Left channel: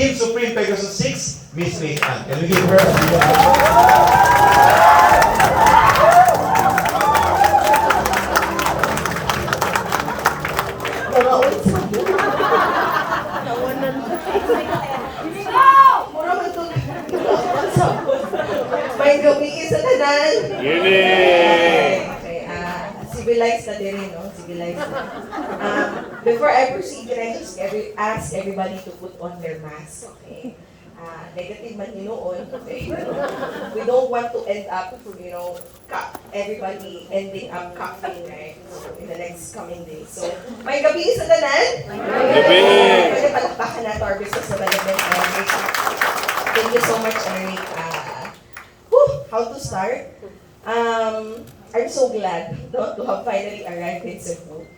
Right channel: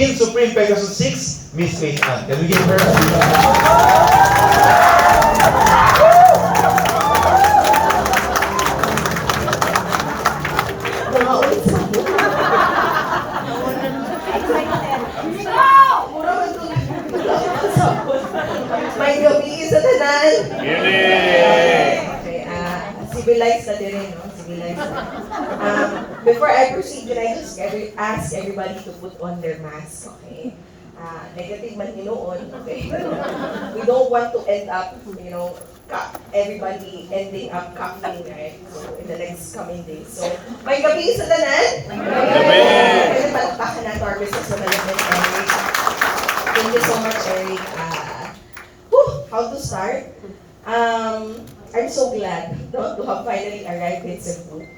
Team Supreme Pegasus 6, Miss Faith Ann. Can we give her a big round of applause? May gabi sa tanan. Yay! Okay, civilized na din, no? Civilized na. Before I proceed, can I just ask everybody to put on their mask, okay? Negative man hinuon, okay? We don't want to end up, everybody ending up coughing, right? So, in the next coming days. So, may gabi sa tanan? May gabi! Kaya palakpakan natin our business development, Eric. Thank you so much, Eric. How to start? I'm so glad to have finally arrived in Cebu.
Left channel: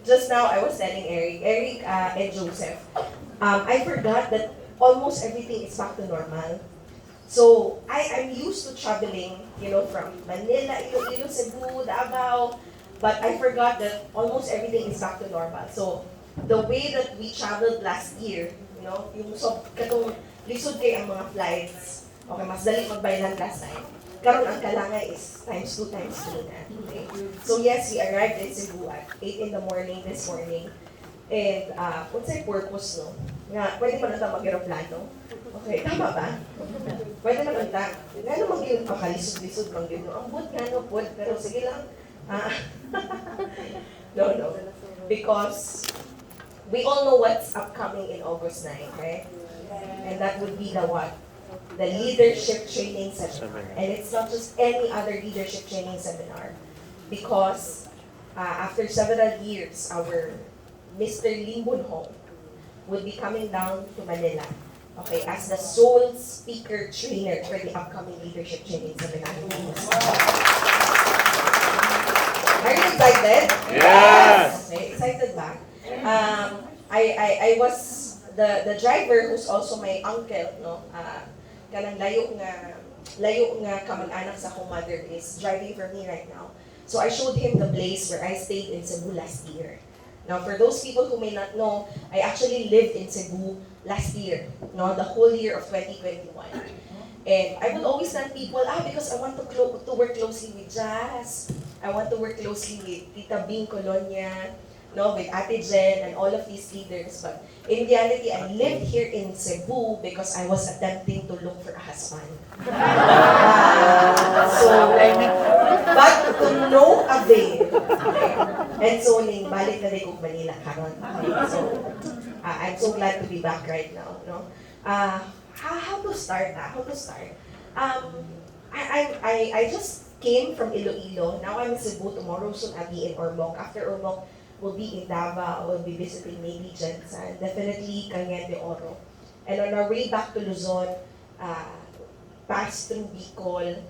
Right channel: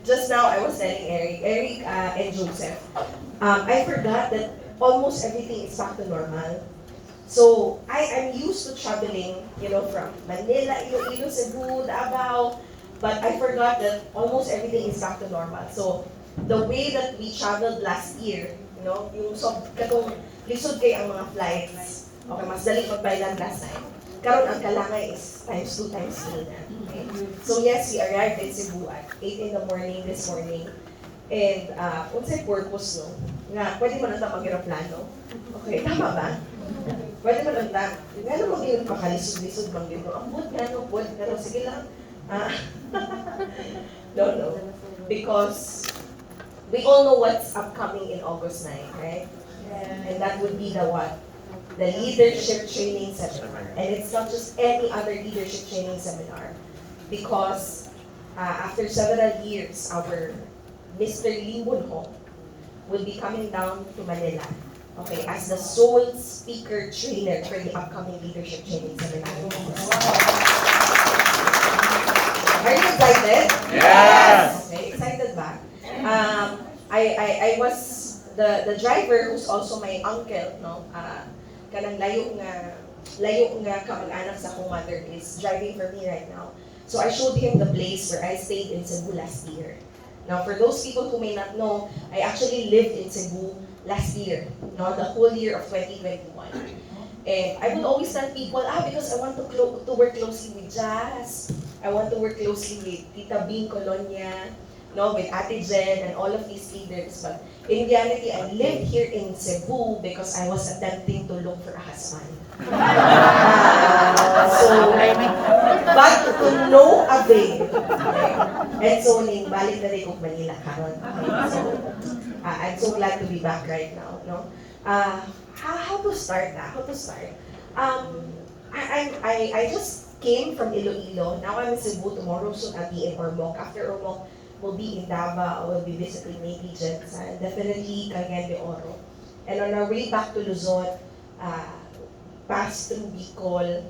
Just now, I was telling Eric and Joseph, I forgot that almost everything is back to normal. So, I'm used to traveling, from Manila, Iloilo, Cebu, Davao, but I forgot that almost everything is back to normal. So, the way that we traveled last year, yung katong lisod kay ang mga flights, okay, mas dali magbaylan last time. Karon ang kalangay is times 2 na. Okay? So yes, we arrived in Cebu at 8 in the morning this morning. And what's the purpose, no? Nga, pwede man ito mag-aeroplano. Okay, tama ba? Pwede man ito. Nga naman yun, pakalisod-lisod lang yun. Ang but nga, no? Pero sige lang. No. Because we all know what's upcoming in August 9, right? And that would be the what? The leadership training seminar. And it's not just any other leadership training seminar. Because after several years, our Mr. Lim Bunho would be coming down to Manila, okay, as the sole speaker trainer for the upcoming leadership training seminar. Are you excited? Yes! Okay, excited ba? I was the driver who's also my uncle, no? Kanang layo nga kamag-anak sa akong mother is driving for me right now. So I showed him the place where I stayed in Cebu last year. Now for those people who may not know, I actually lived in Cebu last year, no, the whole year of 2021. And I would always tell people, because I want to work closely with Jazz, I want to work closely with Tita Bing Colonia, no, with Ate Jen and all of these leaders. But in reality, I lived here in Cebu because I was attempting to look for a husband. But to no avail. Okay? And so, balik na rin kong Manila karon. Okay? So, I'm so glad to be back right now. No? How to start? How to start? I just came from Iloilo. Now I'm in Cebu. Tomorrow soon I'll be in Ormoc. After Ormoc, we'll be in Davao. We'll be visiting maybe Jensen, definitely Cagayan de Oro. And on our way back to Luzon, pass through Bicol,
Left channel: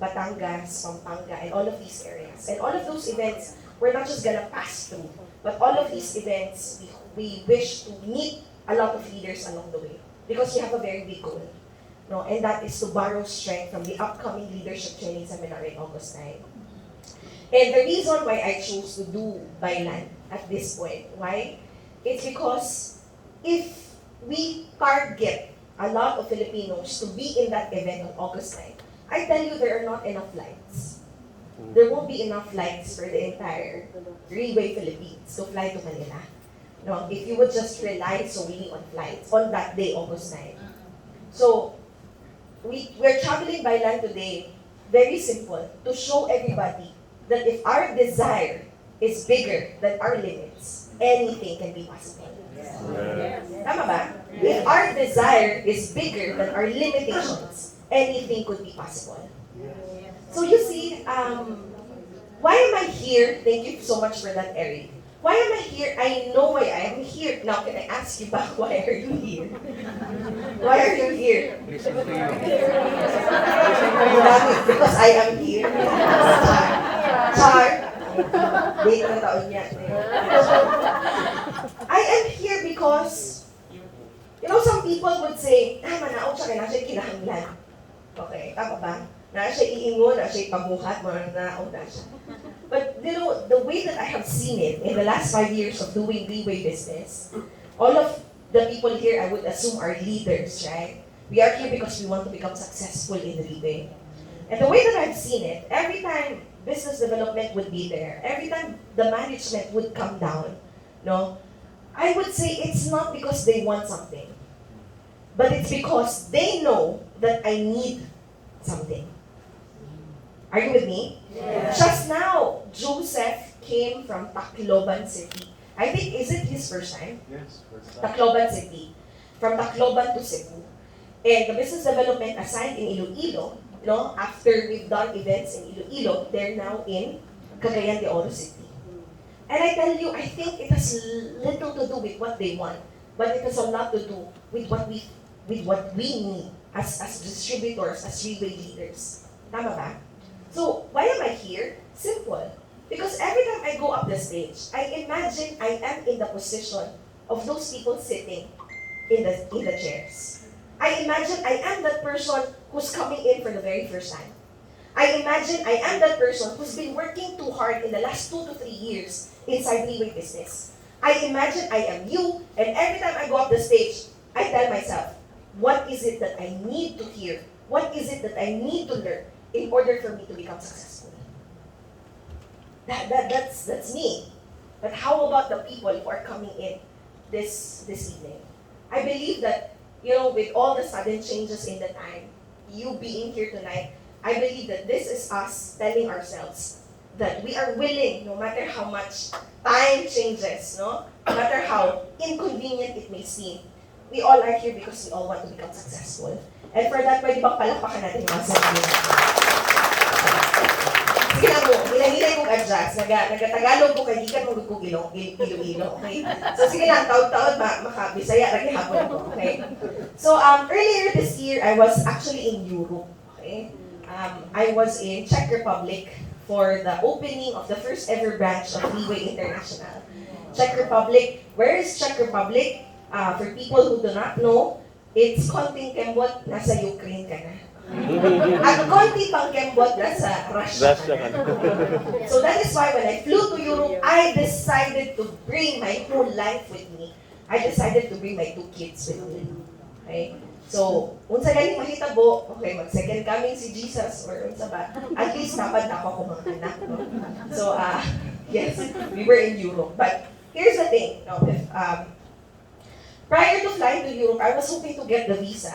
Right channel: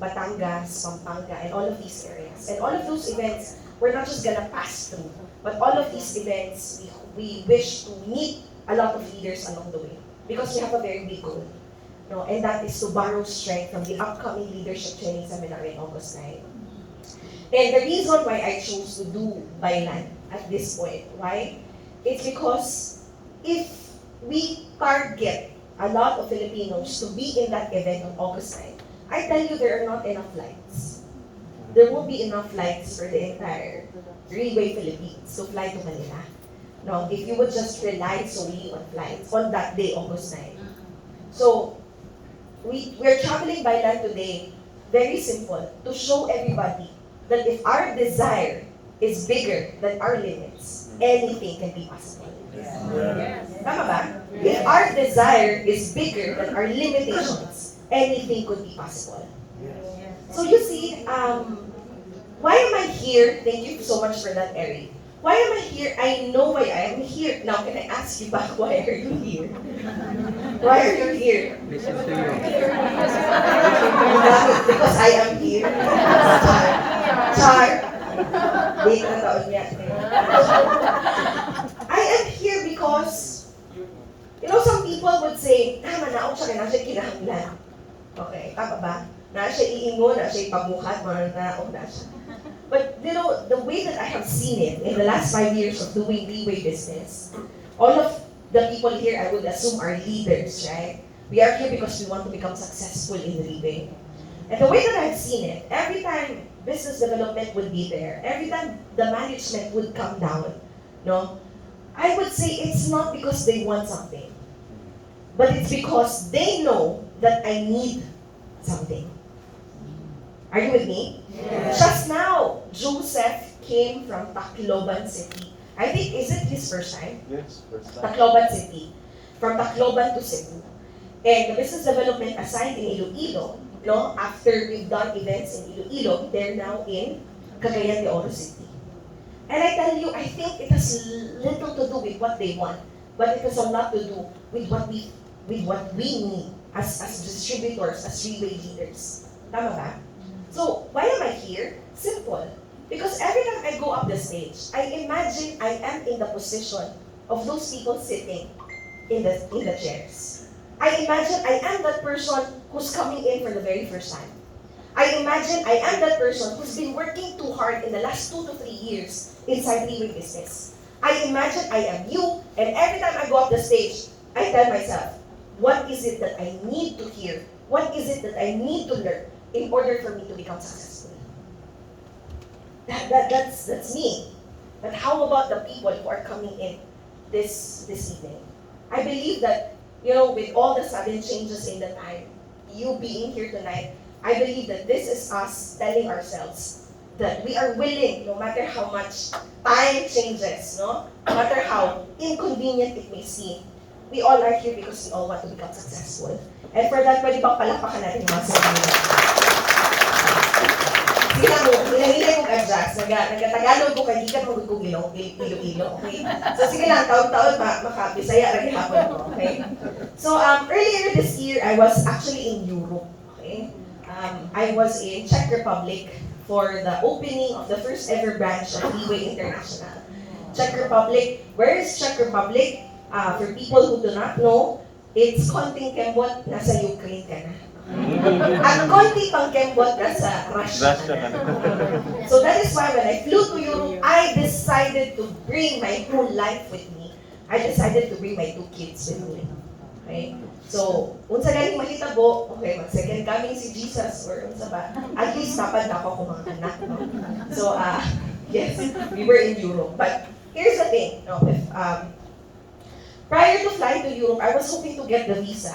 Batangas, Pampanga, and all of these areas. And all of those events, we're not just gonna pass through, but all of these events, we wish to meet a lot of leaders along the way because we have a very big goal. No, and that is to borrow strength from the upcoming leadership training seminar in August 9. And the reason why I chose to do by land at this point, why? It's because if we target a lot of Filipinos to be in that event on August 9, I tell you there are not enough flights. There won't be enough flights for the entire Riway Philippines to fly to Manila. No, if you would just rely solely on flights on that day, August 9. So, we're traveling by land today, very simple, to show everybody that if our desire is bigger than our limits, anything can be possible. Yes. Tama ba? If our desire is bigger than our limitations, anything could be possible. So you see, why am I here? Thank you so much for that, Eric. Why am I here? I know why I am here. Now, can I ask you back, why are you here? Why are you here? Because I am here. Char. Wait na taon niya. I am here because, some people would say, manaog siya, kaya na siya kinahanglan. Okay, tama ba? Na siya iingon, na siya ipabuhat, manaog na siya. But, the way that I have seen it in the last 5 years of doing Riway business, all of the people here, I would assume, are leaders, right? We are here because we want to become successful in Riway. And the way that I've seen it, every time business development would be there, every time the management would come down, no, I would say it's not because they want something, but it's because they know that I need something. Are you with me? Yes. Just now, Joseph came from Tacloban City. I think, is it his first time? Yes. Tacloban City. From Tacloban to Cebu. And the business development assigned in Iloilo, no, after we've done events in Iloilo, they're now in Cagayan de Oro City. And I tell you, I think it has little to do with what they want, but it has a lot to do with what we need as distributors, as Riway leaders. Tama ba? So, why am I here? Simple. Because every time I go up the stage, I imagine I am in the position of those people sitting in the chairs. I imagine I am that person who's coming in for the very first time. I imagine I am that person who's been working too hard in the last 2 to 3 years inside Riway business. I imagine I am you, and every time I go up the stage, I tell myself, what is it that I need to hear? What is it that I need to learn in order for me to become successful? That's me. But how about the people who are coming in this evening? I believe that, with all the sudden changes in the time, you being here tonight, I believe that this is us telling ourselves that we are willing, no matter how much time changes, no matter how inconvenient it may seem, we all are here because we all want to become successful. And for that, pwede bang palapakan natin yung mga sarili natin? Sige lang mo, hinahilay kong adjust. Nagatagalog ko, hindi ka magod kong ilo-ilo, okay? So sige lang, taon-taon, makabisaya, naghihapon ko, okay? So earlier this year, I was actually in Europe, okay? I was in Czech Republic for the opening of the first ever branch of Riway International. Czech Republic, where is Czech Republic? For people who do not know, it's konting kembot, nasa Ukraine ka na. At konti pang kembot, nasa Russia ka na. So that is why when I flew to Europe, I decided to bring my whole life with me. I decided to bring my 2 kids with me. Okay? So, unsa galing mahitabo, okay, mag-second coming si Jesus, or unsa ba, at least napad na ako mga anak, no? So, yes, we were in Europe. But here's the thing, prior to flying to Europe, I was hoping to get the visa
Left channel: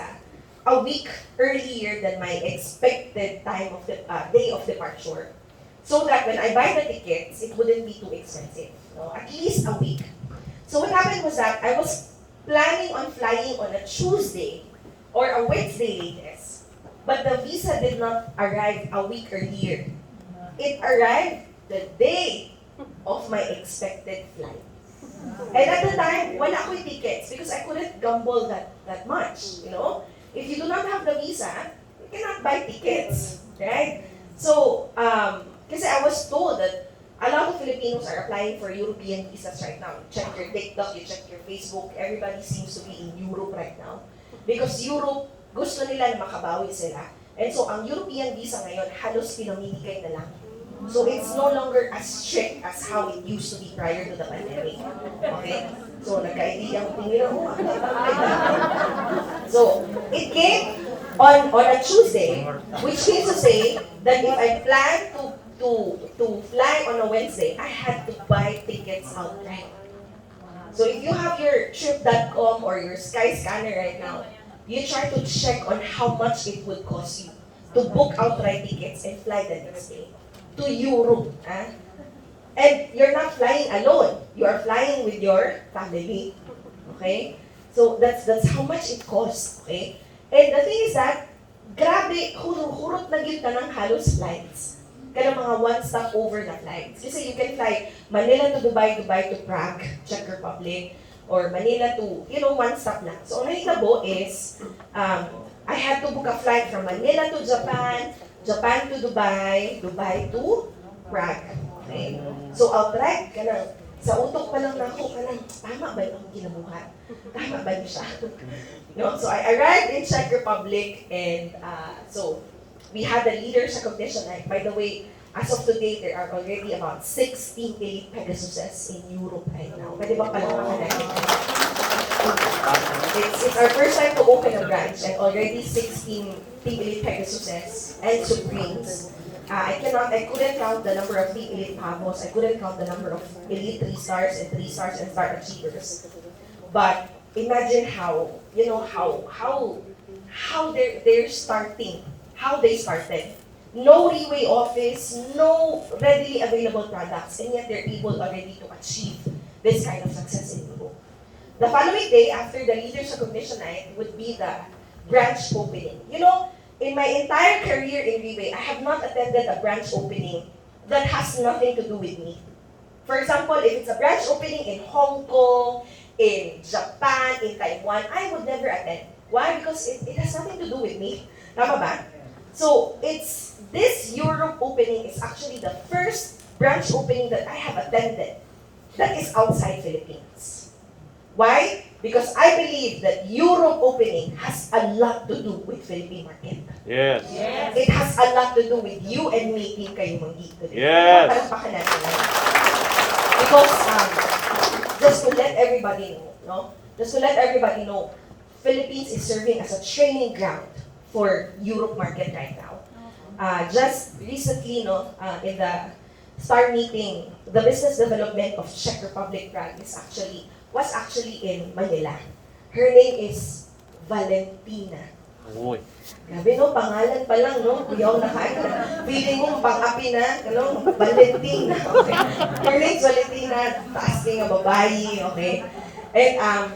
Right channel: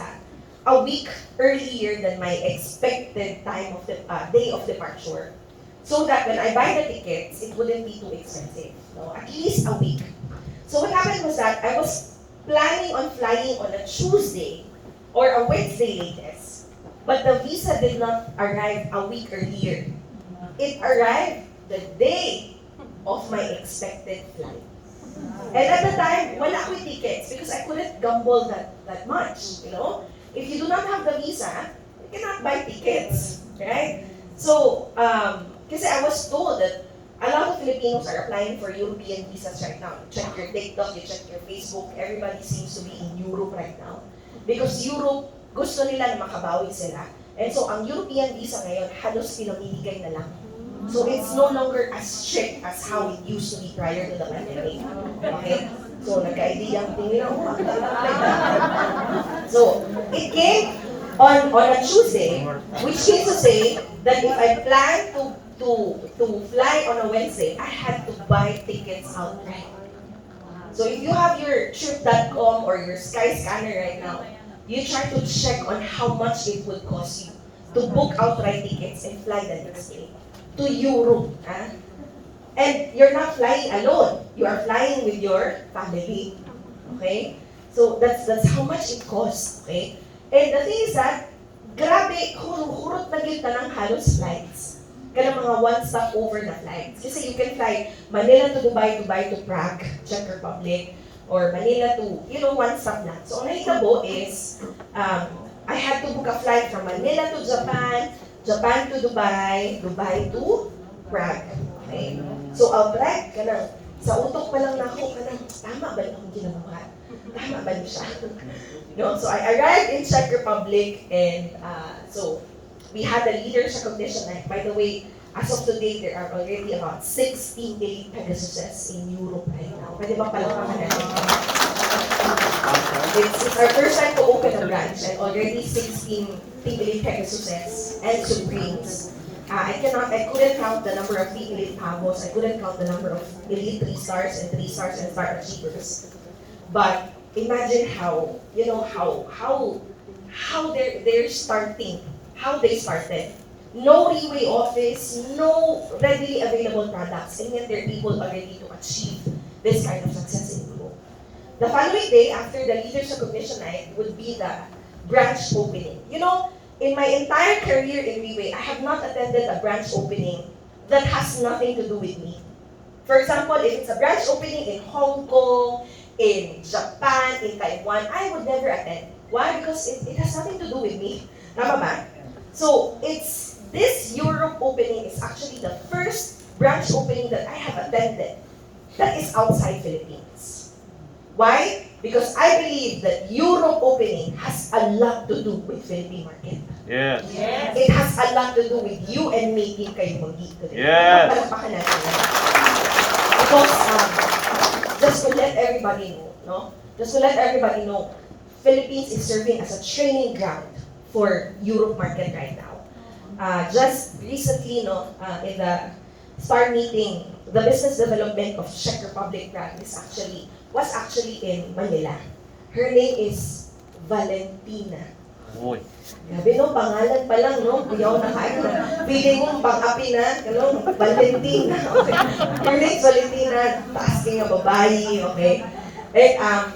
a week earlier than my expected time of the day of departure, so that when I buy the tickets, it wouldn't be too expensive. No? At least a week. So what happened was that I was planning on flying on a Tuesday or a Wednesday latest, but the visa did not arrive a week earlier. It arrived the day of my expected flight. And at the time, wala ko tickets because I couldn't gamble that much, If you do not have the visa, you cannot buy tickets, right? So, kasi I was told that a lot of Filipinos are applying for European visas right now. You check your TikTok, you check your Facebook, everybody seems to be in Europe right now. Because Europe, gusto nila na makabawi sila. And so, ang European visa ngayon, halos pinamimigay na lang. So, it's no longer as strict as how it used to be prior to the pandemic. Okay? So, nagka-idea ang tinira mo. So, it came on a Tuesday, which means to say that if I plan to fly on a Wednesday, I had to buy tickets outright. So, if you have your trip.com or your Skyscanner right now, you try to check on how much it would cost you to book outright tickets and fly the next day to Europe. And you're not flying alone. You are flying with your family. Okay? So that's how much it costs. Okay? And the thing is that, grabe, hurot na gyud ng halos flights. Kaya mga one-stop over na flights. Kasi you can fly Manila to Dubai, Dubai to Prague, Czech Republic, or Manila to, one stop lang. So, ang nahitabo is, I had to book a flight from Manila to Japan, Japan to Dubai, Dubai to Prague. Okay? So, outright, sa utok pa lang na ako, tama ba yung ginabuhat? Tama ba niya siya? So, I arrived in Czech Republic, and so, we had a leaders recognition night. By the way, as of today, there are already about 16 elite Pegasuses in Europe right now. Pwede ba palapakan natin? It's our first time to open a branch and already 16 Team Elite Pegasuses and Supremes. I couldn't count the number of Team Elite Pavos. I couldn't count the number of Elite 3 stars and 3 stars and star achievers. But imagine how, how they're starting, how they started. No Riway office, no readily available products, and yet they're able already to achieve this kind of success in Europe. The following day, after the Leaders Recognition Night, would be the branch opening. In my entire career in Riway, I have not attended a branch opening that has nothing to do with me. For example, if it's a branch opening in Hong Kong, in Japan, in Taiwan, I would never attend. Why? Because it has nothing to do with me. Tama ba? So, this Europe opening is actually the first branch opening that I have attended that is outside Philippines. Why? Because I believe that Europe opening has a lot to do with Philippine market. Yes. It has a lot to do with you and me din kayo mag-geek today. Yes. Palakpakan natin yan. Because, just to let everybody know, Philippines is serving as a training ground for Europe market right now. Just recently, in the STAR meeting, the business development of Czech Republic branch was actually in Manila. Her name is Valentina. Uy. Grabe pangalan pa lang, Kuyaw na kain na. Feeling ko pang-api na, Valentina. Okay. Her name is Valentina, asking a babae, okay? And,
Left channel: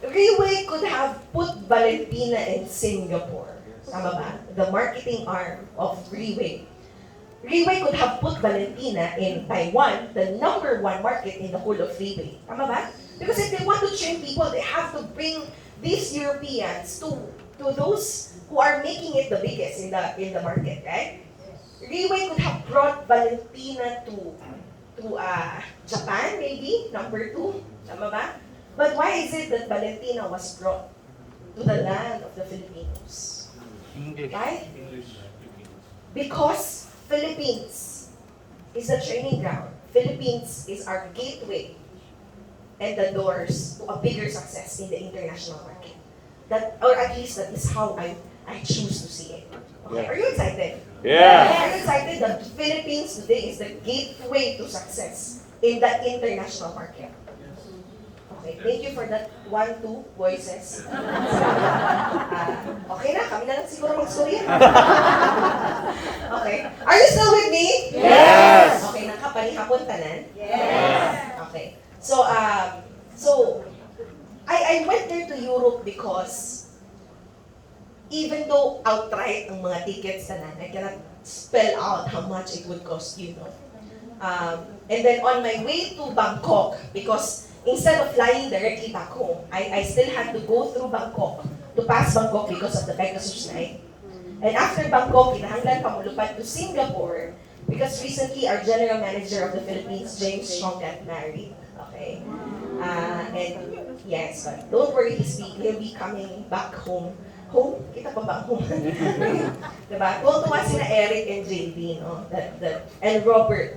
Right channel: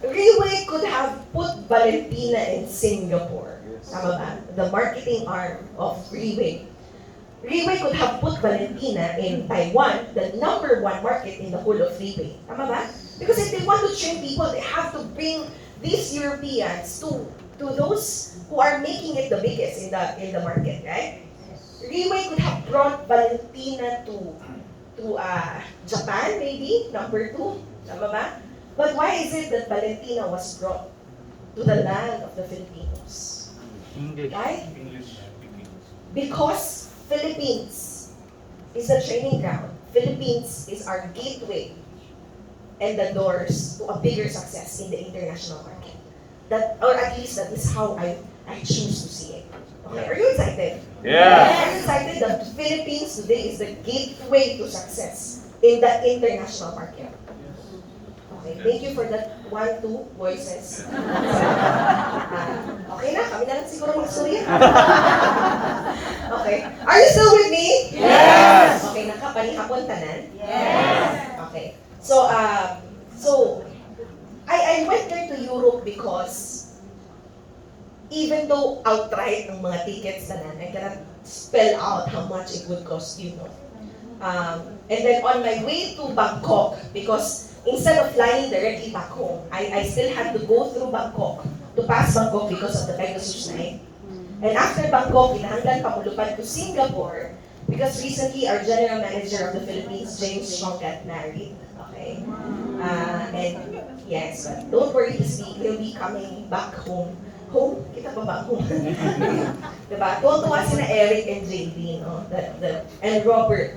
Riway could have put Valentina in Singapore. Tama ba? The marketing arm of Riway. Riway could have put Valentina in Taiwan, the #1 market in the whole of Riway. Tama ba? Because if they want to train people, they have to bring these Europeans to those who are making it the biggest in the market, right? Riway could have brought Valentina to Japan, maybe, #2. Tama ba? But why is it that Valentina was brought to the land of the Filipinos? Right? Because Philippines is the training ground. Philippines is our gateway and the doors to a bigger success in the international market. Or at least that is how I choose to see it. Okay, are you excited? Yes. Are you excited that the Philippines today is the gateway to success in the international market? Okay, thank you for that 1-2 voices. Okay na, kami na lang siguro mag-storya. Okay, are you still with me? Yes. Okay, nakapanihapon tanan? Yes. Okay, so I went there to Europe because even though outright ang mga tickets tanan, I cannot spell out how much it would cost you, and then on my way to Bangkok, because instead of flying directly back home, I still had to go through Bangkok to pass Bangkok because of the Pegasus night. And after Bangkok, kinahanglan pa mulupad to Singapore because recently our general manager of the Philippines, James Strong, got married. Okay, and yes, but don't worry, he'll be coming back home. Home? Kita pa ba home? Diba? Tuwang-tuwa sina Eric and JD, and Robert,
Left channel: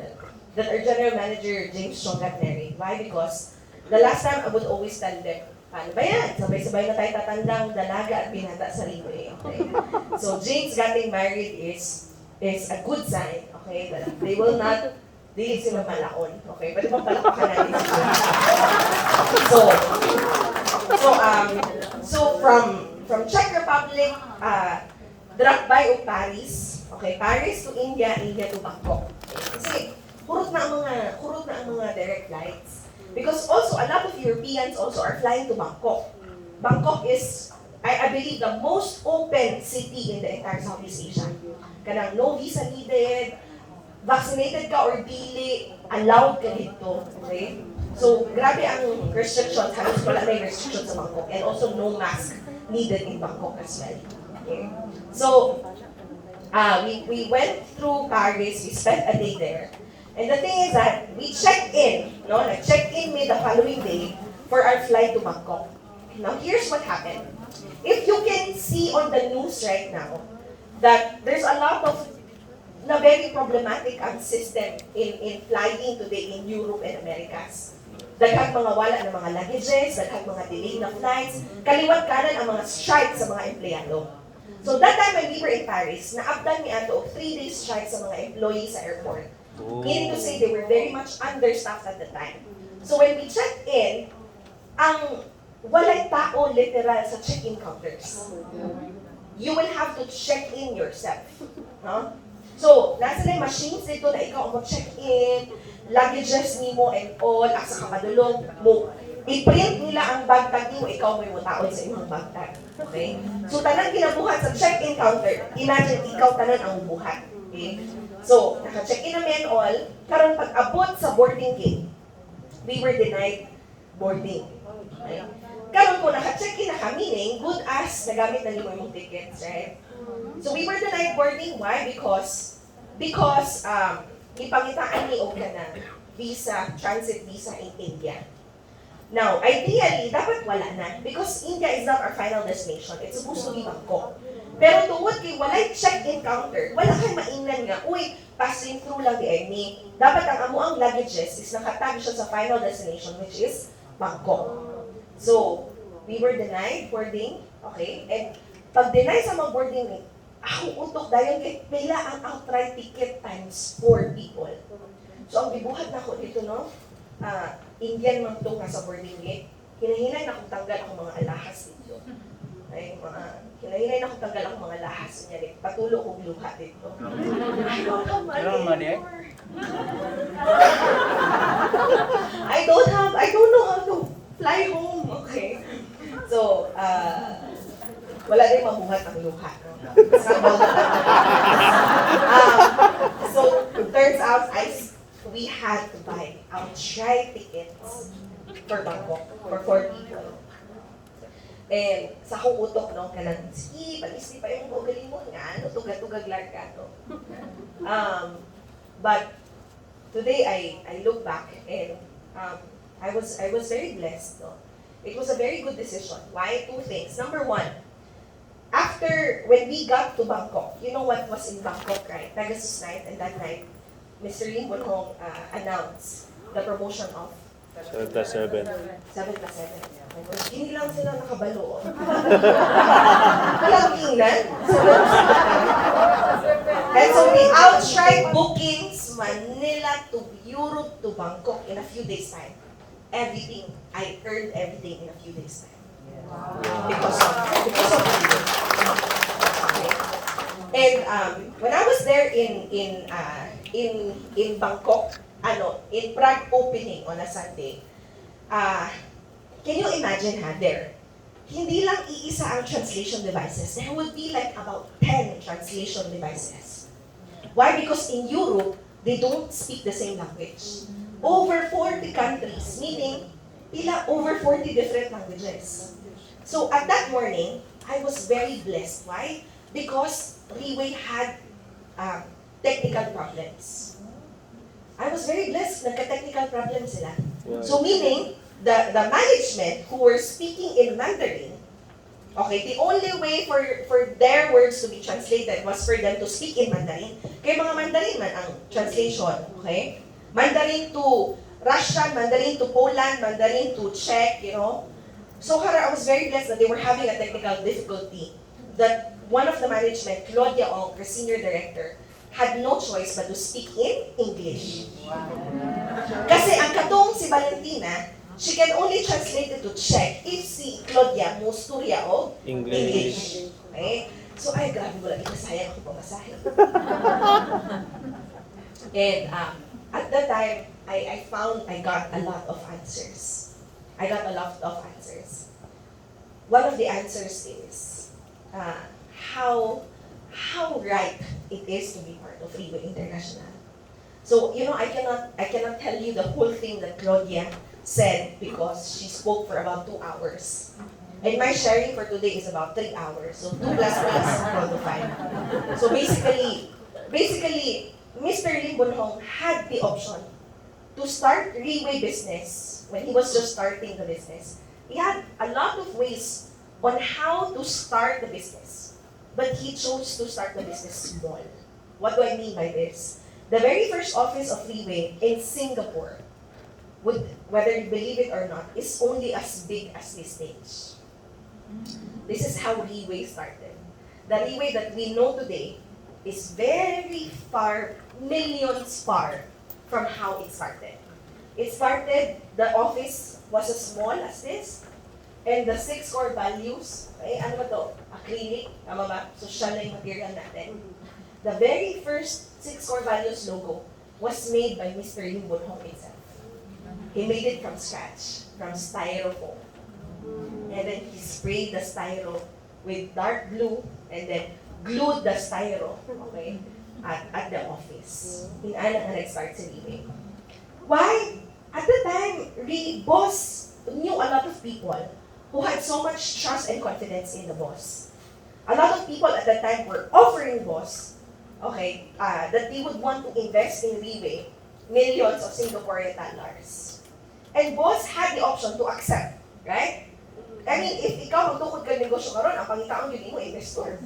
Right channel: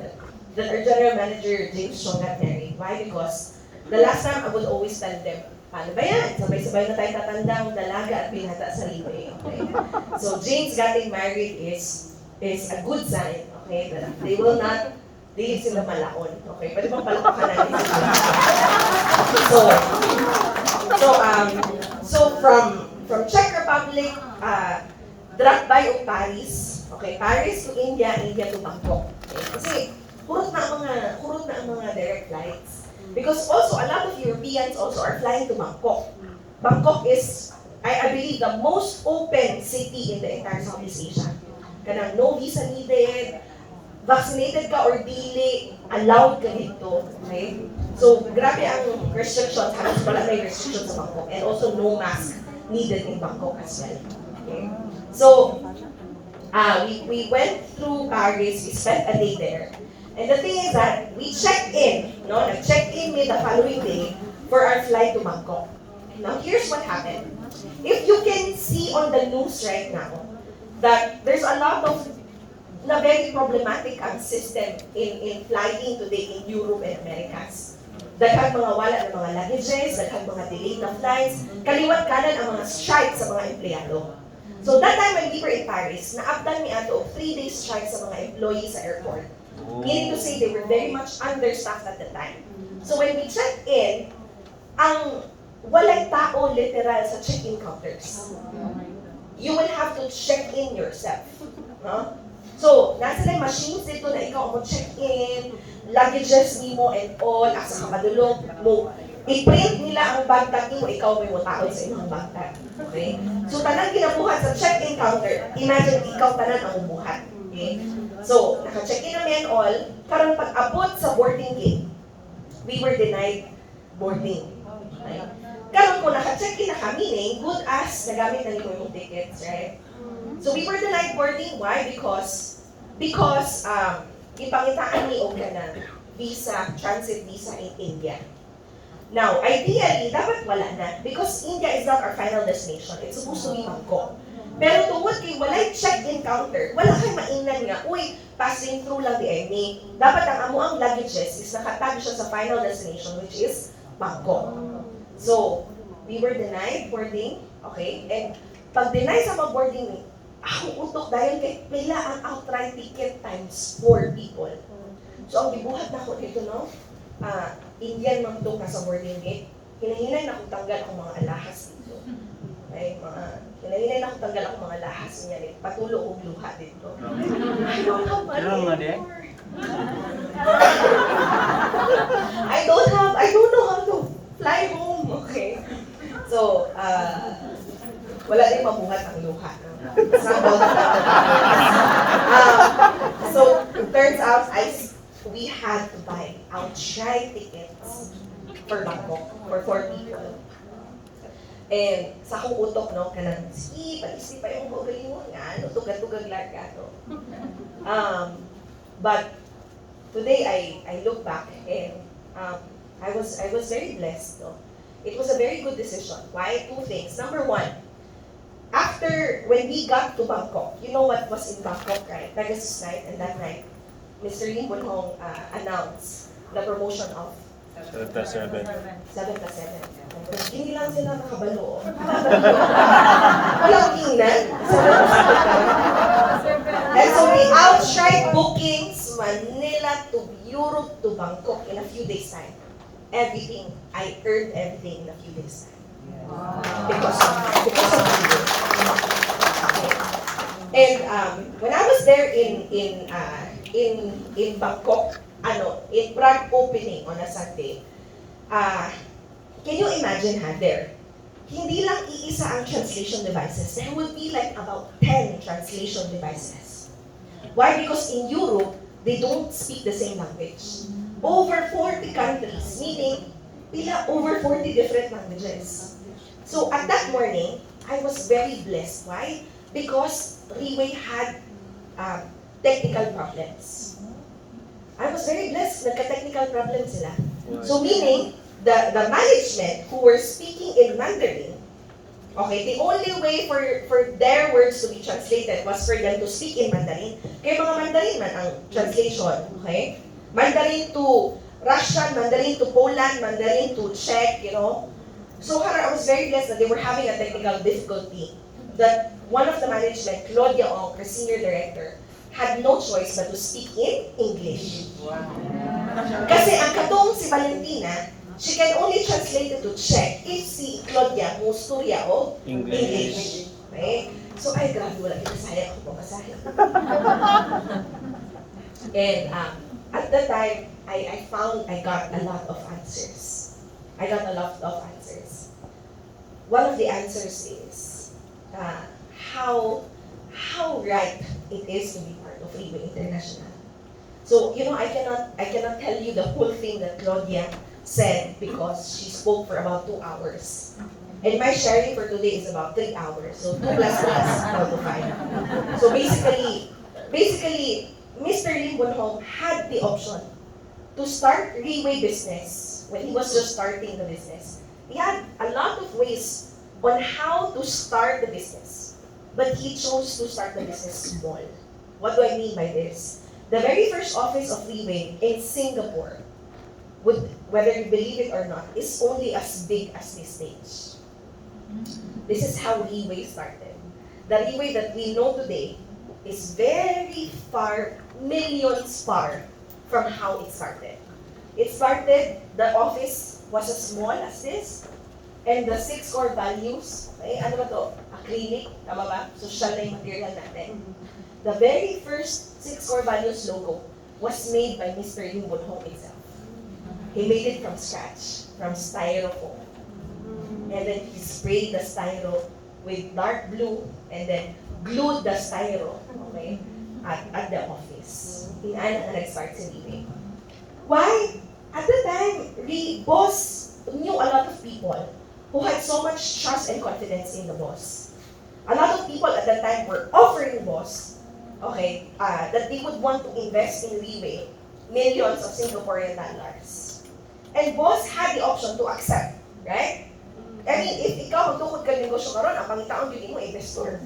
that our general manager, James Strong, got married. Why? Because the last time I would always tell them, paano ba yan? Sabay-sabay na tayo tatandang dalaga at binata sa Riway. Okay? So James getting married is a good sign, okay? That they will not leave sila malaon. Okay? Pwede bang palapakan natin so from Czech Republic, drop by of Paris. Okay? Paris to India, India to Bangkok. Okay? Kasi kurot na ang mga direct flights. Because also, a lot of Europeans also are flying to Bangkok. Bangkok is, I believe, the most open city in the entire Southeast Asia. Kanang no visa needed, vaccinated ka or dili, allowed ka dito. Okay? So, grabe ang restrictions, halos wala na yung restrictions sa Bangkok. And also, no mask needed in Bangkok as well. Okay? So, we went through Paris, we spent a day there. And the thing is that we checked in, nag-check-in me the following day for our flight to Bangkok. Now, here's what happened. If you can see on the news right now, that there's a lot of very problematic system in flying today in Europe and Americas. Daghang mga wala na mga luggages, daghang mga delay na flights, kaliwat kanan ang mga strike sa mga empleyado. So that time when we were in Paris, naabdan mi ato og 3 days strike sa mga employees sa airport. Meaning to say they were very much understaffed at the time. So when we checked in, ang walay tao literal sa check-in counters. You will have to check in yourself. No? So, nasa na machines dito na ikaw mo check-in, luggages nimo and all, asa ka madulog mo. I-print nila ang bag tag nimo, ikaw mo yung taon sa imong bag tag. Okay? So, tanan ginabuhat sa check-in counter. Imagine, ikaw tanan ang ubuhat. Okay? So, naka-check-in namin all, karon pag-abot sa boarding gate, we were denied boarding. Okay? Karon po naka-check-in na kami, good as nagamit na nimo yung tickets, right? So we were denied boarding. Why? Because ipangitaan ni og kanang visa, transit visa in India. Now, ideally, dapat wala na because India is not our final destination. It's supposed to be Bangkok. Pero tungod kay walay check-in counter, wala kay mainan nga, uy, passing through lang di ni. Dapat ang amo ang luggages is nakatag siya sa final destination which is Bangkok. So, we were denied boarding, okay? And pag-deny sa mga boarding, ako utok dayon kay pila ang outright ticket times 4 people. So, ang gibuhat na ako dito, no? Indian man to sa boarding gate. Hinahinay na akong tanggal akong mga alahas dito. Ay, hinahinay na akong tanggal akong mga alahas niya dito. Patulo kong luha dito. I don't have money anymore. I don't know how to fly home, okay? So, wala din mabuhat ang luha. So, turns out, we had to buy outright tickets for Bangkok, for 4 people. And sa akong utok, no, kanang, sige, pag-isip pa yung bugalingon nga, no, tugad-tugad larga, no. But today, I look back and I was very blessed, no. It was a very good decision. Why? 2 things. Number 1, when we got to Bangkok, you know what was in Bangkok, right? Pegasus night, and that night, Mr. Lim Bunhong announced the promotion of 7+7. 7+7. Hindi lang sila nakabalo. Walang tingnan. And so we outright bookings Manila to Europe to Bangkok in a few days' time. Everything. I earned everything in a few days' time. Because of okay. And when I was there in Bangkok, in Prague opening on a Sunday, can you imagine there? Hindi lang iisa ang translation devices. There would be like about 10 translation devices. Why? Because in Europe, they don't speak the same language. Over 40 countries, meaning over 40 different languages. So at that morning, I was very blessed. Why? Because Riway had technical problems. I was very blessed. Nagka-technical problems sila. So meaning, the management who were speaking in Mandarin, okay, the only way for their words to be translated was for them to speak in Mandarin. Kaya mga Mandarin man ang translation, okay? Mandarin to Russian, Mandarin to Poland, Mandarin to Czech, you know? So I was very blessed that they were having a technical difficulty. That one of the management, Claudia Ong, her senior director, had no choice but to speak in English. Kasi ang katong si Valentina, she can only translate it to Czech if si Claudia musturya o English. Okay? So ay, grabe, wala kinasaya ako pamasahe. And at that time, I got a lot of answers. One of the answers is how right it is to be part of Riway International. So, you know, I cannot tell you the whole thing that Claudia said because she spoke for about 2 hours. And my sharing for today is about 3 hours. So 2 plus 3 is equal to 5. So basically, Mr. Lim Bunhong had the option to start Riway business when he was just starting the business. He had a lot of ways on how to start the business, but he chose to start the business small. What do I mean by this? The very first office of Riway in Singapore whether you believe it or not, is only as big as this stage. This is how Riway started. The Riway that we know today is very far, millions far from how it started. It started, the office was as small as this, and the 6 core values, okay, ano ba to? Acrylic, tama ba? Social na yung material natin. The very first 6 core values logo was made by Mr. Lim Hong himself. He made it from scratch, from styrofoam. And then he sprayed the styro with dark blue and then glued the styro, okay, at the office. Inana na nag-start si Riway. Why? At the time, boss knew a lot of people who had so much trust and confidence in the boss. A lot of people at that time were offering boss, okay, that they would want to invest in Riway millions of Singaporean dollars. And boss had the option to accept, right? I mean, if ikaw magtukod ka negosyo karon, ang pangitaon yun mo investor.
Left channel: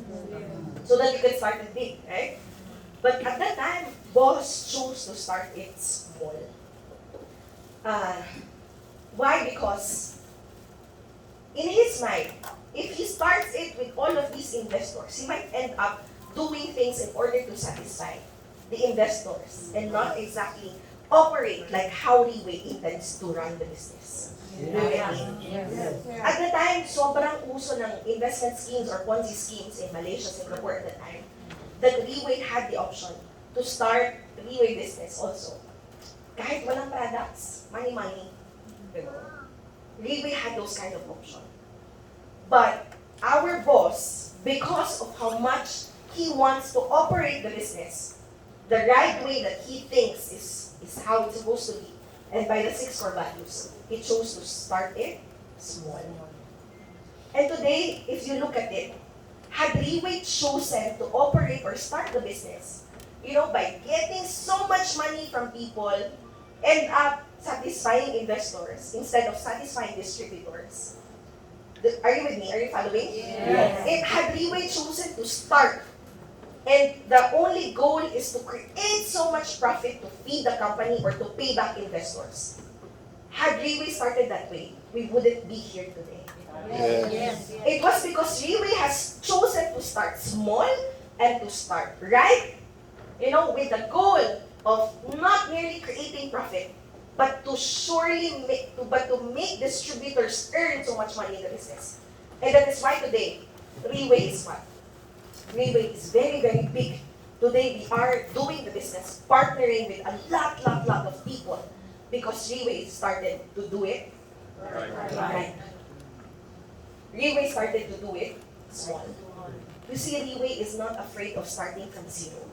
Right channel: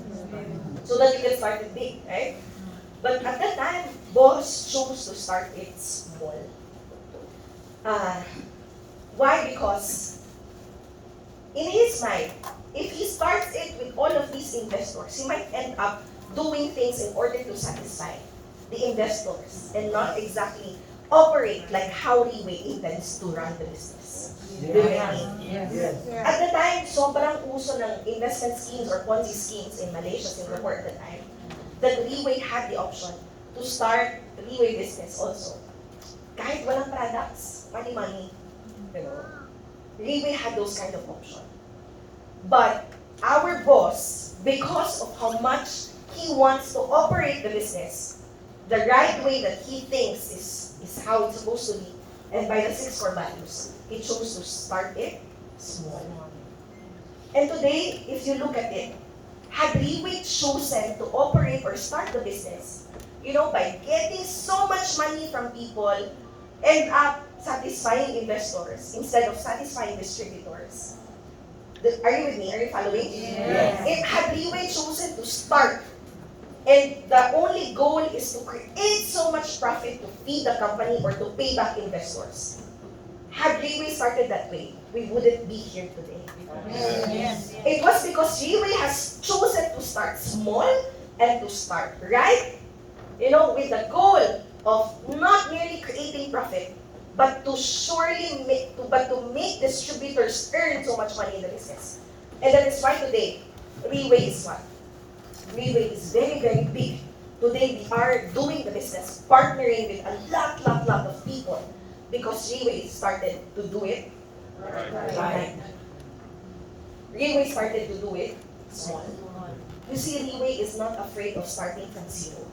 So that you can start it big, right? But at that time, boss chose to start it small. Why? Because in his mind, if he starts it with all of these investors, he might end up doing things in order to satisfy the investors and not exactly operate like how Riway intends to run the business. Do you get me? Yes. At the time, sobrang uso ng investment schemes or Ponzi schemes in Malaysia, Singapore at the time, that Riway had the option to start Riway business also. Kahit walang products, money, you know, Riway had those kind of option. But our boss, because of how much he wants to operate the business, the right way that he thinks is how it's supposed to be, and by the 6 core values, he chose to start it small. And today, if you look at it, had Riway chosen to operate or start the business, you know, by getting so much money from people, end up satisfying investors instead of satisfying distributors. Are you with me? Are you following? Yes. If had Riway chosen to start, and the only goal is to create so much profit to feed the company or to pay back investors, had Riway started that way, we wouldn't be here today. Yes. It was because Riway has chosen to start small and to start right, you know, with the goal of not merely creating profit, but to make distributors earn so much money in the business. And that is why today, Riway is what? Riway is very, very big. Today we are doing the business, partnering with a lot of people because Riway started to do it right. Riway started to do it small. You see, Riway is not afraid of starting from zero.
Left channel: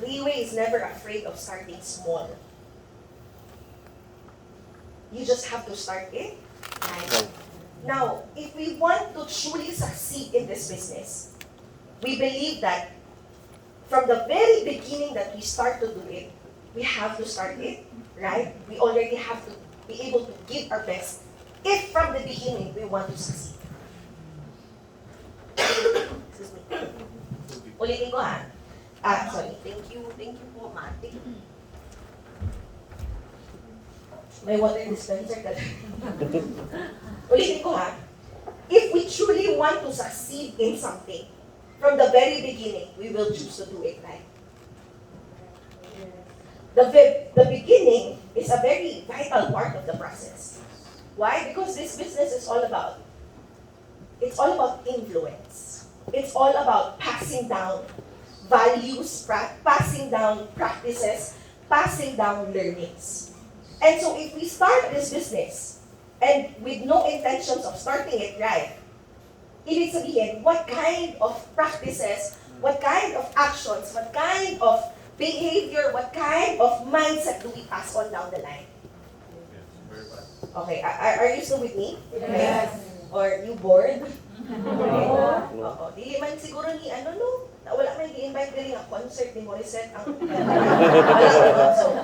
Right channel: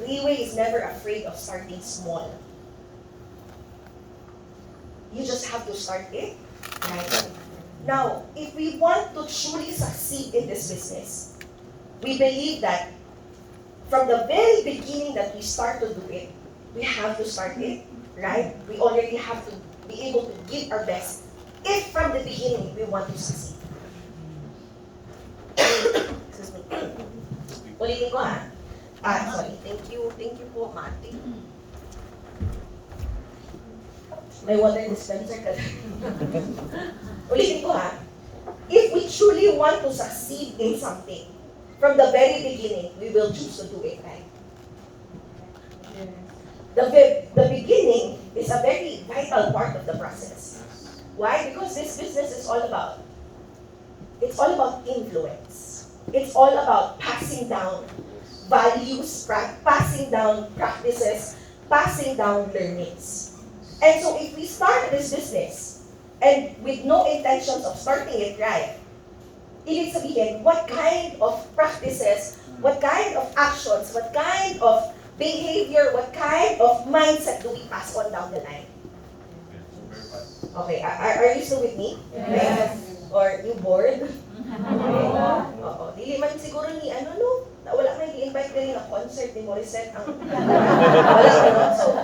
Riway is never afraid of starting small. You just have to start it right. Now, if we want to truly succeed in this business, we believe that from the very beginning that we start to do it, we have to start it right. We already have to be able to give our best if from the beginning we want to succeed. Excuse me. Ulitin ko ha. Sorry. Thank you po, Mate. May water dispenser ka. Ulitin ko ha. If we truly want to succeed in something, from the very beginning, we will choose to do it right. The beginning is a very vital part of the process. Why? Because this business is all about influence. It's all about passing down values, passing down practices, passing down learnings. And so if we start this business and with no intentions of starting it right, ibig sabihin, what kind of practices, what kind of actions, what kind of behavior, what kind of mindset do we pass on down the line? Okay, are you still with me? Yes. Or you bored? Okay. Oo. Dili man siguro ni wala kayo i-invite ka rin na concert ni Morissette. Wala naman. So,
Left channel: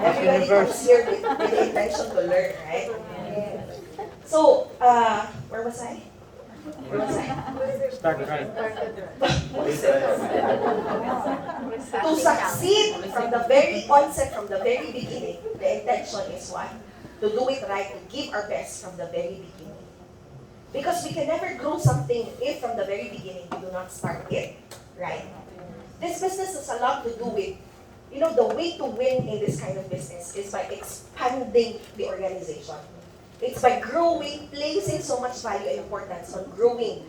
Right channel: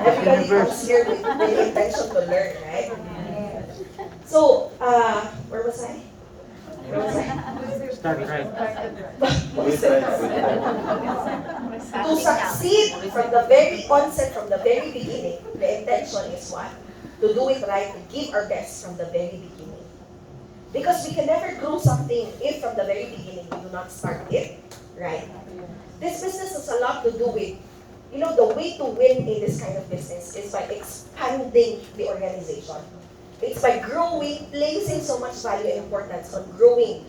everybody comes here with the intention to learn, right? So, where was I? Start right. To succeed from the very onset, from the very beginning, the intention is what? to do it right, to give our best from the very beginning. Because we can never grow something if from the very beginning we do not start it right. This business has a lot to do with, the way to win in this kind of business is by expanding the organization. It's by growing, placing so much value and importance on growing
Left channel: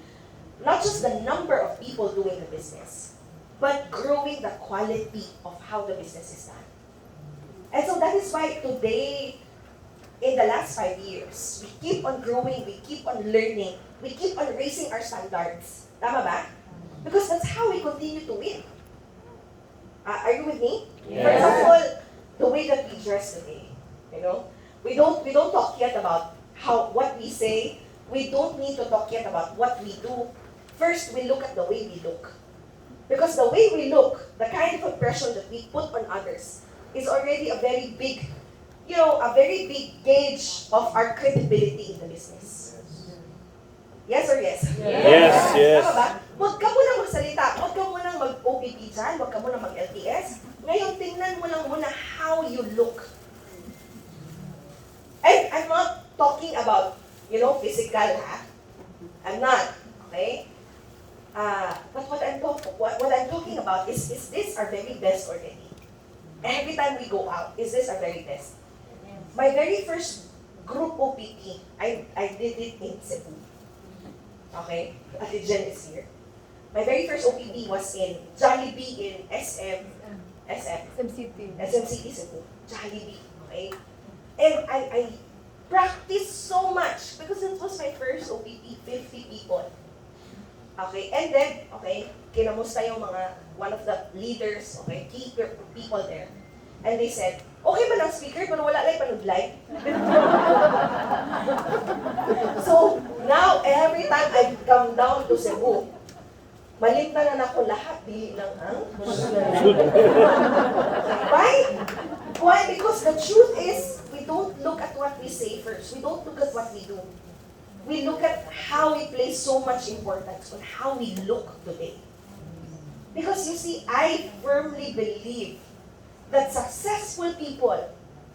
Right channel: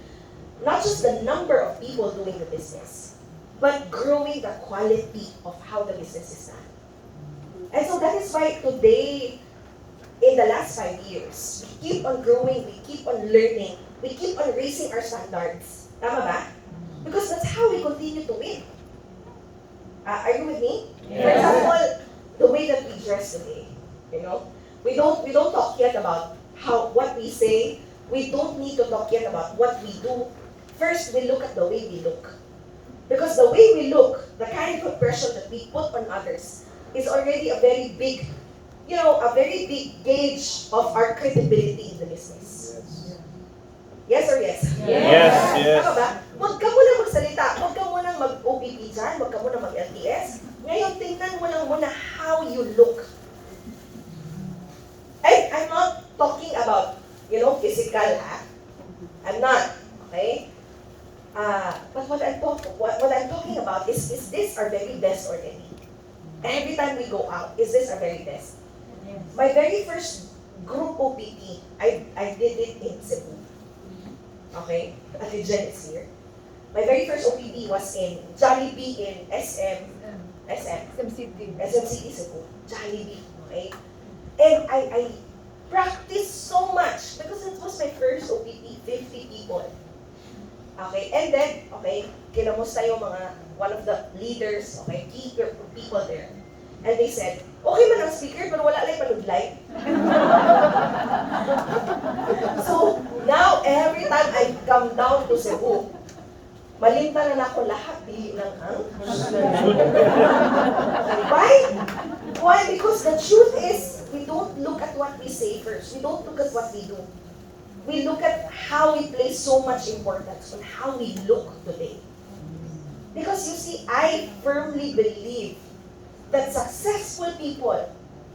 not just the number of people doing the business, but growing the quality of how the business is done. And so that is why today, in the last 5 years, we keep on growing, we keep on learning, we keep on raising our standards. Tama ba? Because that's how we continue to win. Are you with me? Yes. For example, the way that we dress today, we don't talk yet about what we say. We don't need to talk yet about what we do. First, we look at the way we look. Because the way we look, the kind of impression that we put on others, is already a very big gauge of our credibility in the business. Yes or yes? Yes, yes. Tama ba? Huwag ka munang magsalita. Huwag ka munang mag-OPP dyan. Huwag ka munang mag-LTS. Ngayon, tingnan mo lang muna how you look. And I'm not talking about, physical, ha? I'm not. Okay? But what I'm talking about is this our very best already? Every time we go out, is this our very best? My very first group OPP, I did it in Cebu. Okay? Ate Jen is here. My very first OPP was in Jollibee in SMCT Cebu. Jollibee. Okay? And I practiced so much because it was my first OPP, 50 people. Okay? And then, kinamusta yung one of the leaders, key people there. And they said, okay man ang speaker, pero wala lang panudlay. So, now, every time I come down to Cebu, malimtanan ako lahat, dili ng ang. Why? Why? Because the truth is, we don't look at what we say first. We don't look at what we do. We look at how we place so much importance on how we look today. Because you see, I firmly believe that successful people,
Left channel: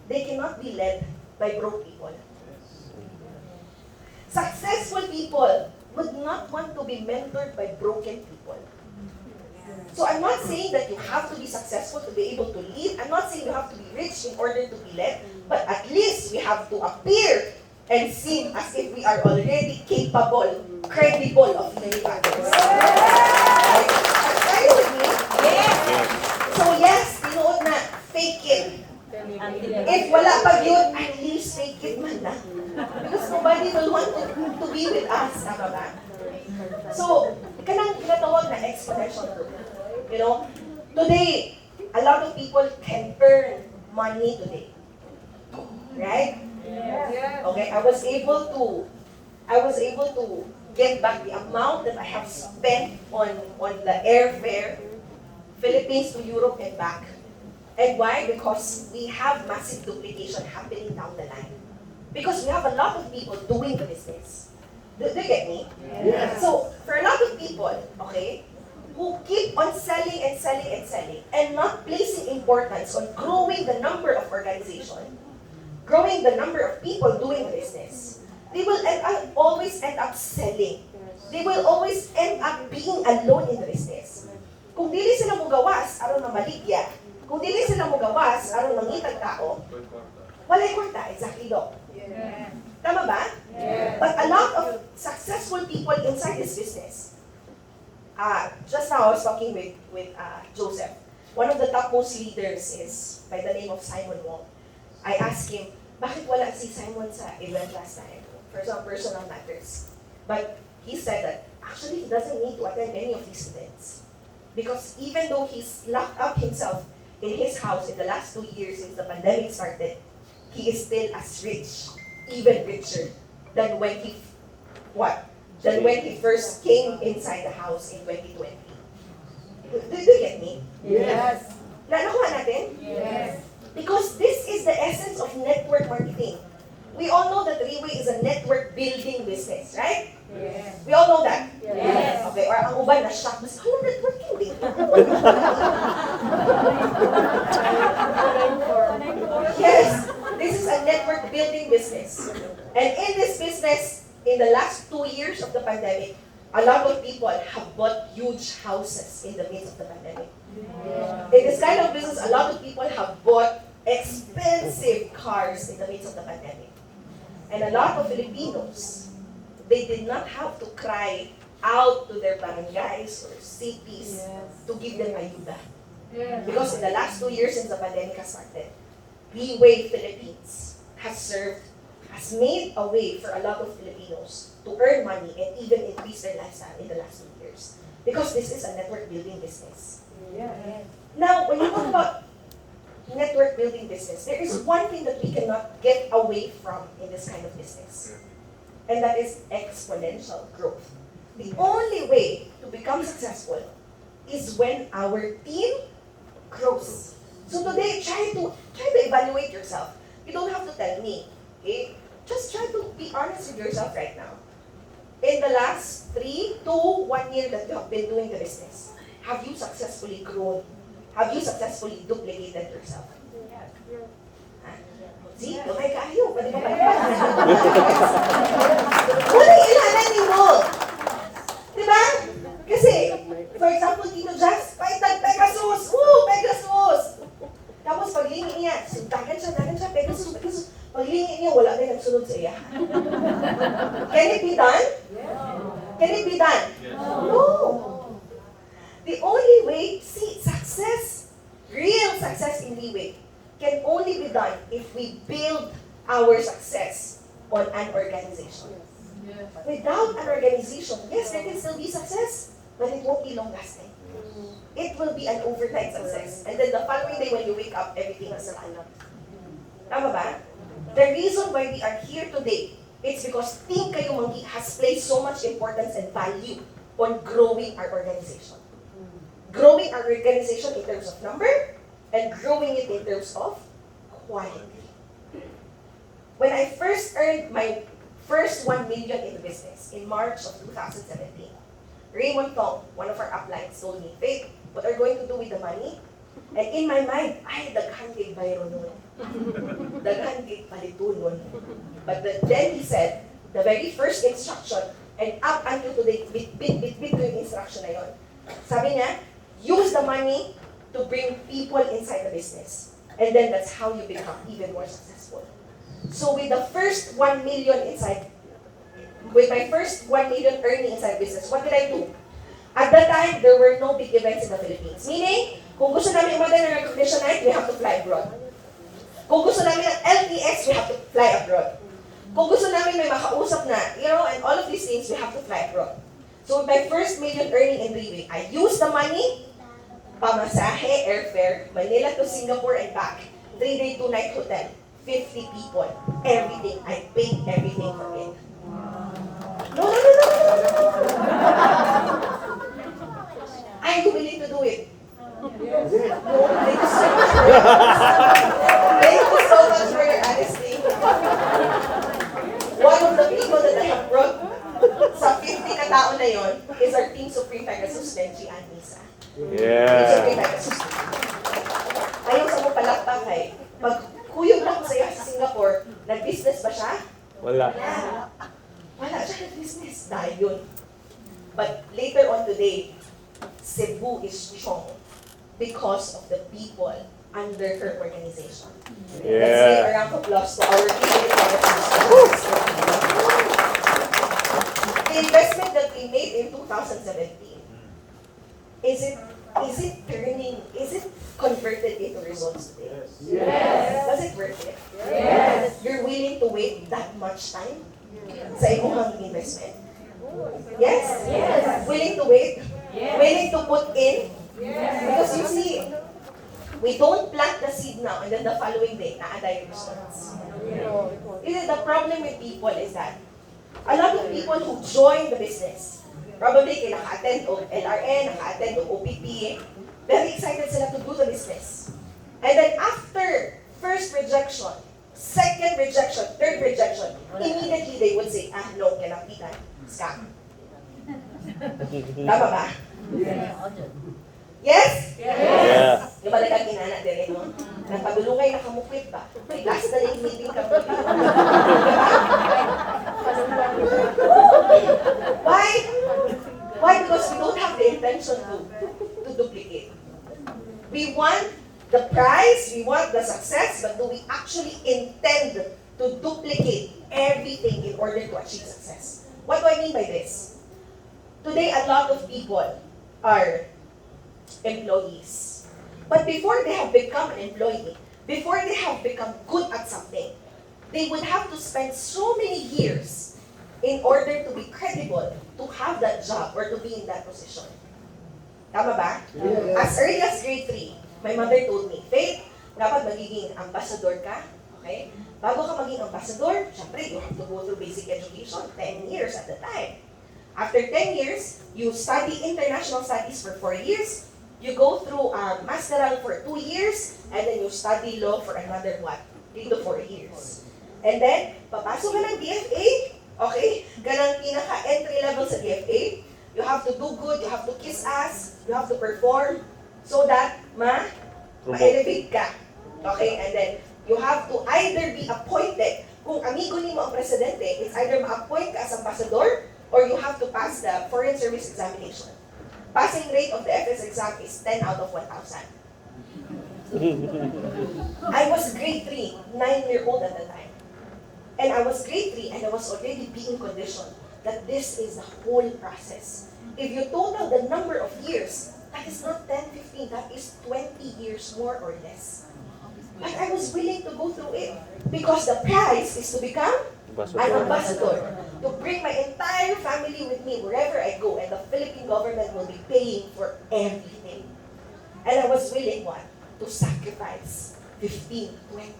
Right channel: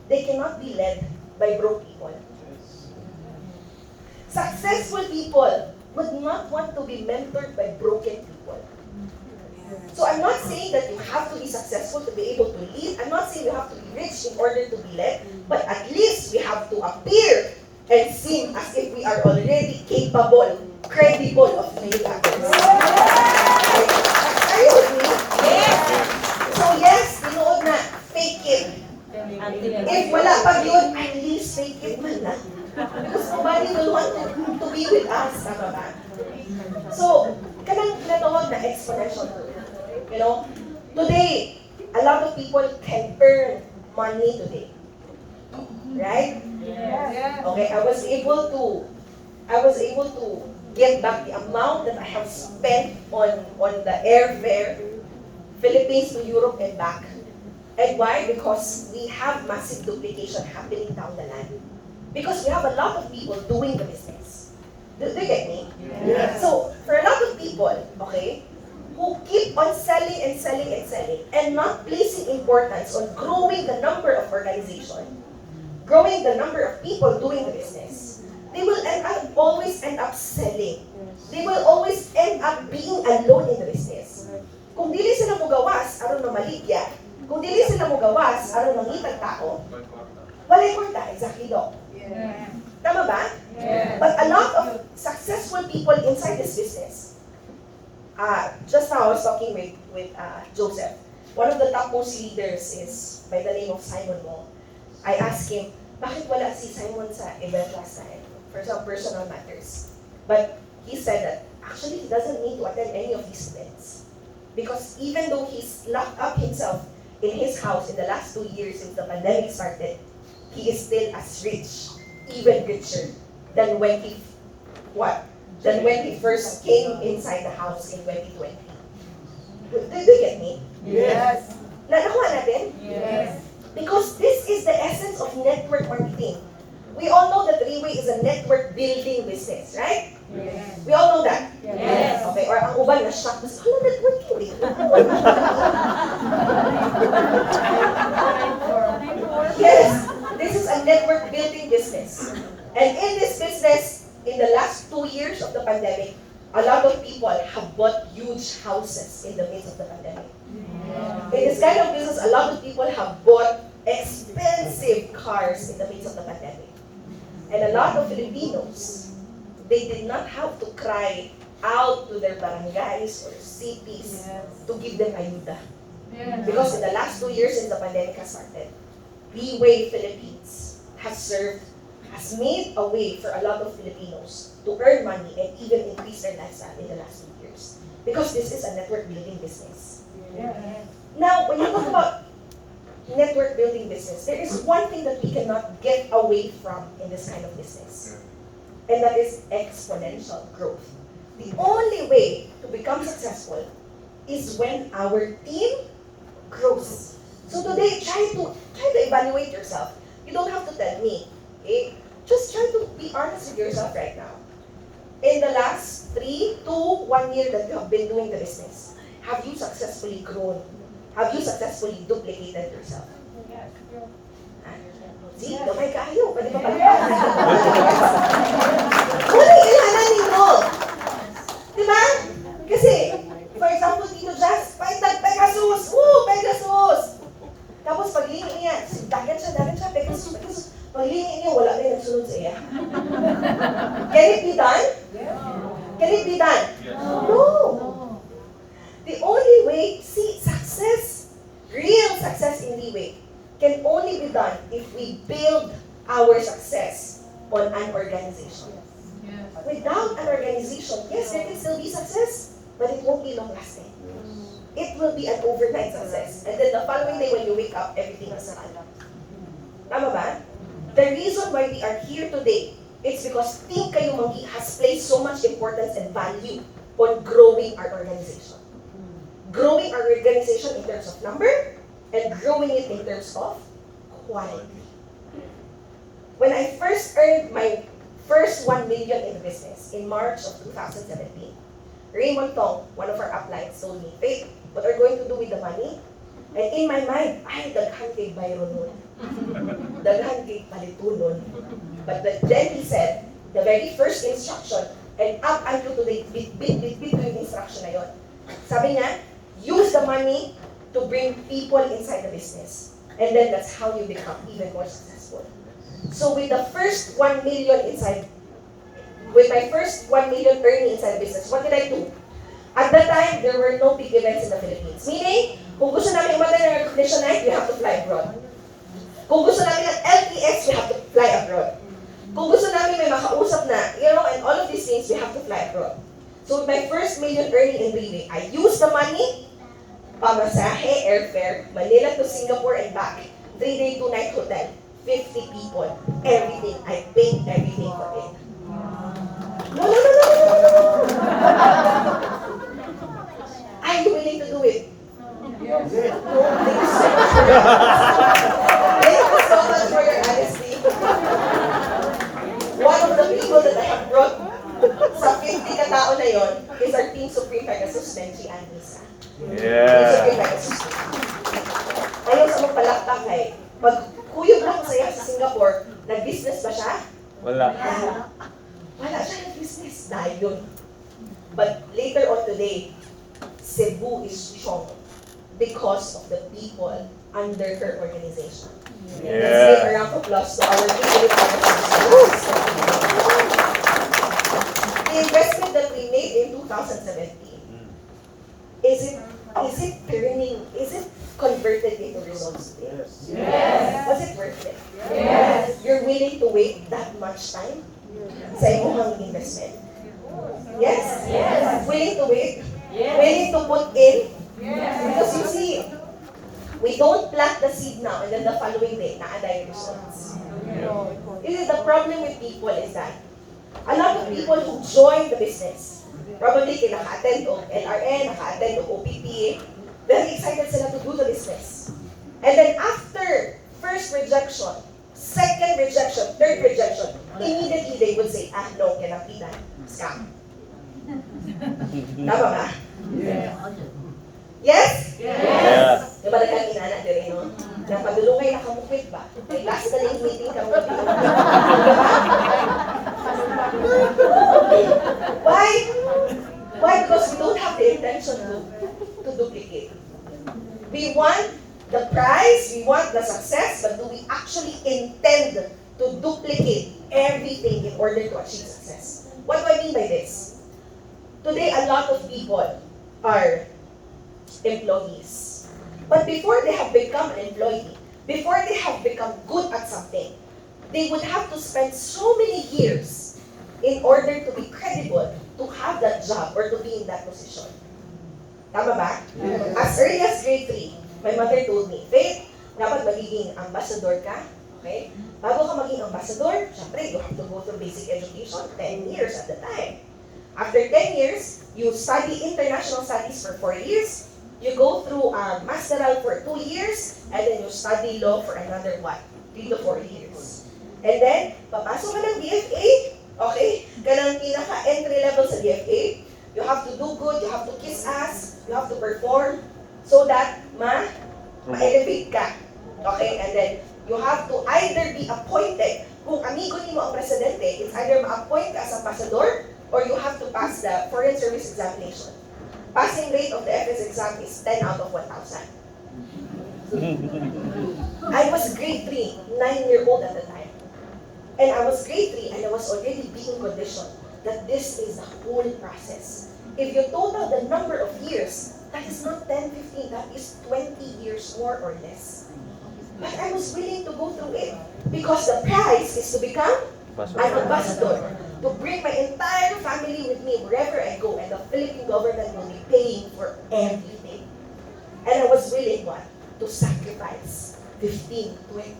they cannot be led by broke people. Successful people would not want to be mentored by broken people. So I'm not saying that you have to be successful to be able to lead. I'm not saying you have to be rich in order to be led. But at least we have to appear and seem as if we are already capable, credible of leading others. Are you with me? So yes, tinuod na, fake it. If wala pa yun, at least fake it man na. Because nobody will want to be with us. Tama ba? So, kanang natawag na exponential growth. Today, a lot of people can earn money today. Right? Okay, I was able to get back the amount that I have spent on the airfare, Philippines to Europe and back. And why? Because we have massive duplication happening down the line. Because we have a lot of people doing the business. Do you get me? Yes. So, for a lot of people, who keep on selling and selling and selling and not placing importance on growing the number of organization, growing the number of people doing the business, they will always end up selling. They will always end up being alone in the business. Kung dili sila mo gawas, aron mamaligya. Kung dili sila mo gawas, aron mangitag tao, walay kwarta, exactly do. Tama ba? But a lot of successful people inside this business, just now I was talking with Joseph. One of the topmost leaders is by the name of Simon Wong. I asked him, bakit wala si Simon sa event last time? For some personal matters. But he said that actually he doesn't need to attend any of these events. Because even though he's locked up himself in his house in the last 2 years since the pandemic started, he is still as rich, even richer, than when he first came inside the house in 2020. Do you get me? Yes. Nanakuha natin? Yes. Because this is the essence of network marketing. We all know that Riway is a network building business, right? Yes. We all know that? Yes. Okay, or ang uban na shock, mas networking din. Yes, this is a network building business. And in this business, in the last 2 years of the pandemic, a lot of people have bought huge houses in the midst of the pandemic. In this kind of business, a lot of people have bought expensive cars in the midst of the pandemic. And a lot of Filipinos, they did not have to cry out to their barangays or cities to give them ayuda. Because in the last 2 years since the pandemic has started, Riway Philippines has made a way for a lot of Filipinos to earn money and even increase their lifestyle in the last 2 years. Because this is a network building business. Now, when you talk about network building business, there is one thing that we cannot get away from in this kind of business. And that is exponential growth. The only way to become successful is when our team grows. So today, try to evaluate yourself. You don't have to tell me. Okay? Just try to be honest with yourself right now. In the last 3 to 1 year that you have been doing the business, have you successfully grown? Have you successfully duplicated yourself? See, gamay kaayo. Pwede ba palipad? Muna ilhanan ninyo. Diba? Kasi, for example, Tino Jazz, paitag Pegasus. Pegasus! Tapos paglingi niya, dagan siya, Pegasus. Paglingi niya, wala na yung nagsunod sa iya. Can it be done? Can it be done? No. The only way, success, real success in Riway, can only be done if we build our success on an organization. Without an organization, yes, there can still be success, but it won't be long-lasting. It will be an overnight success. And then the following day when you wake up, everything is fine. Tama ba? The reason why we are here today, it's because Team Kayo Manggi has placed so much importance and value on growing our organization. Growing our organization in terms of number, and growing it in terms of quality. When I first earned my first 1 million in the business in March of 2017, Raymond Tong, one of our uplines, told me, Faith, what are you going to do with the money? And in my mind, ay, daghan kay bayro nun. Daghan kay palito nun. But then he said, the very first instruction, and up until today, bit ko yung instruction na yun. Sabi niya, use the money to bring people inside the business. And then that's how you become even more successful. So with the first 1 million with my first 1 million earning inside business, what did I do? At that time, there were no big events in the Philippines. Meaning, kung gusto namin umatan ng recognition night, we have to fly abroad. Kung gusto namin ng LTS, we have to fly abroad. Kung gusto namin may makausap na, and all of these things, we have to fly abroad. So with my first million earning in Riway, I used the money, pamasahe, airfare, Manila to Singapore and back, 3-day, 2-night hotel, 50 people, everything. I paid everything for it. No. Are you willing to do it? No, thank you so much for your Thank you so much for your honesty. One of the people that I have brought sa 50 katao na yon is our Team Supreme Pegasus, Benji Anisa. Yeah. Ayaw sa mong palakpak eh. Pag kuyog na ko sa iya sa Singapore, nag-business ba siya? Wala. Wala siya nag-business. Dahil yun. But later on today, Cebu is strong because of the people under her organization. Yeah. Let's give a round of applause to our Riway Pegasus. The investment that we made in 2017, is it converted into results today? Yes. Was it worth it? Yes. You're willing to wait that much time sa imong investment? Yes? Yes. Willing to wait? Yes. Willing to put in? Yes. Because you see, we don't plant the seed now and then the following day, na-aday results. The problem with people is that a lot of people who join the business, probably kay naka-attend o LRN, naka-attend o OPP, very excited sila to do the business. And then after first rejection, second rejection, third rejection, immediately they would say, no, cannot be done. Scam. Tama ba? Yes? Yes. Diba nagkaginana din no? Napadulungay na kamukit ba? May last na yung meeting kamukit. Diba? the intention to duplicate. We want the prize, we want the success, but do we actually intend to duplicate everything in order to achieve success? What do I mean by this? Today, a lot of people are employees. But before they have become an employee, before they have become good at something, they would have to spend so many years in order to be credible, to have that job, or to be in that position. Tama ba? Yes. As early as grade 3, my mother told me, Faith, dapat magiging ambassador ka, okay? Bago ka maging ambassador, syempre, you have to go through basic education, 10 years at the time. After 10 years, you study international studies for 4 years, you go through a masteral for 2 years, and then you study law for another, 3 to 4 years. And then, papasok ka ng BFA, okay? Ganun pinaka-entry level sa BFA. You have to do good, you have to kiss ass, you have to perform, so that ma-elevate ka. Okay? And then, you have to either be appointed, kung amigo ni mo ang presidente, it's either ma-appoint ka as ambassador, or you have to pass the foreign service examination. Passing rate of the FS exam is 10 out of 1,000. I was grade 3, 9-year-old at the time. And I was grade 3 and I was already being conditioned that this is the whole process. If you total the number of years, that is not 10, 15, that is 20 years more or less. But I was willing to go through it because the prize is to become an ambassador, to bring my entire family with me wherever I go, and the Philippine government will be paying for everything. And I was willing, to sacrifice 15, 20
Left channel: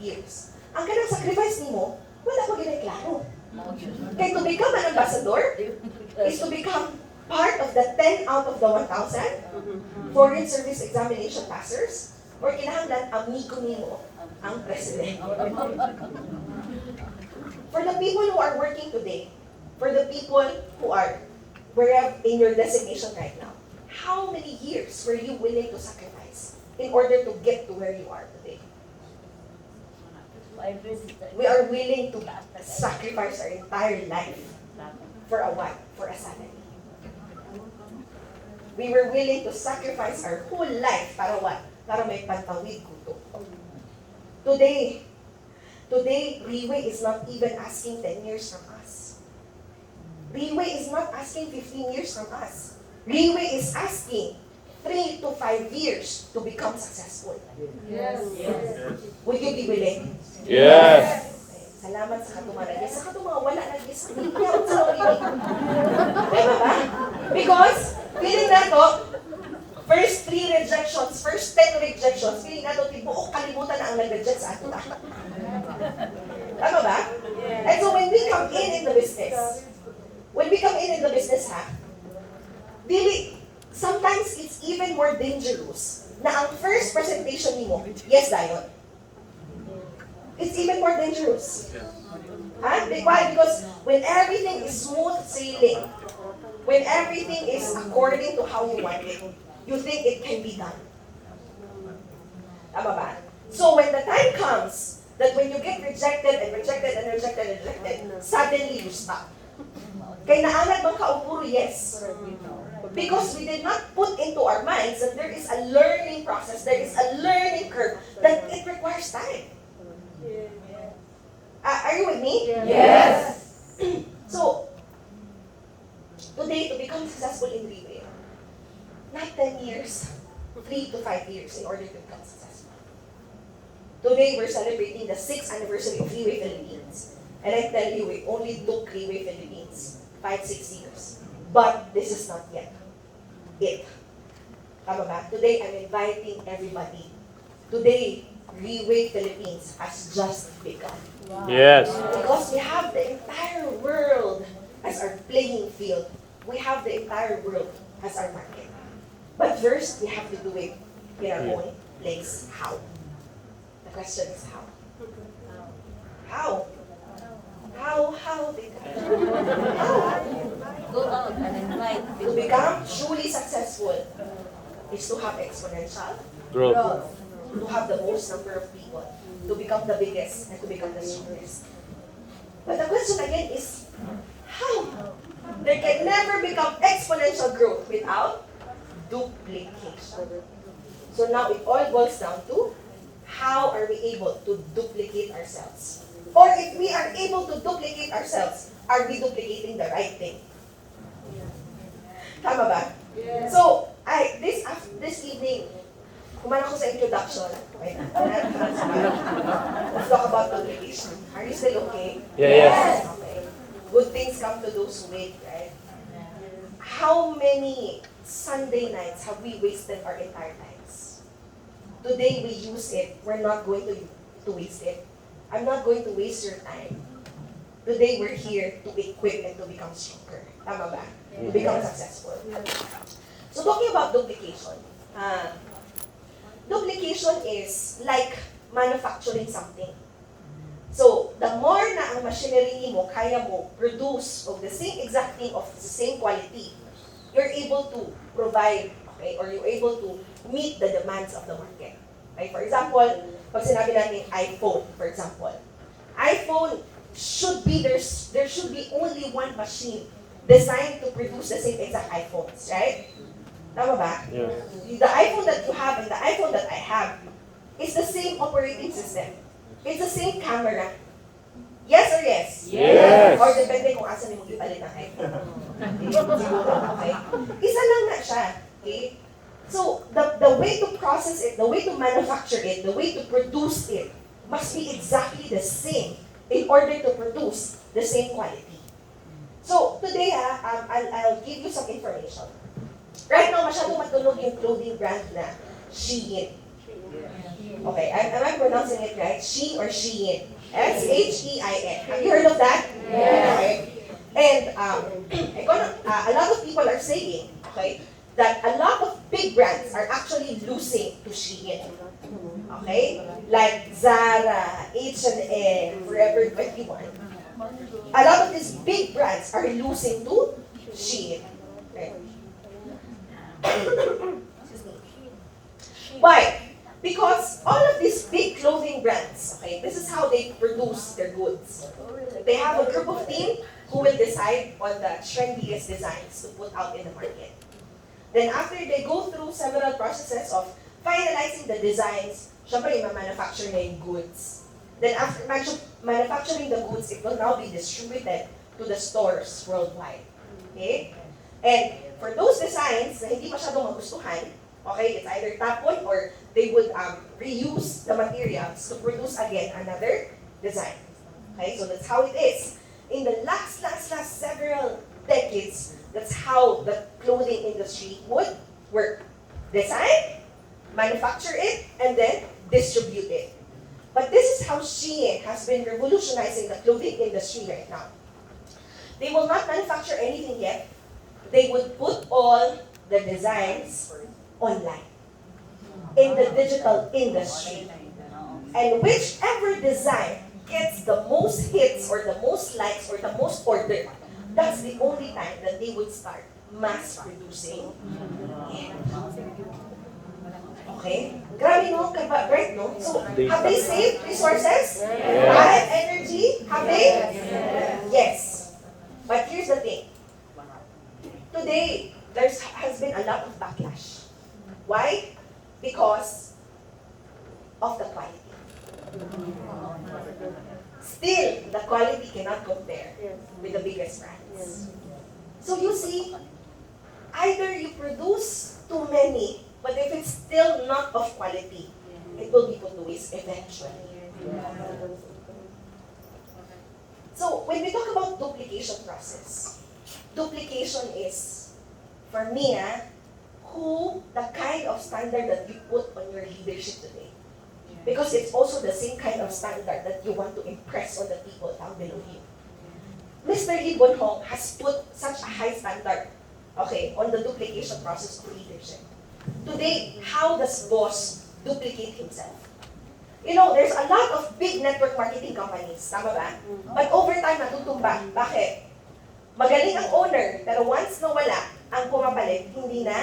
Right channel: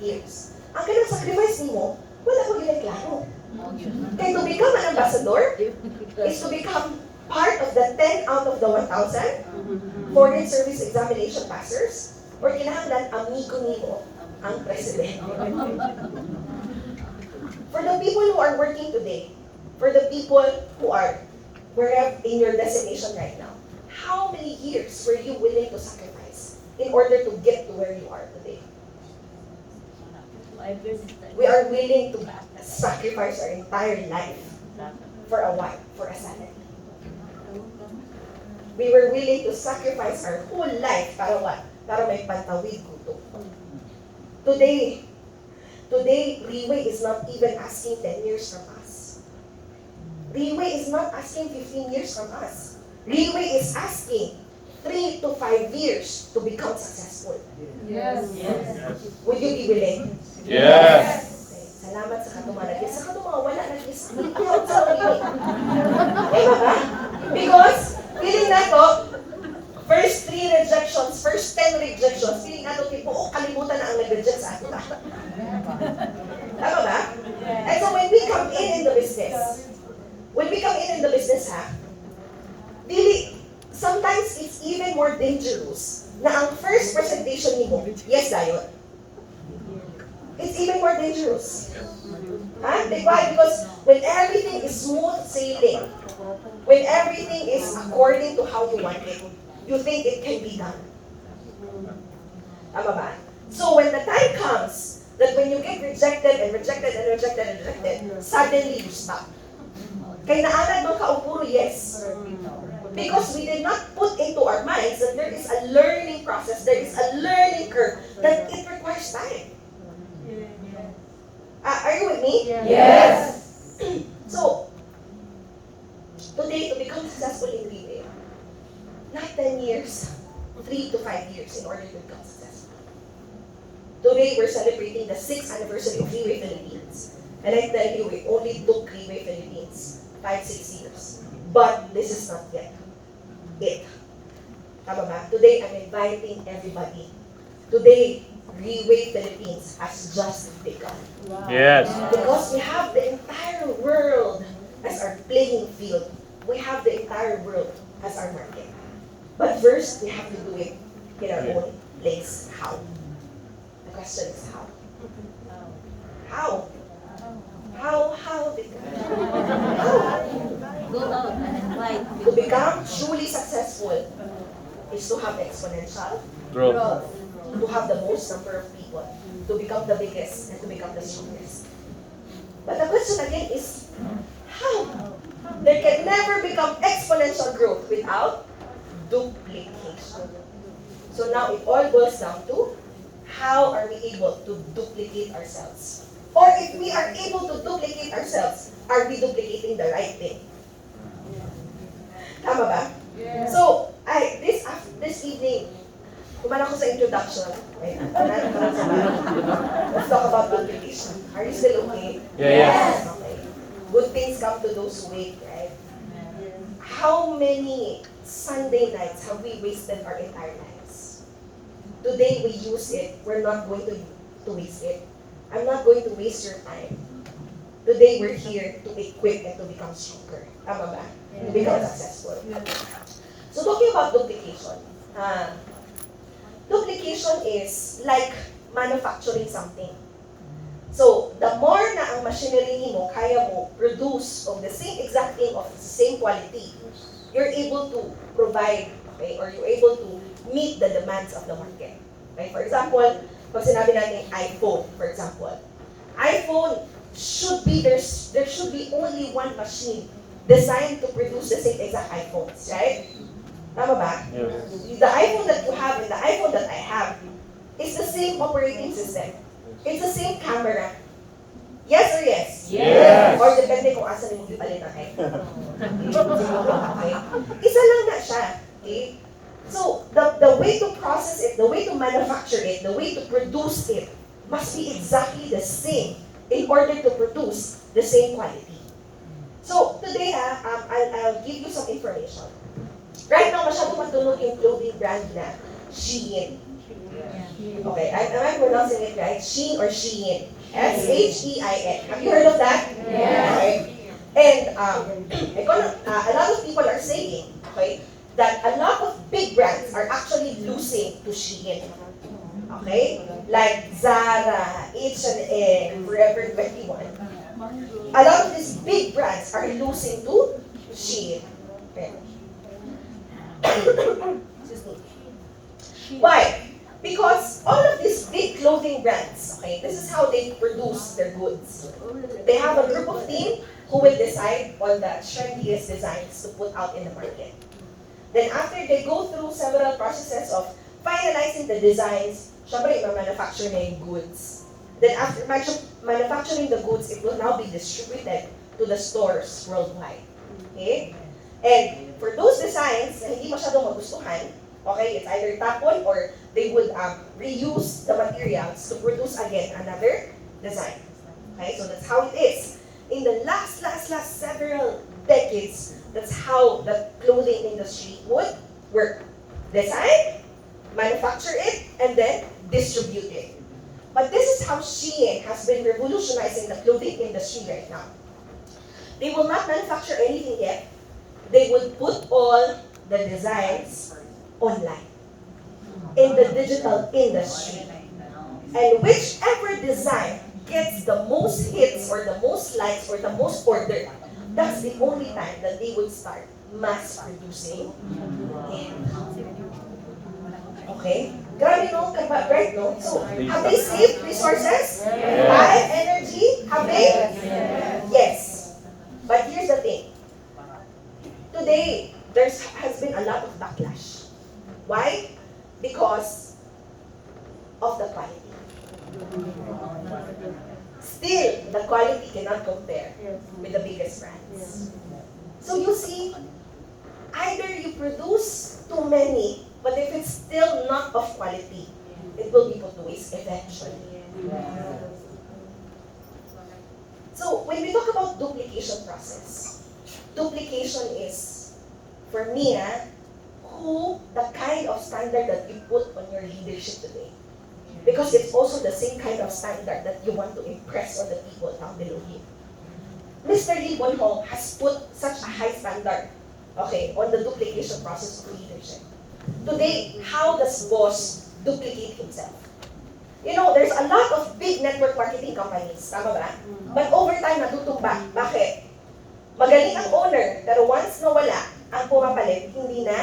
years. Ang ganang sacrifice ni mo, wala ko ginagklaro. Kaya to become an ambassador is to become part of the 10 out of the 1,000 foreign service examination passers, or kinahanglan amigo nimo ang president. For the people who are working today, for the people who are wherever in your designation right now, how many years were you willing to sacrifice in order to get to where you are today? We are willing to sacrifice our entire life for a what? For a salary. We were willing to sacrifice our whole life para what? Para may pantawid kuto. Today, Riway is not even asking 10 years from us. Riway is not asking 15 years from us. Riway is asking 3 to 5 years to become successful. Yes. Would you be willing? Yes. Okay. Salamat sa katumanag. Sa katumanag, wala na yes. Ayaw sa willing. Diba ba? Because, feeling na to, first 3 rejections, first 10 rejections, feeling na to, tibuok kalimutan na ang nag-reject sa ato. Tama ba? And so when we come in the business, sometimes it's even more dangerous na ang first presentation ni mo, yes, dayon. It's even more dangerous. Why? Because when everything is smooth sailing, when everything is according to how you want it, you think it can be done. Tama ba? So when the time comes that when you get rejected, suddenly you stop. Kaya naanad mong kaupuro, yes. Because we did not put into our minds that there is a learning process, there is a learning curve, that it requires time. Are you with me? Yes. So, today, to become successful in retail, not 10 years, 3 to 5 years in order to become successful. Today, we're celebrating the 6th anniversary of Riway Philippines. And I tell you, it only took Riway Philippines 5-6 years. But this is not yet it. Tama ba? Today, I'm inviting everybody. Today, Riway Philippines has just begun. Yes. Because we have the entire world as our playing field. We have the entire world as our market. But first, we have to do it in our own place. How? The question is how? How? How? How? Go out and invite To become truly successful is to have exponential, Growth. to have the most number of people, to become the biggest, and to become the strongest. But the question again is, how? There can never become exponential exponential growth without duplication. So now it all boils down to how are we able to duplicate ourselves? Or if we are able to duplicate ourselves, are we duplicating the right thing? Tama ba? So, this evening, kumain ako sa introduction. Okay, let's talk about duplication. Are you still okay? Yes. Okay. Good things come to those who wait, right? How many Sunday nights have we wasted our entire lives? Today we use it. We're not going to waste it. I'm not going to waste your time. Today we're here to equip and to become stronger. Tama ba? To become successful. So talking about duplication. Duplication is like manufacturing something. So, the more na ang machinery mo, kaya mo produce of the same exact thing of the same quality, you're able to provide, okay, or you're able to meet the demands of the market. Okay? For example, pag sinabi natin iPhone, for example, iPhone should be, there should be only one machine designed to produce the same exact iPhones, right? Tama ba? Yes. The iPhone that you have and the iPhone that I have is the same operating system. It's the same camera. Yes or yes? Yes. Or depende kung asan yung ipalit ang iPhone. Siguro, okay? Isa lang na siya. Okay? So, the way to process it, the way to manufacture it, the way to produce it must be exactly the same in order to produce the same quality. So, today I'll give you some information. Right now, masyadong matunog yung clothing brand na Shein. Okay, am I pronouncing it right? Shein or Shein? S-H-E-I-N. Have you heard of that? Yes. Okay. And a lot of people are saying, okay, that a lot of big brands are actually losing to Shein. Okay? Like Zara, H&M, Forever 21. A lot of these big brands are losing to Shein. Okay. Why? Because all of these big clothing brands, okay, this is how they produce their goods. They have a group of team who will decide on the trendiest designs to put out in the market. Then after they go through several processes of finalizing the designs, syempre ma-manufacture na yung goods. Then after manufacturing the goods, it will now be distributed to the stores worldwide. Okay? And for those designs na hindi masyadong magustuhan, okay, it's either tapon or they would reuse the materials to produce again another design. Okay, so that's how it is. In the last several decades, that's how the clothing industry would work. Design, manufacture it, and then distribute it. But this is how Shein has been revolutionizing the clothing industry right now. They will not manufacture anything yet. They would put all the designs online in the digital industry. And whichever design gets the most hits or the most likes or the most ordered, that's the only time that they would start mass producing it. Okay? Grabe no? Right no? So, have they saved resources? Time, energy? Have they? Yes. But here's the thing. Today, there has been a lot of backlash. Why? Because of the quality. Still, the quality cannot compare with the biggest brands. So you see, either you produce too many, but if it's still not of quality, it will be put to waste eventually. So when we talk about duplication process, duplication is, for me, the kind of standard that you put on your leadership today. Because it's also the same kind of standard that you want to impress on the people down below you. Mr. Lee Bonhong has put such a high standard, okay, on the duplication process of leadership. Today, how does boss duplicate himself? You know, there's a lot of big network marketing companies, tama ba? But over time, natutumba. Bakit? Magaling ang owner, pero once nawala, ang pumapalit, hindi na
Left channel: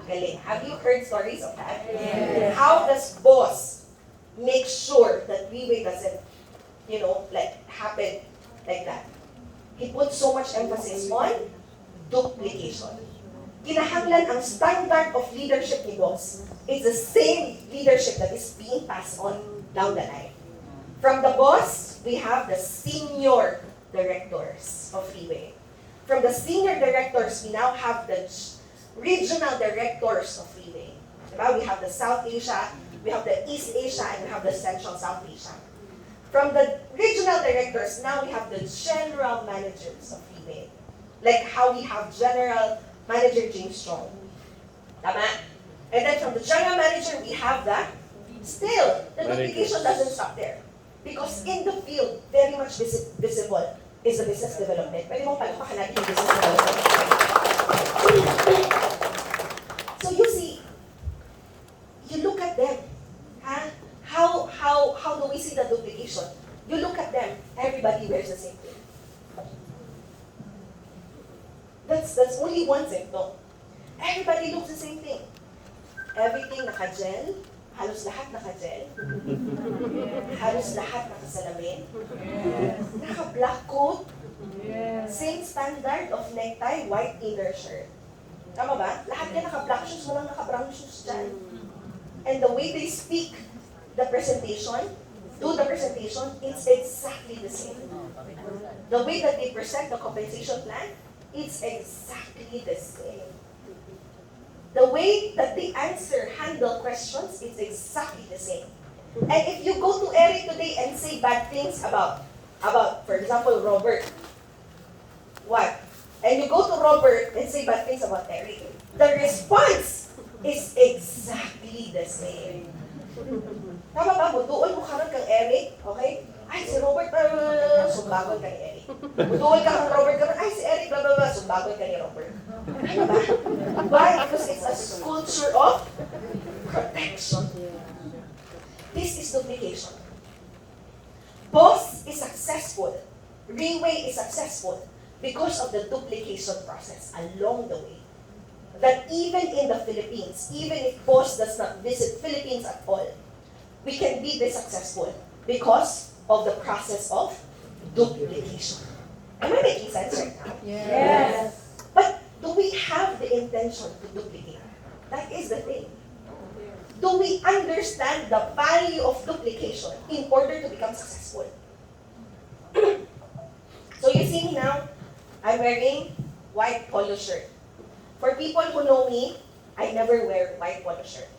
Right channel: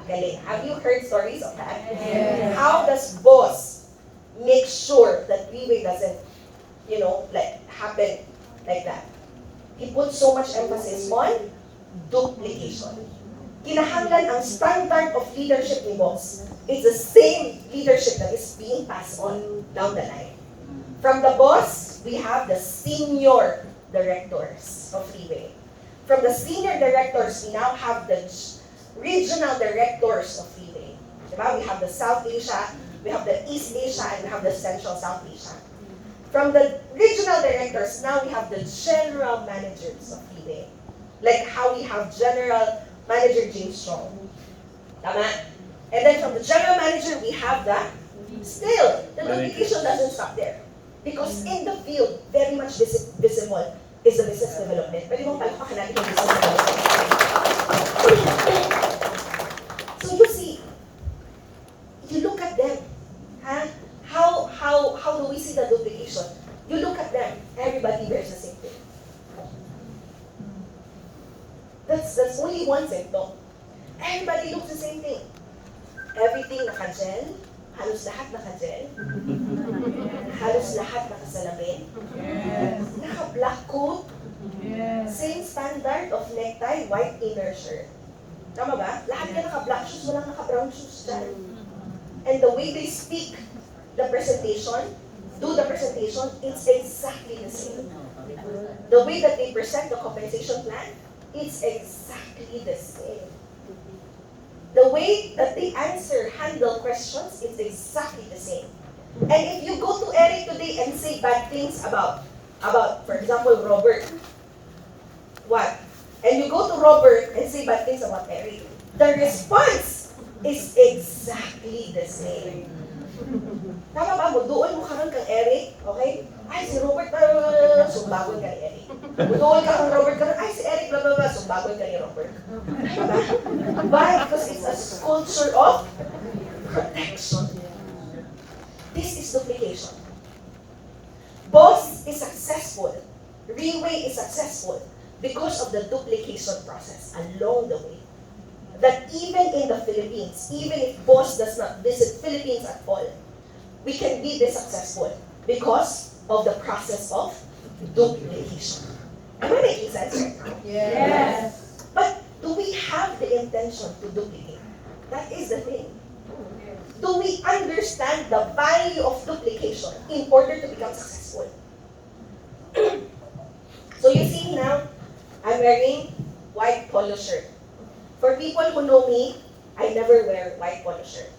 magaling. Have you heard stories of that? Yes. How does boss make sure that Riway doesn't, happen like that? He puts so much emphasis on duplication. kinahanglan ang standard of leadership ni boss. It's the same leadership that is being passed on down the line. From the boss, we have the senior directors of Riway. From the senior directors, we now have the regional directors of Riway. Diba? We have the South Asia, we have the East Asia, and we have the Central South Asia. From the regional directors, now we have the general managers of Riway. Like how we have General Manager James Strong. Tama? And then from the general manager, we have the, still, the duplication doesn't stop there. Because in the field, very much visible is the business development. Pwede mong palakpakan natin yung business development. So you see, you look at them. Huh? How do we see the duplication? You look at them, everybody wears the same thing. That's only one symptom. Everybody looks the same thing. Everything naka-gel, halos lahat naka-gel, halos lahat nakasalamin, naka-black coat, same standard of necktie, white inner shirt. Tama ba? Lahat yan naka-black shoes, walang naka-brown shoes dyan. And the way they speak the presentation, do the presentation, it's exactly the same. The way that they present the compensation plan, it's exactly the same. The way that they handle questions, it's exactly the same. And if you go to Eric today and say bad things about, for example, Robert, what? And you go to Robert and say bad things about Eric, the response is exactly the same. Tama ba? Doon mo karon kang Eric, okay? Ay, si Robert, sumbagon ka ni Eric. Doon ka kang Robert, ay, si Eric, blah, blah, blah, sumbagon ka ni Robert. Tama ba? Why? Because it's a culture of protection. This is duplication. Boss is successful. Riway is successful because of the duplication process along the way. That even in the Philippines, even if boss does not visit Philippines at all, we can be this successful because of the process of duplication. Am I making sense right now? Yes. But do we have the intention to duplicate? That is the thing. Do we understand the value of duplication in order to become successful? So you see now, I'm wearing white polo shirt. For people who know me, I never wear white polo shirt.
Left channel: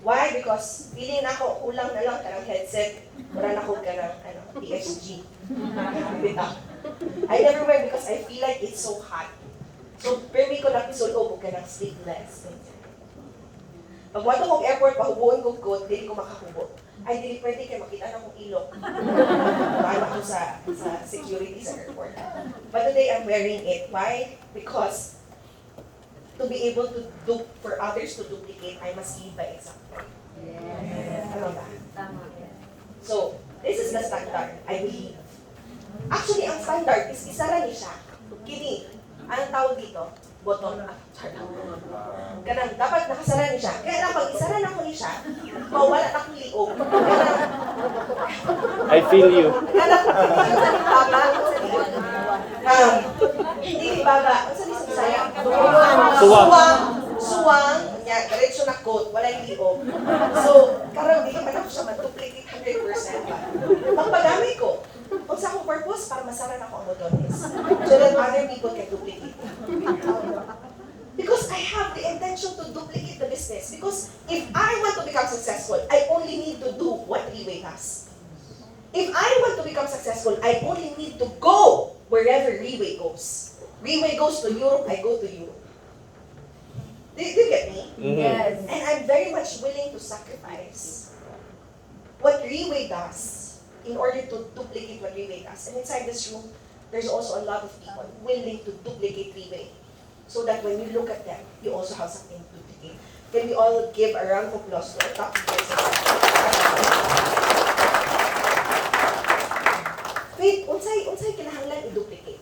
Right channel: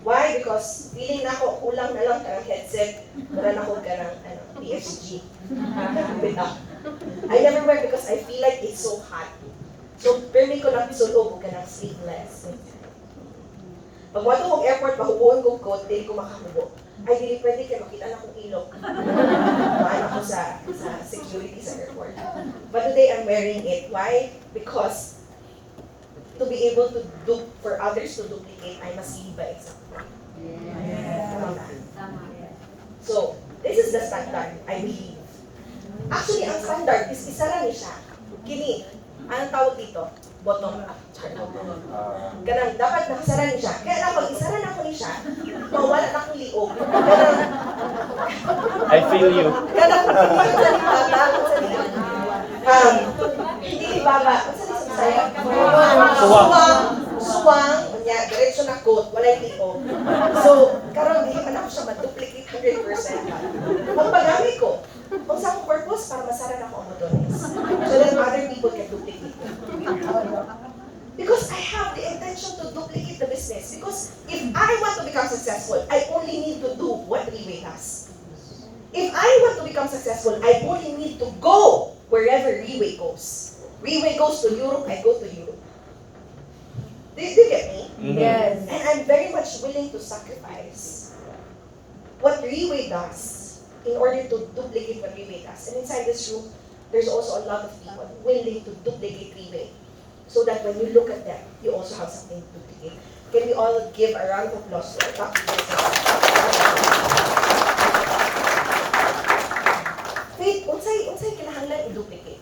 Why? Because feeling na ako, kulang na lang ka ng headset, wala na ako ka ng PSG. I never wear because I feel like it's so hot. So, permi ko lang sulog ka ng sleeveless. Pag wato kong airport, pahubuon kong coat, hindi ko makahubo. Ay, hindi pwede kayo makita na akong ilok. Mahal ako sa security sa airport. But today, I'm wearing it. Why? Because to be able to for others to duplicate, I must lead by example. Tama ba? So, this is the standard, I believe. Actually, ang standard is isara niya siya. Kini, anong tawag dito? Bottom. Ganang, dapat nakasara niya siya. Kaya na pag isara na ko niya siya, mawala na akong liog. Ganang, I feel you. ganang, hindi ko sa baba, hindi baba, ang sa saya. Suwang, niya, diretso na coat, wala yung liog. So, karang hindi man ako siya ma-duplicate 100%. Pagpagamit ko, kung sa akong purpose, para masara na ako ang botones. So that other people can duplicate it. Because I have the intention to duplicate the business. Because if I want to become successful, I only need to do what Riway does. If I want to become successful, I only need to go wherever Riway goes. Riway goes to Europe, I go to Europe. Do you get me? Yes. And I'm very much willing to sacrifice what Riway does in order to duplicate what Riway does. And inside this room, there's also a lot of people willing to duplicate Riway. So that when you look at them, you also have something to duplicate. Can we all give a round of applause to our top Wait, unsay kinahanglan i-duplicate?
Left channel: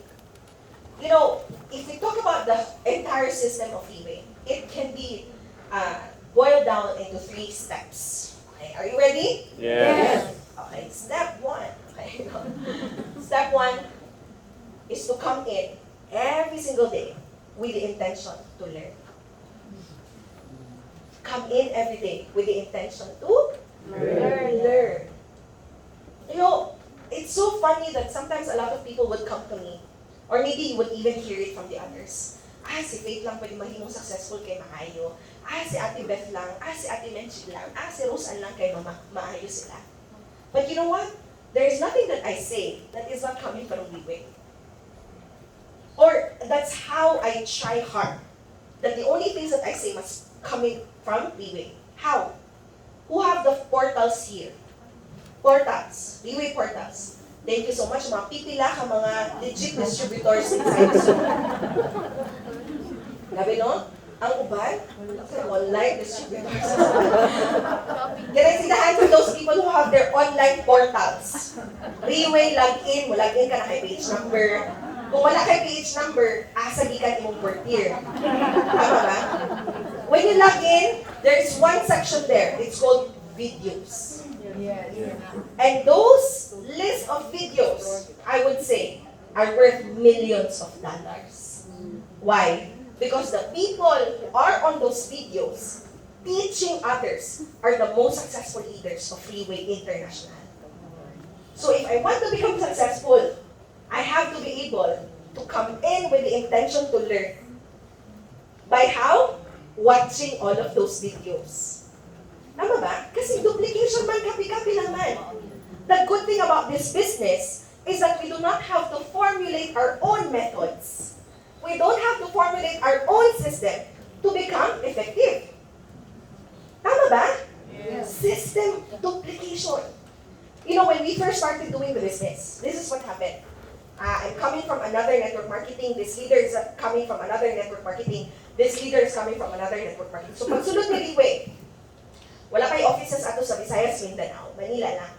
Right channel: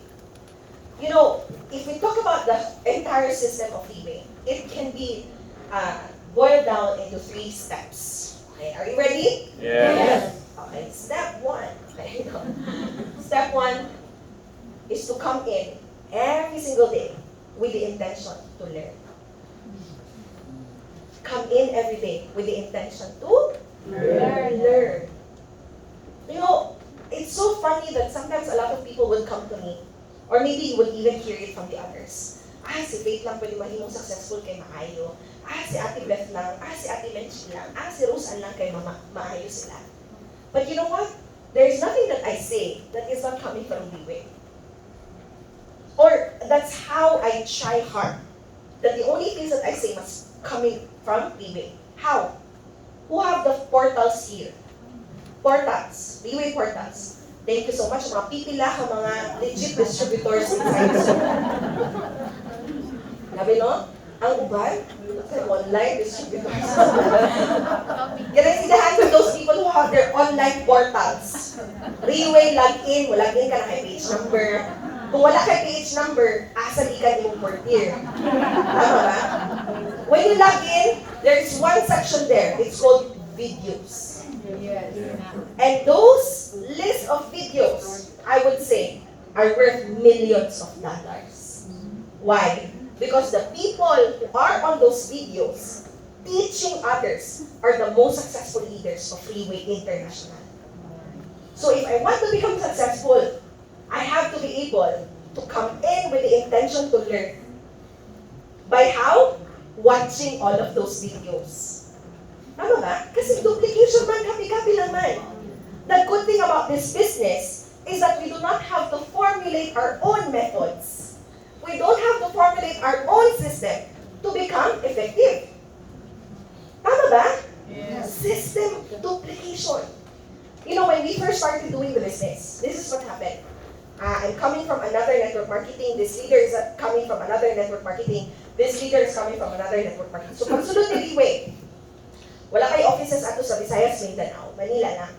You know, if we talk about the entire system of Riway, it can be boiled down into 3 steps. Okay, are you ready? Yes. Okay, step 1. Okay, Step 1 is to come in every single day with the intention to learn. Come in every day with the intention to learn. You know, it's so funny that sometimes a lot of people would come to me, or maybe you would even hear it from the others. Si Faith lang pwede mahimong successful kay maayo. Si Ate Beth lang. Si Ate Lenchi lang. Si Rose Ann lang kay maayo sila. But you know what? There's nothing that I say that is not coming from Riway. Or that's how I try hard. That the only things that I say must coming from Riway. How? Who have the portals here? Portals. Riway portals. Thank you so much. Mga pipila ka mga legit distributors inside the store. Labi no? Ang uban, online distributors. Can I see the hands of those people who have their online portals? Riway, login. Login ka na kay page number. Kung wala kay page number, asa di ka mong Purtier. Tama ba? When you log in, there's one section there. It's called videos. And those list of videos, I would say, are worth millions of dollars. Why? Because the people who are on those videos teaching others are the most successful leaders of Riway International. So if I want to become successful, I have to be able to come in with the intention to learn. By how? Watching all of those videos. Tama ba? Kasi duplication man, kapi-kapi lang man. The good thing about this business is that we do not have to formulate our own methods. We don't have to formulate our own system to become effective. Tama ba? Yes. System duplication. You know, when we first started doing the business, this is what happened. I'm coming from another network marketing. This leader is coming from another network marketing. This leader is coming from another network marketing. So, pagsulod ni Riway, wala kay offices ato sa Visayas, Mindanao, Manila lang.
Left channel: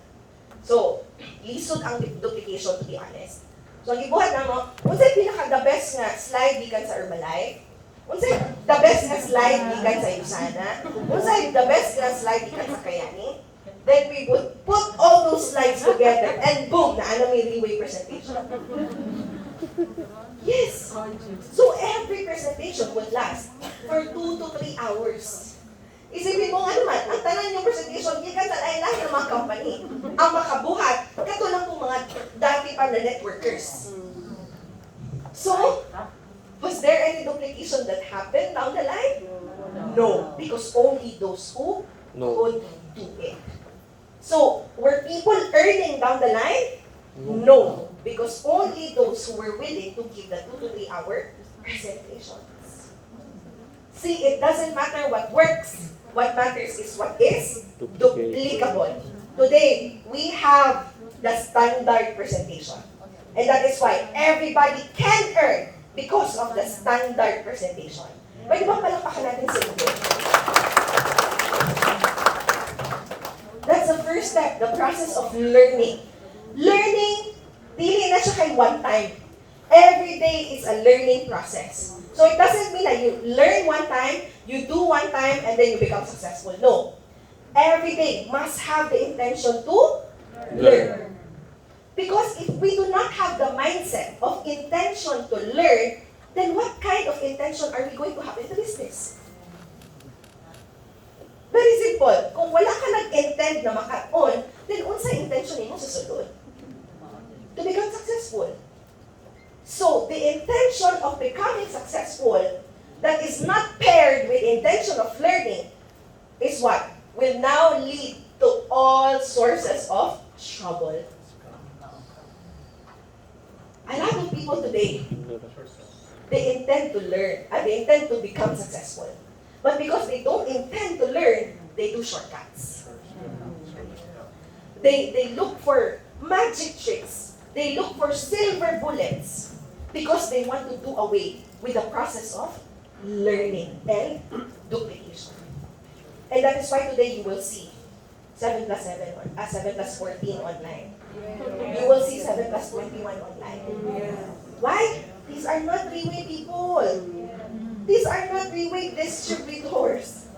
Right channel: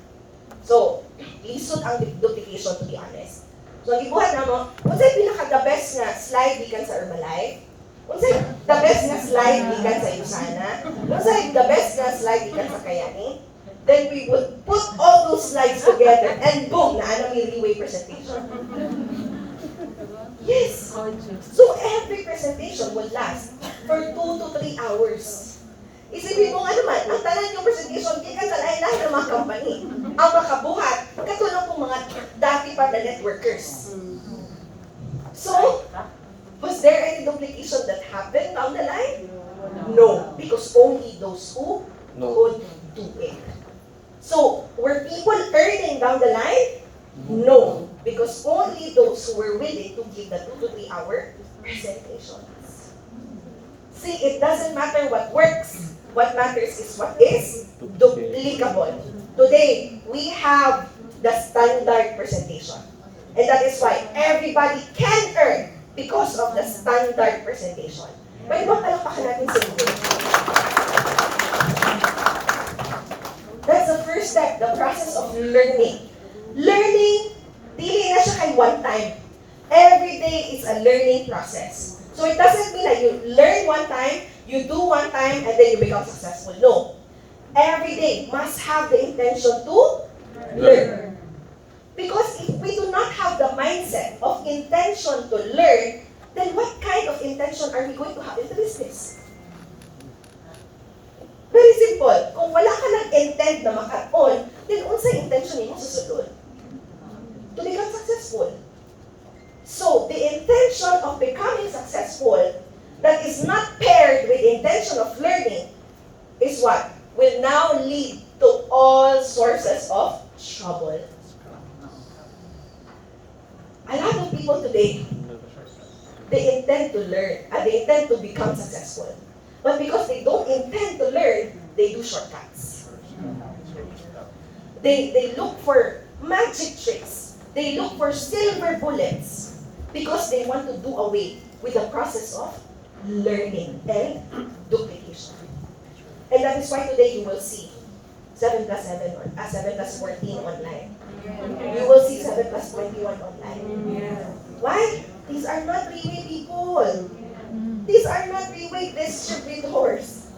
So, lisod ang duplication, to be honest. So, ang ibuhat na mo, unsay pinaka-the best nga slide gikan sa Herbalife? Unsay the best nga slide gikan sa Usana? Unsay the best nga slide gikan sa Kayani? Then we would put all those slides together and boom, naana may Riway presentation. Yes. So every presentation would last for 2 to 3 hours. Isipin mo nga naman, ang tanan yung presentation, gikan sa lahi-lahi ng mga company. Ang makabuhat, katulong po mga dati pa na networkers. So, was there any duplication that happened down the line? No, because only those who could do it. So, were people earning down the line? No, because only those who were willing to give the 2 to 3 hour presentations. See, it doesn't matter what works. What matters is what is duplicable. Today, we have the standard presentation. And that is why everybody can earn because of the standard presentation. Pwede ba palakpakan natin sa ito? That's the first step, the process of learning. Learning, dili na siya kay one time. Every day is a learning process. So it doesn't mean that you learn one time, you do one time, and then you become successful. No. Every day must have the intention to learn. Because if we do not have the mindset of intention to learn, then what kind of intention are we going to have in the business? Very simple. Kung wala ka nag-intend na maka-on, then unsay intention mo susunod? To become successful. So, the intention of becoming successful that is not paired with the intention of learning is what? Will now lead to all sources of trouble. A lot of people today, they intend to learn, they intend to become successful. But because they don't intend to learn, they do shortcuts. They look for magic tricks. They look for silver bullets because they want to do away with the process of learning and duplication. And that is why today you will see 7 plus 7, 7 plus 14 online. You will see 7 plus 21 online. Why? These are not Riway people. These are not Riway distributors.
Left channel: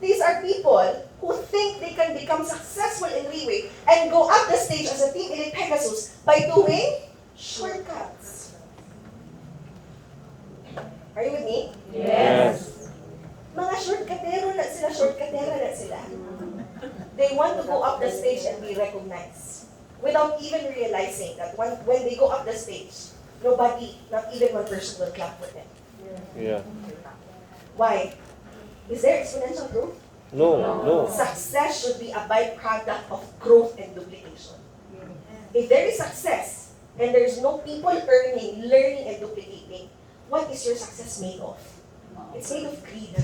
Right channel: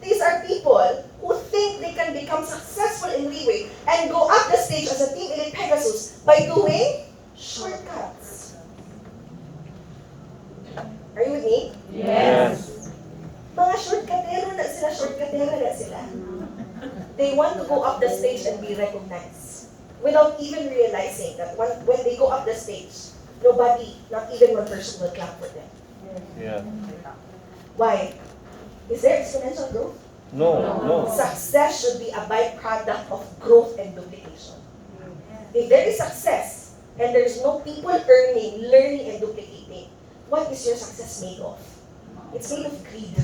These are people who think they can become successful in Riway and go up the stage as a Team Elite Pegasus by doing shortcuts. Are you with me? Yes. Mga shortcutero na sila. They want to go up the stage and be recognized without even realizing that when they go up the stage, nobody, not even one person will clap for them. Yeah. Why? Is there exponential growth? No. Success should be a byproduct of growth and duplication. If there is success and there's no people earning, learning, and duplicating, what is your success made of? It's made of greed.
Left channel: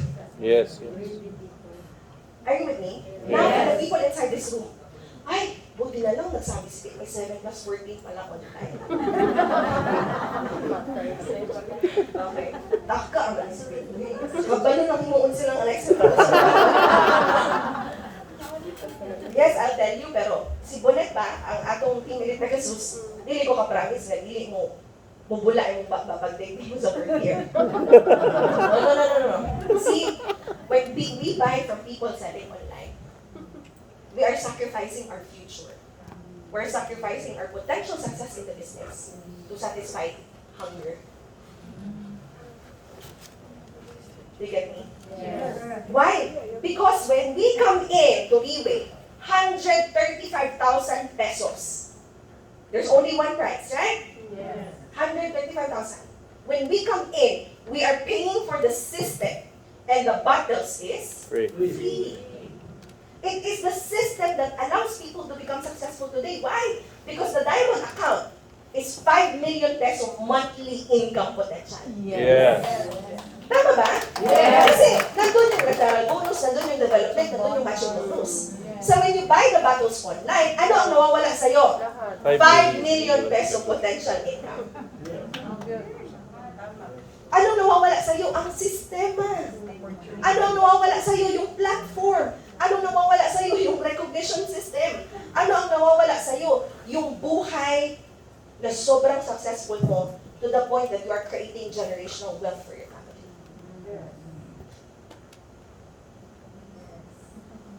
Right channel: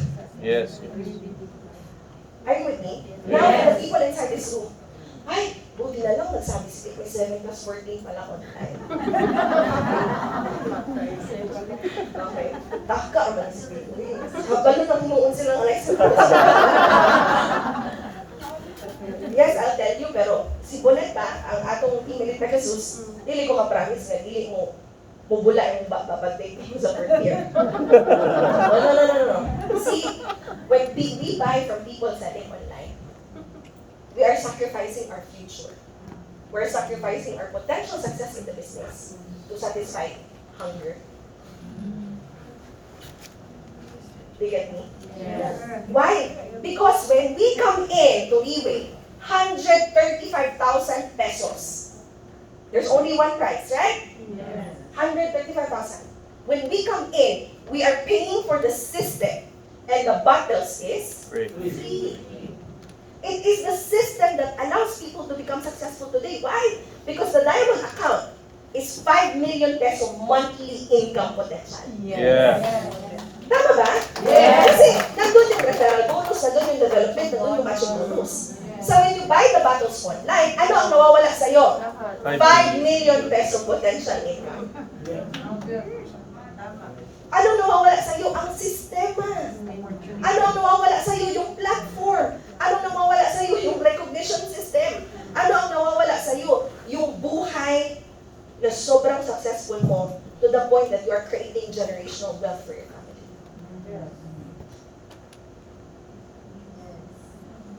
Yes. Are you with me? Now, for the people inside this room, ay, buti na lang nagsabi si Dick, may 7 plus 14 pala online. Okay. Taka ang mga si Dick. Kabalo na kumuun silang Alexa. Yes, I'll tell you, pero si Bonet ba, ang atong team elite na Jesus, dili ko ka-promise na dili mo mubula yung babag-date mo sa Purtier. No. See, when we buy from people selling online, we are sacrificing our future. We're sacrificing our potential success in the business to satisfy hunger. Do you get me? Yes. Why? Because when we come in to Riway, 135,000 pesos. There's only one price, right? Yes. 135,000. When we come in, we are paying for the system, and the bottles is Free. free. It is the system that allows people to become successful today. Why? Because the diamond account is 5 million peso monthly income potential. Yeah. Tama ba? Yes. Kasi nandun yung referral bonus, nandun yung development, nandun yung matching bonus. So when you buy the bottles online, ano ang nawawala sa'yo? 5 million peso potential income. Ano nawawala sa'yo? Ang sistema. Ano ang nawawala sa'yo? Yung platform. Ano nawawala sa'yo? Yung recognition system. Ano ang nawawala sa'yo? Yung buhay na sobrang successful mo to the point that you are creating generational wealth for your family.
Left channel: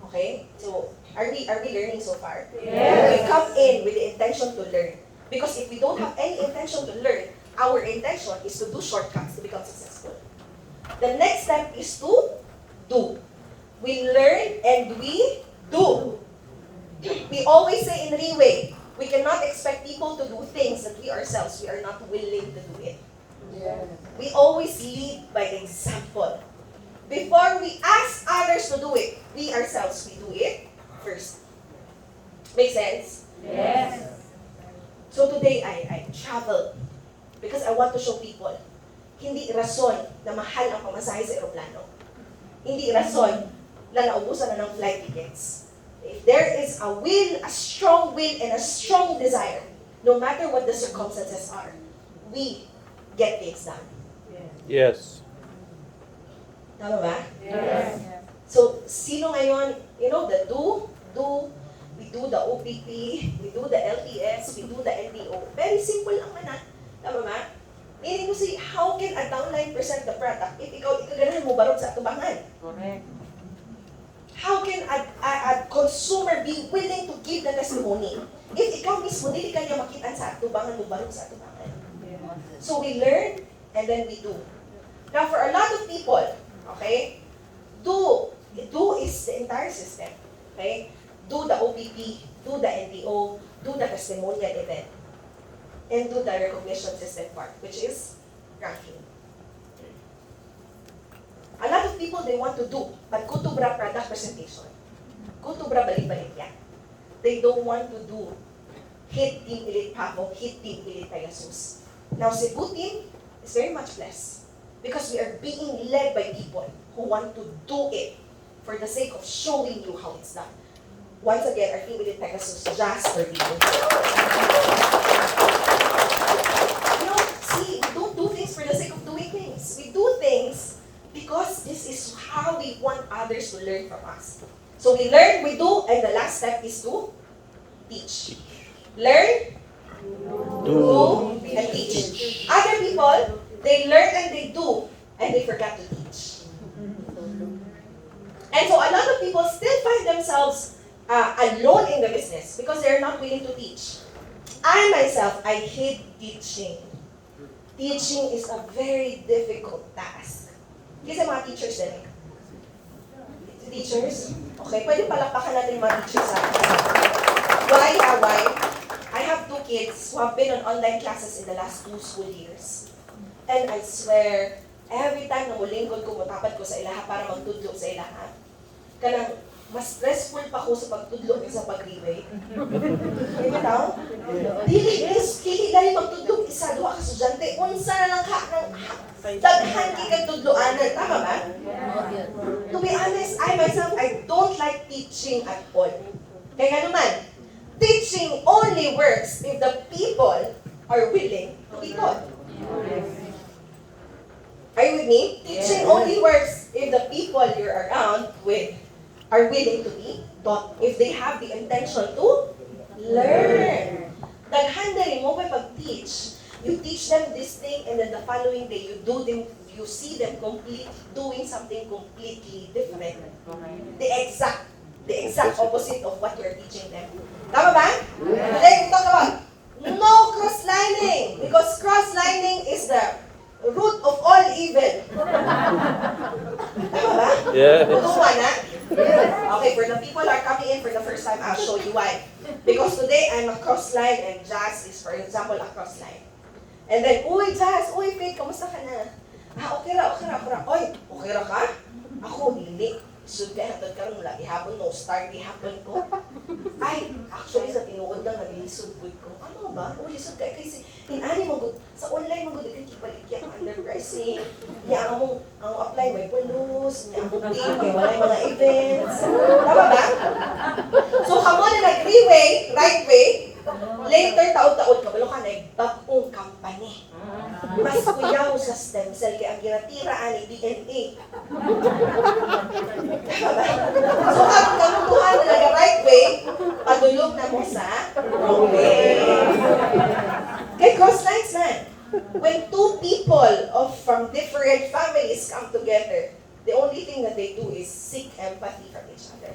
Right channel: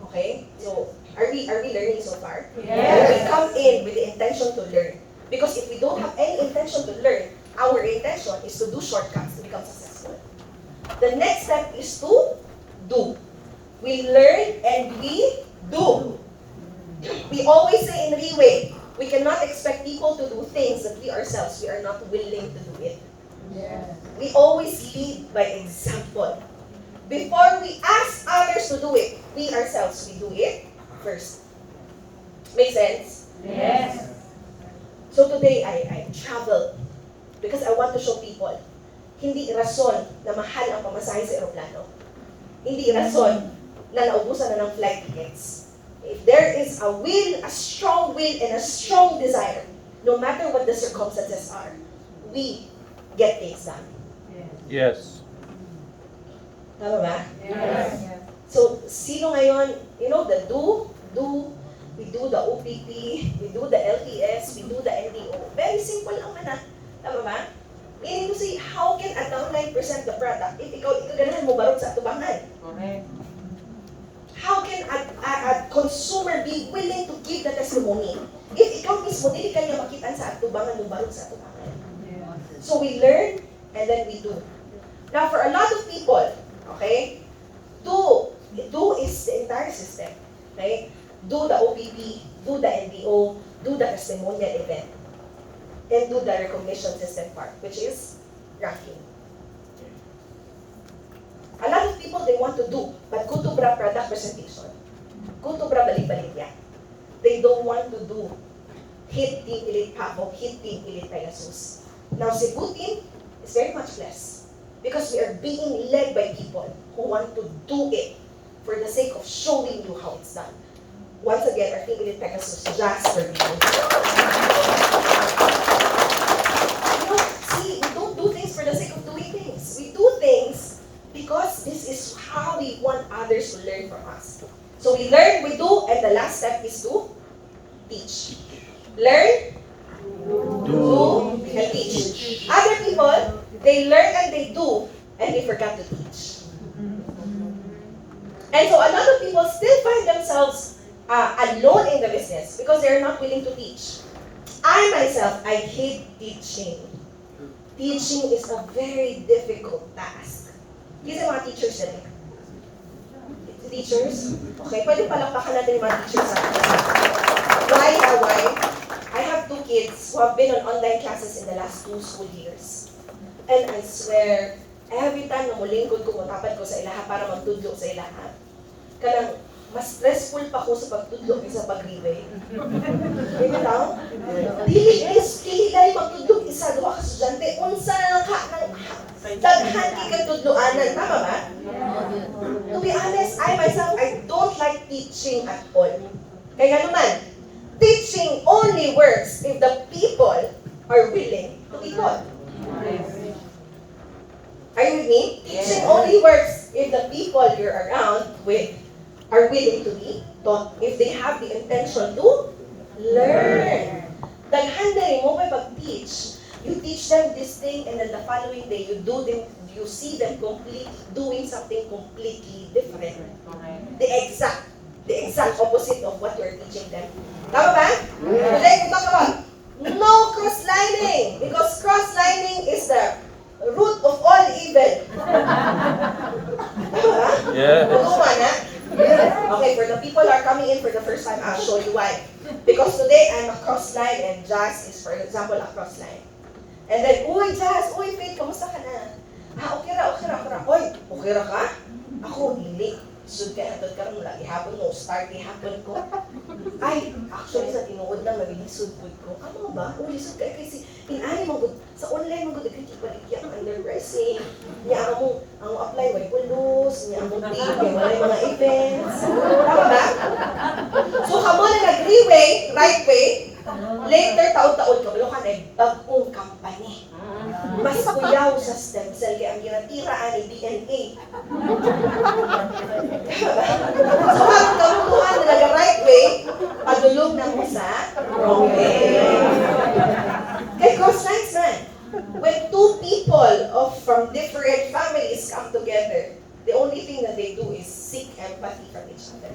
Okay? So, are we learning so far? Yes. We come in with the intention to learn. Because if we don't have any intention to learn, our intention is to do shortcuts to become successful. The next step is to do. We learn and we do. We always say in Riway, we cannot expect people to do things that we ourselves, we are not willing to do it. Yes. We always lead by example. Before we ask others to do it, we ourselves, we do it first. Make sense? Yes. So today, I travel because I want to show people, hindi rason na mahal ang pamasahe sa aeroplano. Hindi rason na naubusan na ng flight tickets. If there is a will, a strong will, and a strong desire, no matter what the circumstances are, we get things done. Yes. Tama ba? Yes. So, sino ngayon, the we do the OPP, we do the LTS, we do the NDO. Very simple ang mana. Tama ba? Meaning to say, how can a downline present the product if ikaw ganahan mo barog sa atubangan? Correct. How can a consumer be willing to give the testimony if ikaw mismo dili ka niya makitaan sa atubangan mo barog sa atubangan? So we learn and then we do. Now for a lot of people, okay, do is the entire system. Okay? Do the OPP, do the NDO, do the testimonial event, and do the recognition system part, which is ranking. A lot of people, they want to do, but go to product presentation. Go to balik-balik niya. They don't want to do hit Team Elite Papo, hit Team Elite Pegasus. Now, Cebu team is very much blessed because we are being led by people who want to do it for the sake of showing you how it's done. Once again, our Team Elite Pegasus, just for you. See, we don't do things for the sake of doing things. We do things because this is how we want others to learn from us. So we learn, we do, and the last step is to teach. Learn, do, and teach. Other people, they learn and they do, and they forgot to teach. And so a lot of people still find themselves alone in the business because they're not willing to teach. I myself, I hate teaching. teaching is a very difficult task. Kasi mga teachers din. Teachers? Okay, pwede palakpakan natin yung mga teachers sa Why? I have 2 kids who have been on online classes in the last 2 school years. And I swear, every time na mulingkod ko, mutapat ko sa ilaha para magtudlo sa ilaha, kanang mas stressful pa ko sa pagtudlo kaysa pag-Riway. Diba daw? Dili dahil magtudlo isa, duha ka estudyante, unsa na lang daghan kay tudloanan. Tama ba? To be honest, I myself, I don't like teaching at all. Kaya nga naman, teaching only works if the people are willing to be taught. Are you with me? Teaching only works if the people you're around with are willing to be taught. If they have the intention to learn. Daghan na rin mo may pag-teach. You teach them this thing and then the following day you see them doing something completely different. The exact opposite of what you're teaching them. Tama ba? Today we talk about no cross-lining because cross-lining is the root of all evil. Tama ba? Yes. Tama na? Okay, for the people who are coming in for the first time, I'll show you why. Because today I'm a cross-line and Jazz is, for example, a cross-line. And then, uy, Jazz, uy, Faith, kamusta ka na? Okay ra. Oy, okay ra ka? Ako, hindi. Sud ka, hatod ka mula ihapon mo, start ihapon ko. Ay, actually, sa tinuod lang, nabilisod po ko. Ano ba? O, lisod ka, kasi inani mo, sa online mo, kaya kipalikyak, underpricing. Niya mo, ang apply, may pulos, niya mo, kaya wala mga events. Tama ba? So, kamo na nag-Riway, right way, later, taon-taon, kabalo ka na, bagong company. Mas kuyaw sa stem cell, kaya ang ginatiraan ay DNA. So, habang kamutuhan na nag-right way, padulong na mo sa wrong way. Kaya cross-lines na. When 2 people from different families come together, the only thing that they do is seek empathy from each other.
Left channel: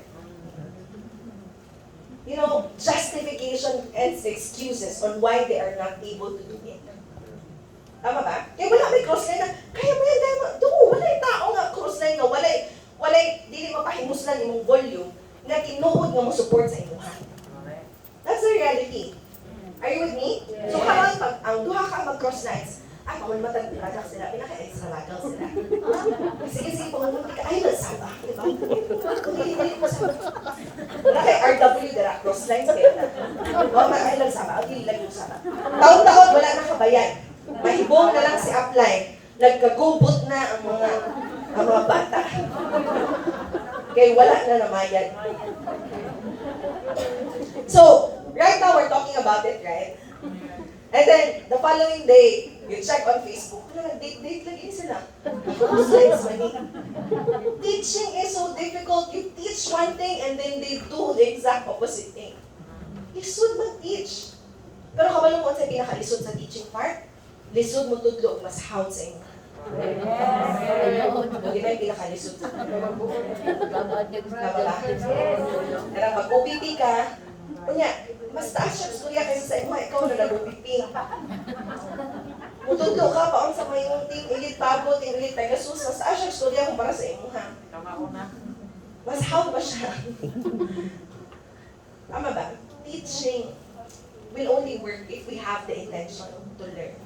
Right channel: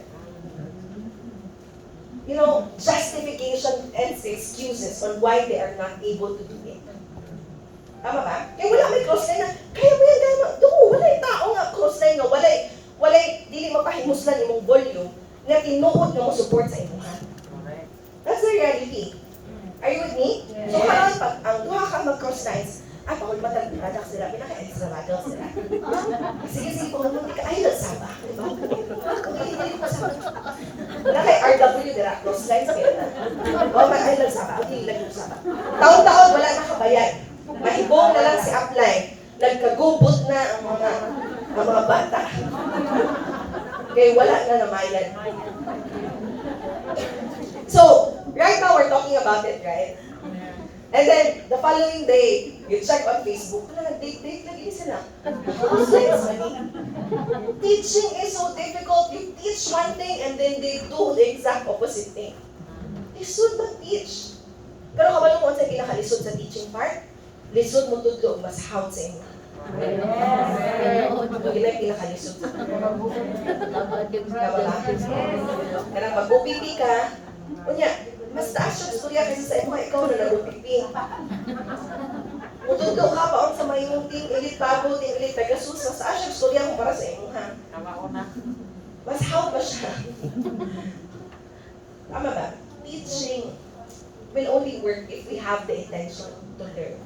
You know, justification and excuses on why they are not able to do it. Tama ba? Kaya wala may crossline na, kaya mo yan dama, walay tao nga crossline nga, walay, dili mapahimuslan imong volume na tinuod nga mo support sa imuhan. That's the reality. Are you with me? Yes. So parang pag ang duha ka mag-crosslines, ay, pangul matag-product sila, pinaka-extravagant sila. Sige, pangul ka, ay, nasaba, di ba? Balik pa sa wala kay RW dira, crosslines kayo na. O, ay, nasaba, ang dili lang yung saba. Taon-taon, wala na kabayan. Mahibong na lang si upline. Nagkagubot na ang mga bata. Kaya wala na namayan. So, right now we're talking about it, right? And then, the following day, you check on Facebook, date lagi sila. Teaching is so difficult. You teach one thing and then they do the exact opposite thing. You should not teach. Pero kabalo mo sa pinakalisod sa teaching part, lisod mo tudlo, mas hound sa inyo. Hindi na yung pinakalisod. Tama ba? Kaya pag upipi ka, kunya, mas taas siya storya kaysa sa imo, ikaw na nag-upipi. Kung tudlo ka pa, sa may yung ting ilit bago, ting ilit Pegasus, mas taas siya storya mo para sa imo, ha? Mas hound pa siya. Tama ba? Teaching will only work if we have the intention to learn.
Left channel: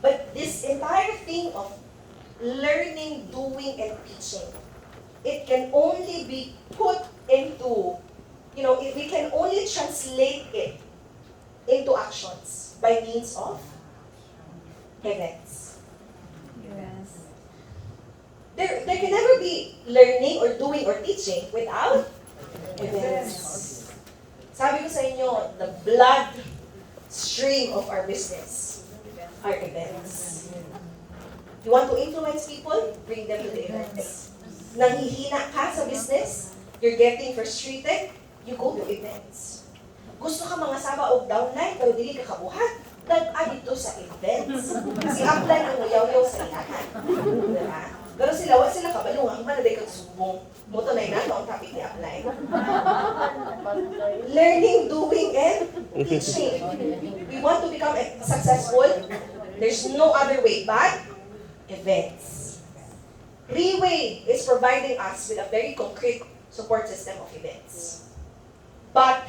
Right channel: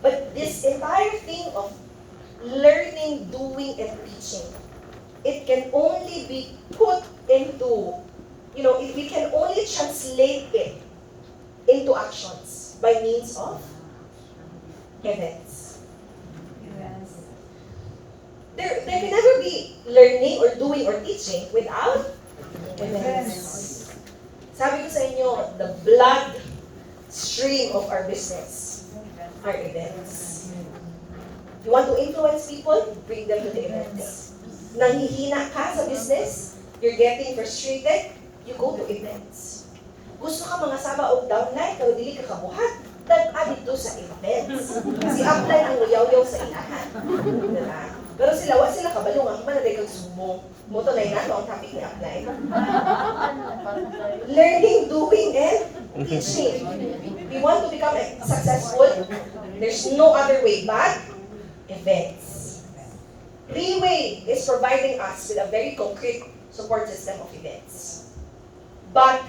But this entire thing of learning, doing, and teaching, it can only be put into, we can only translate it into actions by means of events. There can never be learning or doing or teaching without events. Sabi ko sa inyo, the blood stream of our business are events. You want to influence people? Bring them to the events. Nanghihina ka sa business? You're getting frustrated? You go to events. Gusto ka mga sama o downline pero dili ka kabuhat? Nag-add ito sa events. Si upline ang uyaw-yaw sa ilahan. Diba? Pero wala sila kabalo nga, manaday kang subong. Moto na ang topic ni upline. Learning, doing, and teaching. We want to become successful. There's no other way but events. Riway is providing us with a very concrete support system of events. But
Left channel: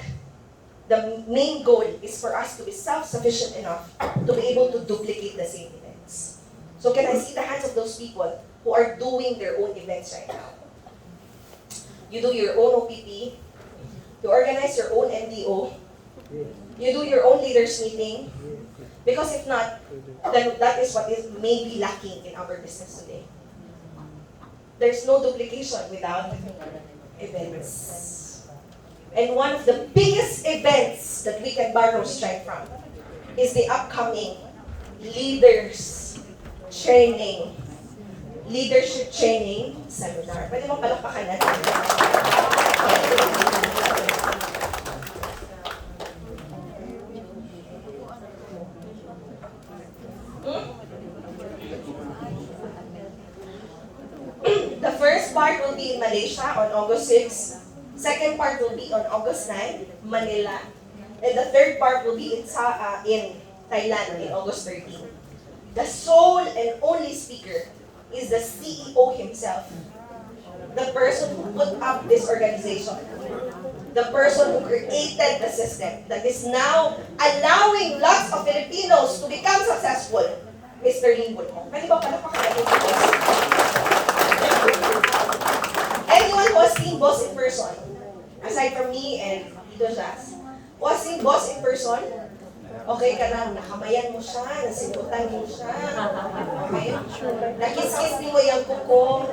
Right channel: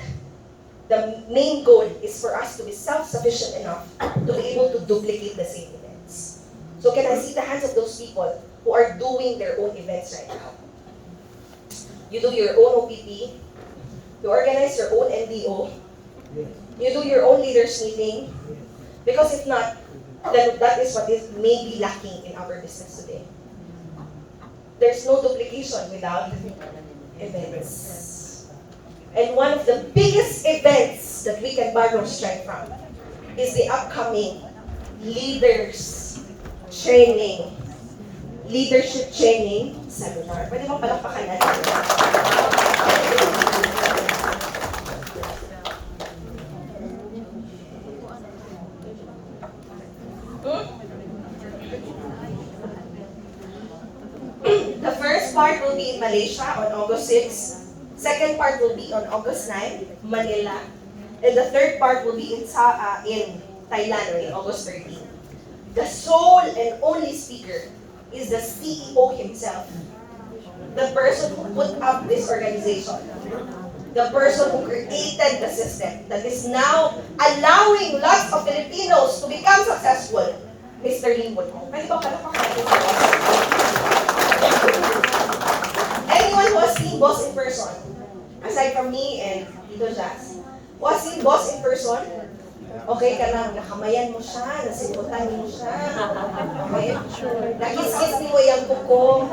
the main goal is for us to be self-sufficient enough to be able to duplicate the same events. So can I see the hands of those people who are doing their own events right now? You do your own OPP, you organize your own NDO, you do your own leaders meeting, because if not, then that is what is maybe lacking in our business today. There's no duplication without events. And one of the biggest events that we can borrow strength from is the upcoming leadership training seminar. Pwede mo palakpakan natin. The first part will be in Malaysia on August 6. Second part will be on August 9, Manila. And the third part will be in Thailand on August 13. The sole and only speaker is the CEO himself. The person who put up this organization. The person who created the system that is now allowing lots of Filipinos to become successful. Mr. Lim Bulong. Pwede ba palakpakan? Anyone who has seen Boss in person, aside from me and Tito Jazz, who has seen Boss in person, okay ka lang, nakamayan mo siya, nasimutan mo siya, okay? Nakis-kiss ni mo yung kuko.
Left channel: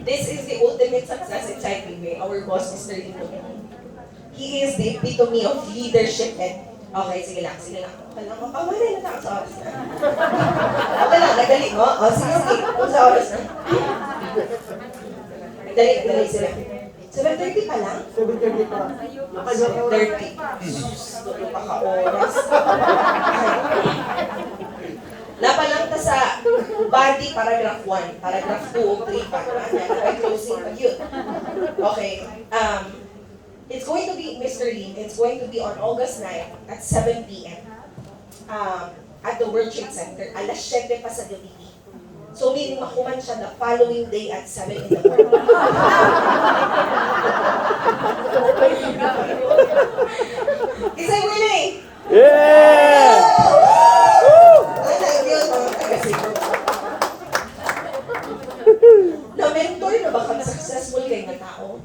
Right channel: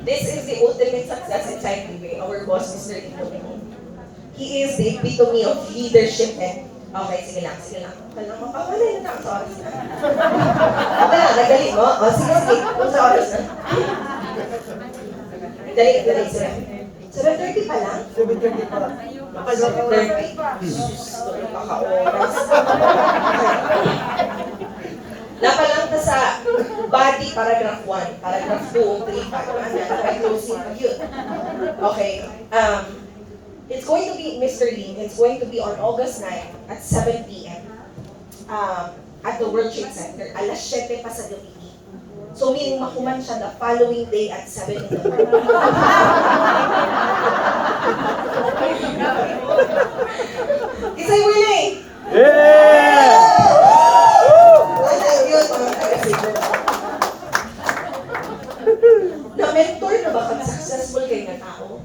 This is the ultimate success inside Riway, our boss, Mr. Ito. He is the epitome of leadership and okay, sige lang. Wala, mapawalay na sa oras na. Okay lang, nagali mo? O, sige, kung sa oras na. Dali, sila. 7:30 pa lang? 7:30 pa. 7:30. Tulong pa ka oras. Napalang ka sa body paragraph 1, paragraph 2, 3, pa. Napay closing pag yun. Okay. It's going to be, Mr. Lim, it's going to be on August 9 at 7 p.m. At the World Trade Center. Alas 7 pa sa gabi. So, meaning makuman siya the following day at 7 in the morning. Is I willing? Yeah! Wala yun, mga taga-siguro. Na-mentor na ba kang successful kayo na tao?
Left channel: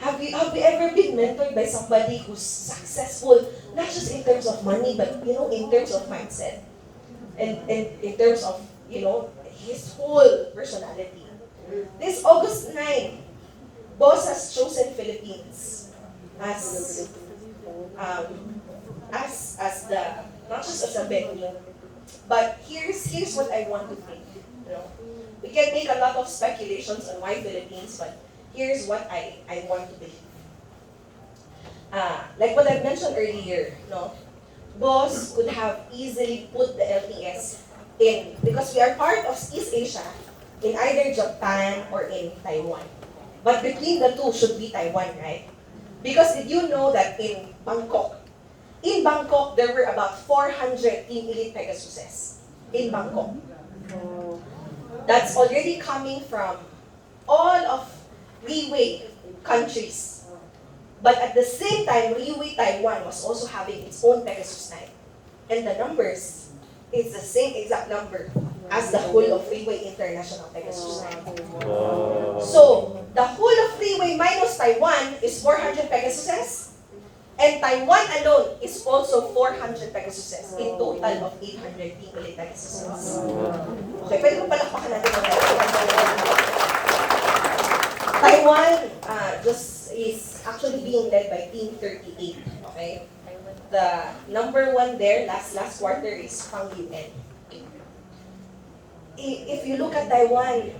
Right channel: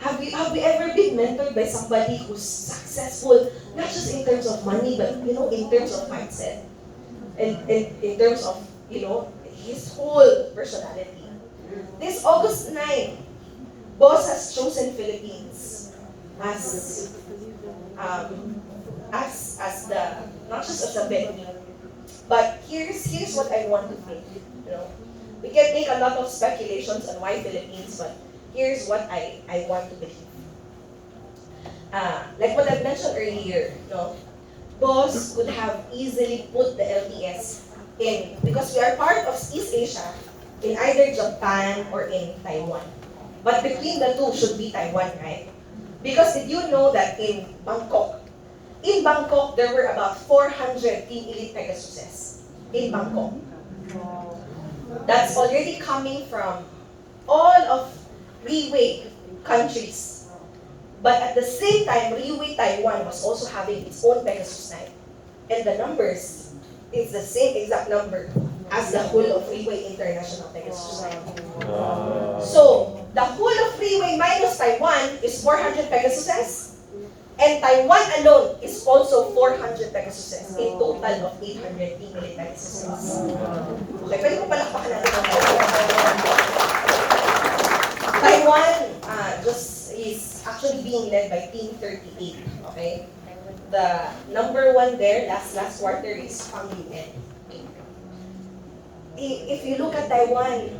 Have you ever been mentored by somebody who's successful, not just in terms of money, but in terms of mindset, and in terms of his whole personality? This August 9, Boss has chosen Philippines as the not just as a venue, but here's what I want to think. We can make a lot of speculations on why Philippines, but here's what I want to believe. Like what I mentioned earlier, Boss could have easily put the LTS in, because we are part of East Asia, in either Japan or in Taiwan. But between the two should be Taiwan, right? Because did you know that in Bangkok, there were about 400 Team Elite Pegasuses in Bangkok. That's already coming from all of Riway countries. But at the same time, Riway Taiwan was also having its own Pegasus night. And the numbers is the same exact number as the whole of Riway International Pegasus night. Wow. So, the whole of Riway minus Taiwan is 400 Pegasuses. And Taiwan alone is also 400 Pegasuses. In total of 800 Team Elite Pegasuses. Okay, pwede mo palakpakan natin ang Taiwan. Taiwan just is actually being led by Team 38, okay? The number 1 there, last quarter, is Pang UN. If you look at Taiwan,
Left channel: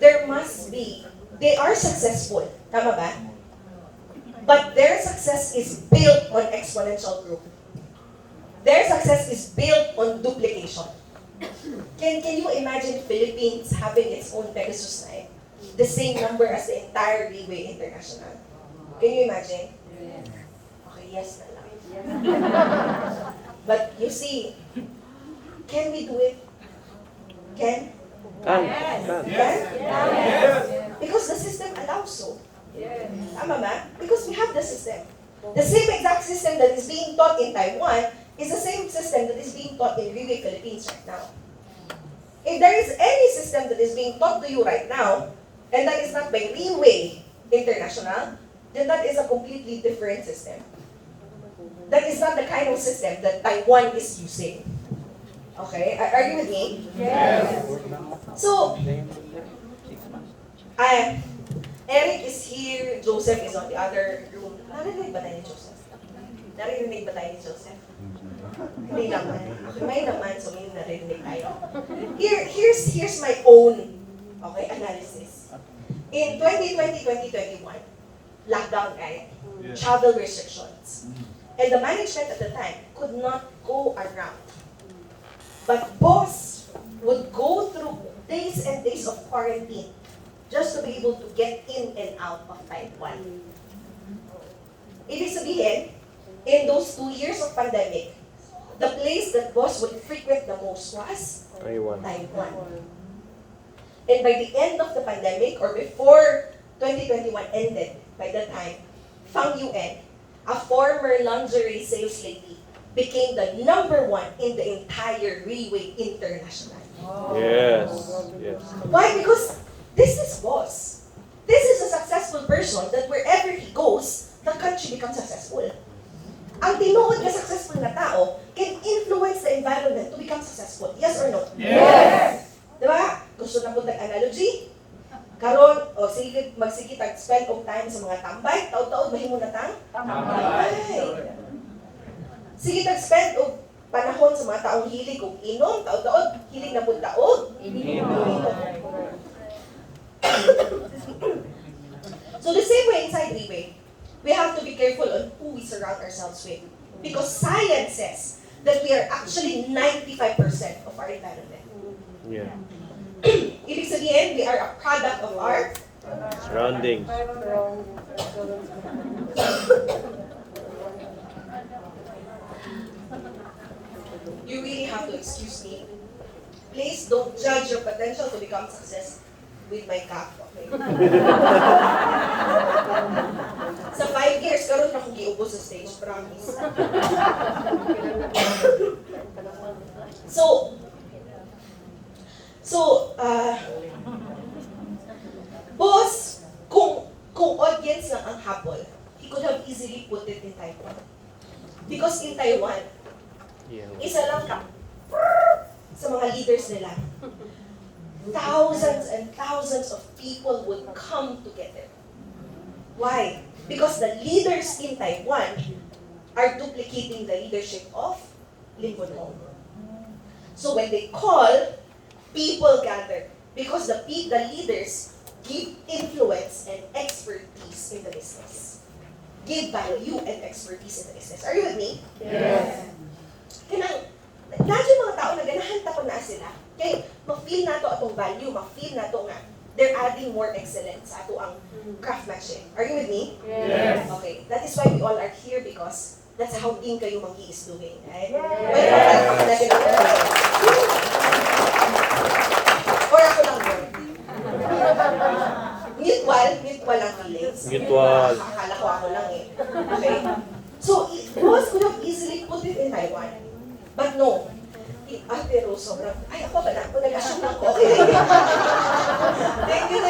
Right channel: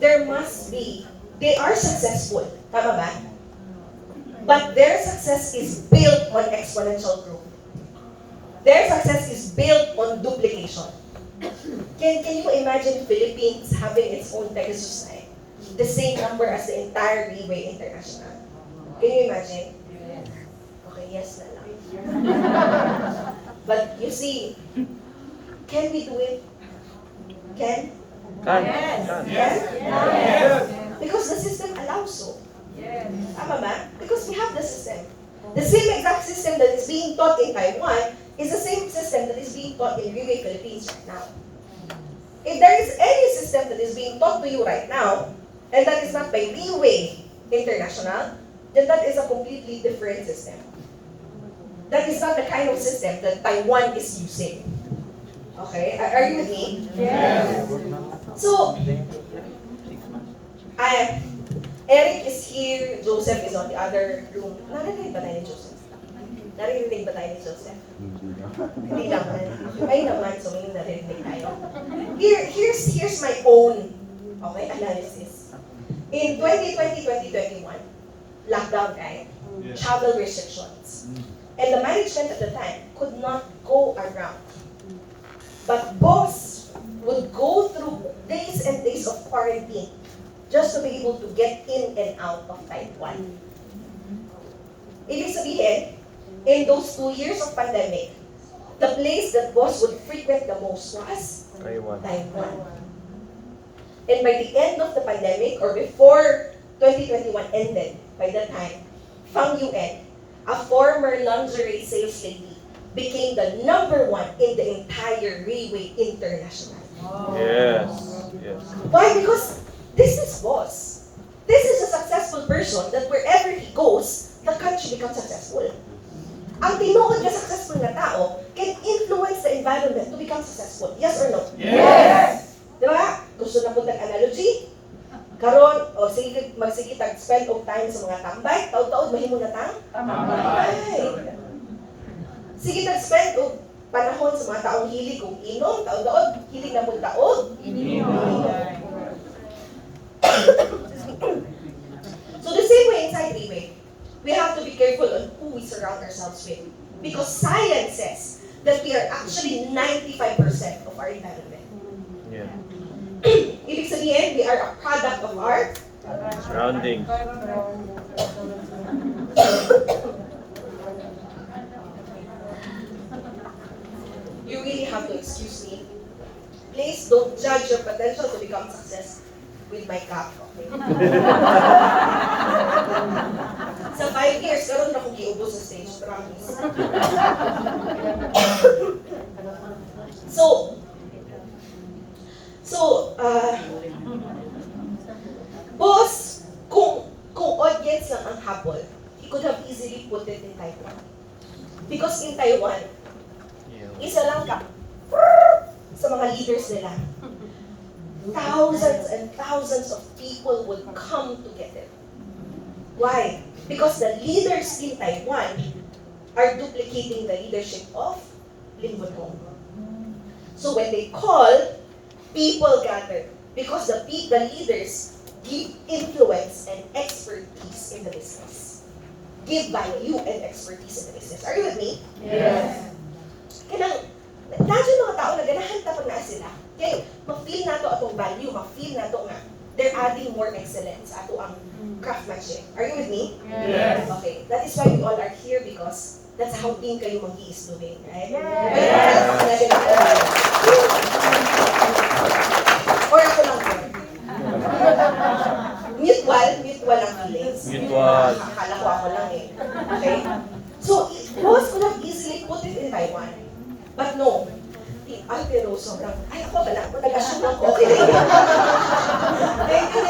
they are successful, tama ba? But their success is built on exponential growth. Their success is built on duplication. Can you imagine Philippines having its own Pegasus night? The same number as the entire Riway International. Can you imagine? yes na lang. But you see, can we do it? Can? Yes. Because the system allows so. Tama ba? Because we have the system. The same exact system that is being taught in Taiwan is the same system that is being taught in Riway, Philippines right now. If there is any system that is being taught to you right now, and that is not by Riway International, then that is a completely different system. That is not the kind of system that Taiwan is using. Okay? Are you with me? Yes. So, Eric is here, Joseph is on the other room. Narinig ba tayo ni Joseph? Narinig ba tayo ni Joseph? Hindi naman. May naman, so may narinig tayo. Here's my own analysis. In 2020-2021, lockdown, right? Travel restrictions. And the management at the time could not go around. But boss would go through days and days of quarantine just to be able to get in and out of Taiwan. Ibig sabihin, in those 2 years of pandemic, the place that boss would frequent the most was Taiwan. And by the end of the pandemic, or before 2021 ended, by that time, Fang Yuen, a former lingerie sales lady, became the #1 in the entire Riway International. Yes. Why? Because this is boss. This is a successful person that wherever he goes, the country becomes successful. Ang tinuod na successful na tao can influence the environment to become successful. Yes or no? Yes. Diba? Gusto na po analogy? Karon, o sige, magsige tag-spend of time sa mga tambay, taod-taod, mahimo na tang? Tambay. Sige tag-spend of panahon sa mga taong hilig o inom, taod-taod, hilig na po taod. So the same way inside Riway, we have to be careful on who we surround ourselves with. Because science says that we are actually 95% of our environment. Yeah. Ibig sabihin, we are a product of our Surroundings. You really have to excuse me. Please don't judge your potential to become success with my cup, okay? Sa 5 years, karon na akong giubos sa stage, promise. Boss, kung audience lang ang habol, he could have easily put it in Taiwan. Because in Taiwan, isa lang ka sa mga leaders nila. Thousands and thousands of people would come together. Why? Because the leaders in Taiwan are duplicating the leadership of Lincoln. So when they call, people gather because the leaders give influence and expertise in the business. Give value and expertise in the business. Are you with me? Yes. Kanang, dadyo mga tao na ganahan tapon na sila. Kaya, ma-feel na to atong value, ma-feel na to nga, they're adding more excellence sa ato ang craftsmanship. Are you with me? Yes. Okay, that is why we all are here because that's how din kayo mag-i-isluhin, right? Yes. May mga na gano'n. Or ako lang yun. Mutual ang feelings. Mutual. Akala ko ako lang eh. Okay? So, boss could have easily put it in Taiwan. But no. Ate Rose, sobrang, ay ako ba na? Nag-assume ako. Okay. Thank you.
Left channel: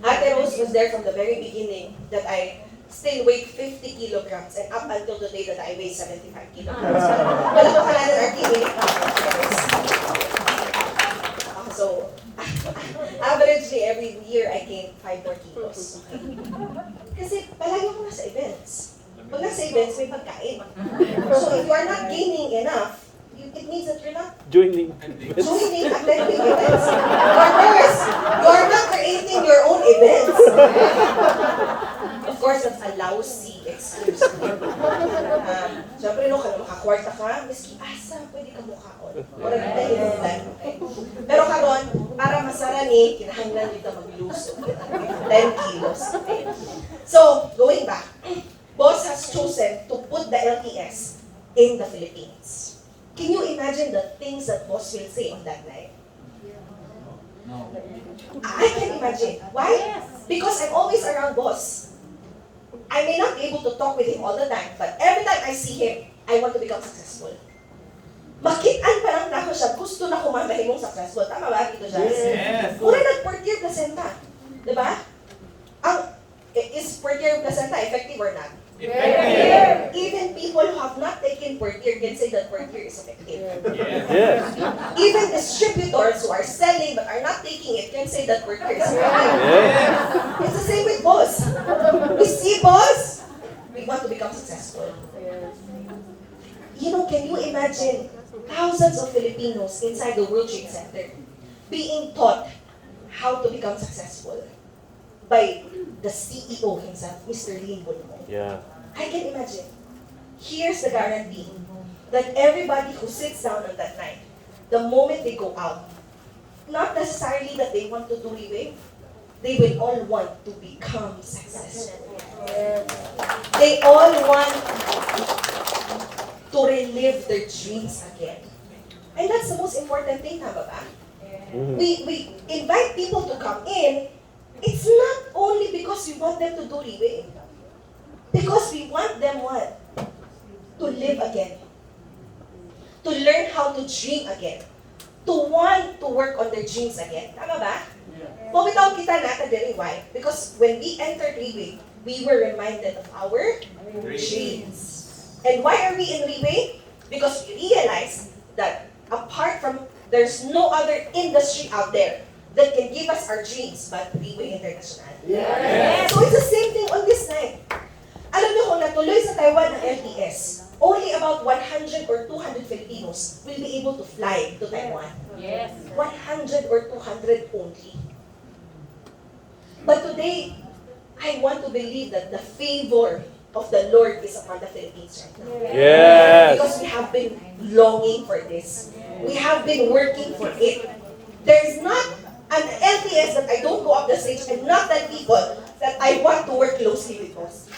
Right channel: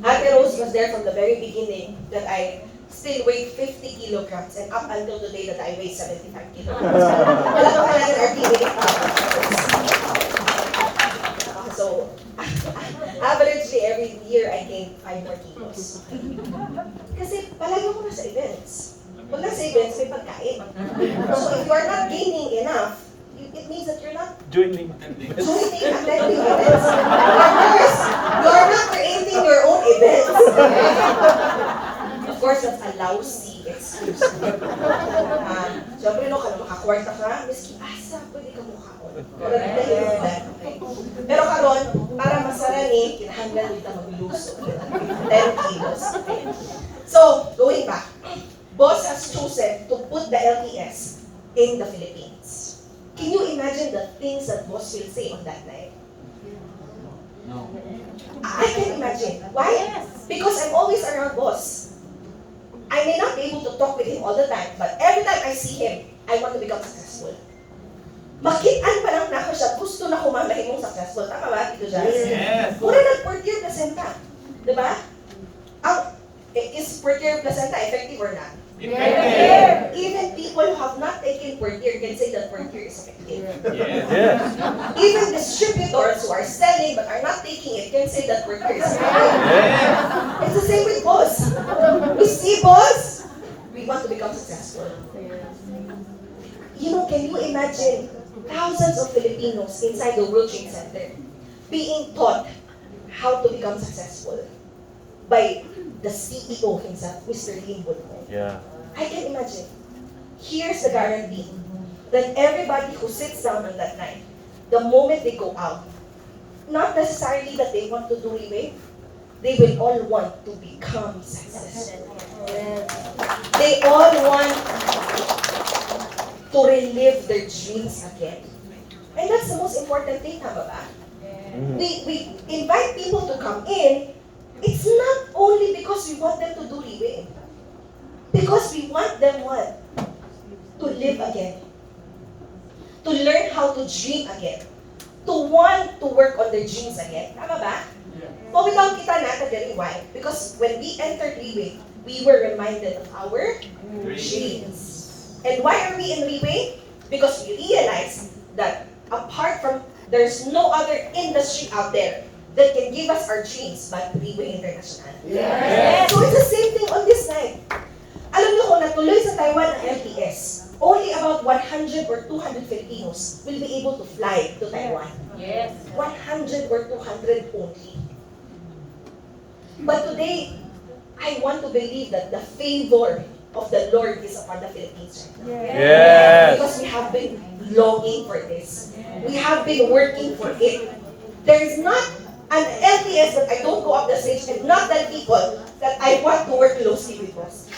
Ate Rose was there from the very beginning that I still weigh 50 kilograms and up until the day that I weigh 75 kilograms. Wala ko kaya ng RT weight. So, averagely every year I gain 5 more kilos. Kasi palagi ako nasa events. Pag nasa events, may pagkain. So if you are not gaining enough, it means that you're not Joining. attending events. Or worse, you are not creating your own events. Of course, that's a lousy excuse. Siyempre, no, kung makakwarta ka, miski asa, pwede ka mukhaon. Or dahil yung plan, okay? Pero karon, para masara ni, kinahanglan dito magluso. 10 kilos, okay? So, going back, boss has chosen to put the LTS in the Philippines. Can you imagine the things that boss will say on that night? I can imagine. Why? Because I'm always around boss. I may not be able to talk with him all the time, but every time I see him, I want to become successful. Makitaan pa lang na siya, gusto na kumamahimong successful. Tama ba, Tito Jazz? Yes. Mura nag-Purtier placenta. Diba? Is Purtier placenta effective or not? Effective. Even people who have not taken Purtier can say that Purtier is effective. Yes. Even distributors who are selling but are not taking it can say that Purtier is effective. Yes. It's the same with boss. We see boss, we want to become successful. You know, can you imagine thousands of Filipinos inside the World Trade Center being taught how to become successful by the CEO himself, Mr. Lim Bulmo? Yeah. I can imagine. Here's the guarantee that everybody who sits down on that night, the moment they go out, not necessarily that they want to do Riway, they will all want to become successful. They all want to relive their dreams again. And that's the most important thing, tama ba? We invite people to come in. It's not only because we want them to do Riway. Because we want them what? To live again. To learn how to dream again. To want to work on their dreams again. Tama ba? Pumitaw kita natin din why? Because when we entered Riway, we were reminded of our dreams. And why are we in Riway? Because we realized that apart from, there's no other industry out there that can give us our dreams but Riway International. Yes. So it's the same thing on this night. Alam niyo kung natuloy sa Taiwan ng LTS, only about 100 or 200 Filipinos will be able to fly to Taiwan. Yes. 100 or 200 only. But today, I want to believe that the favor of the Lord is upon the Philippines right now. Yes. Because we have been longing for this. We have been working for it. There's not an LTS that I don't go up the stage and not tell people that I want to work closely with us.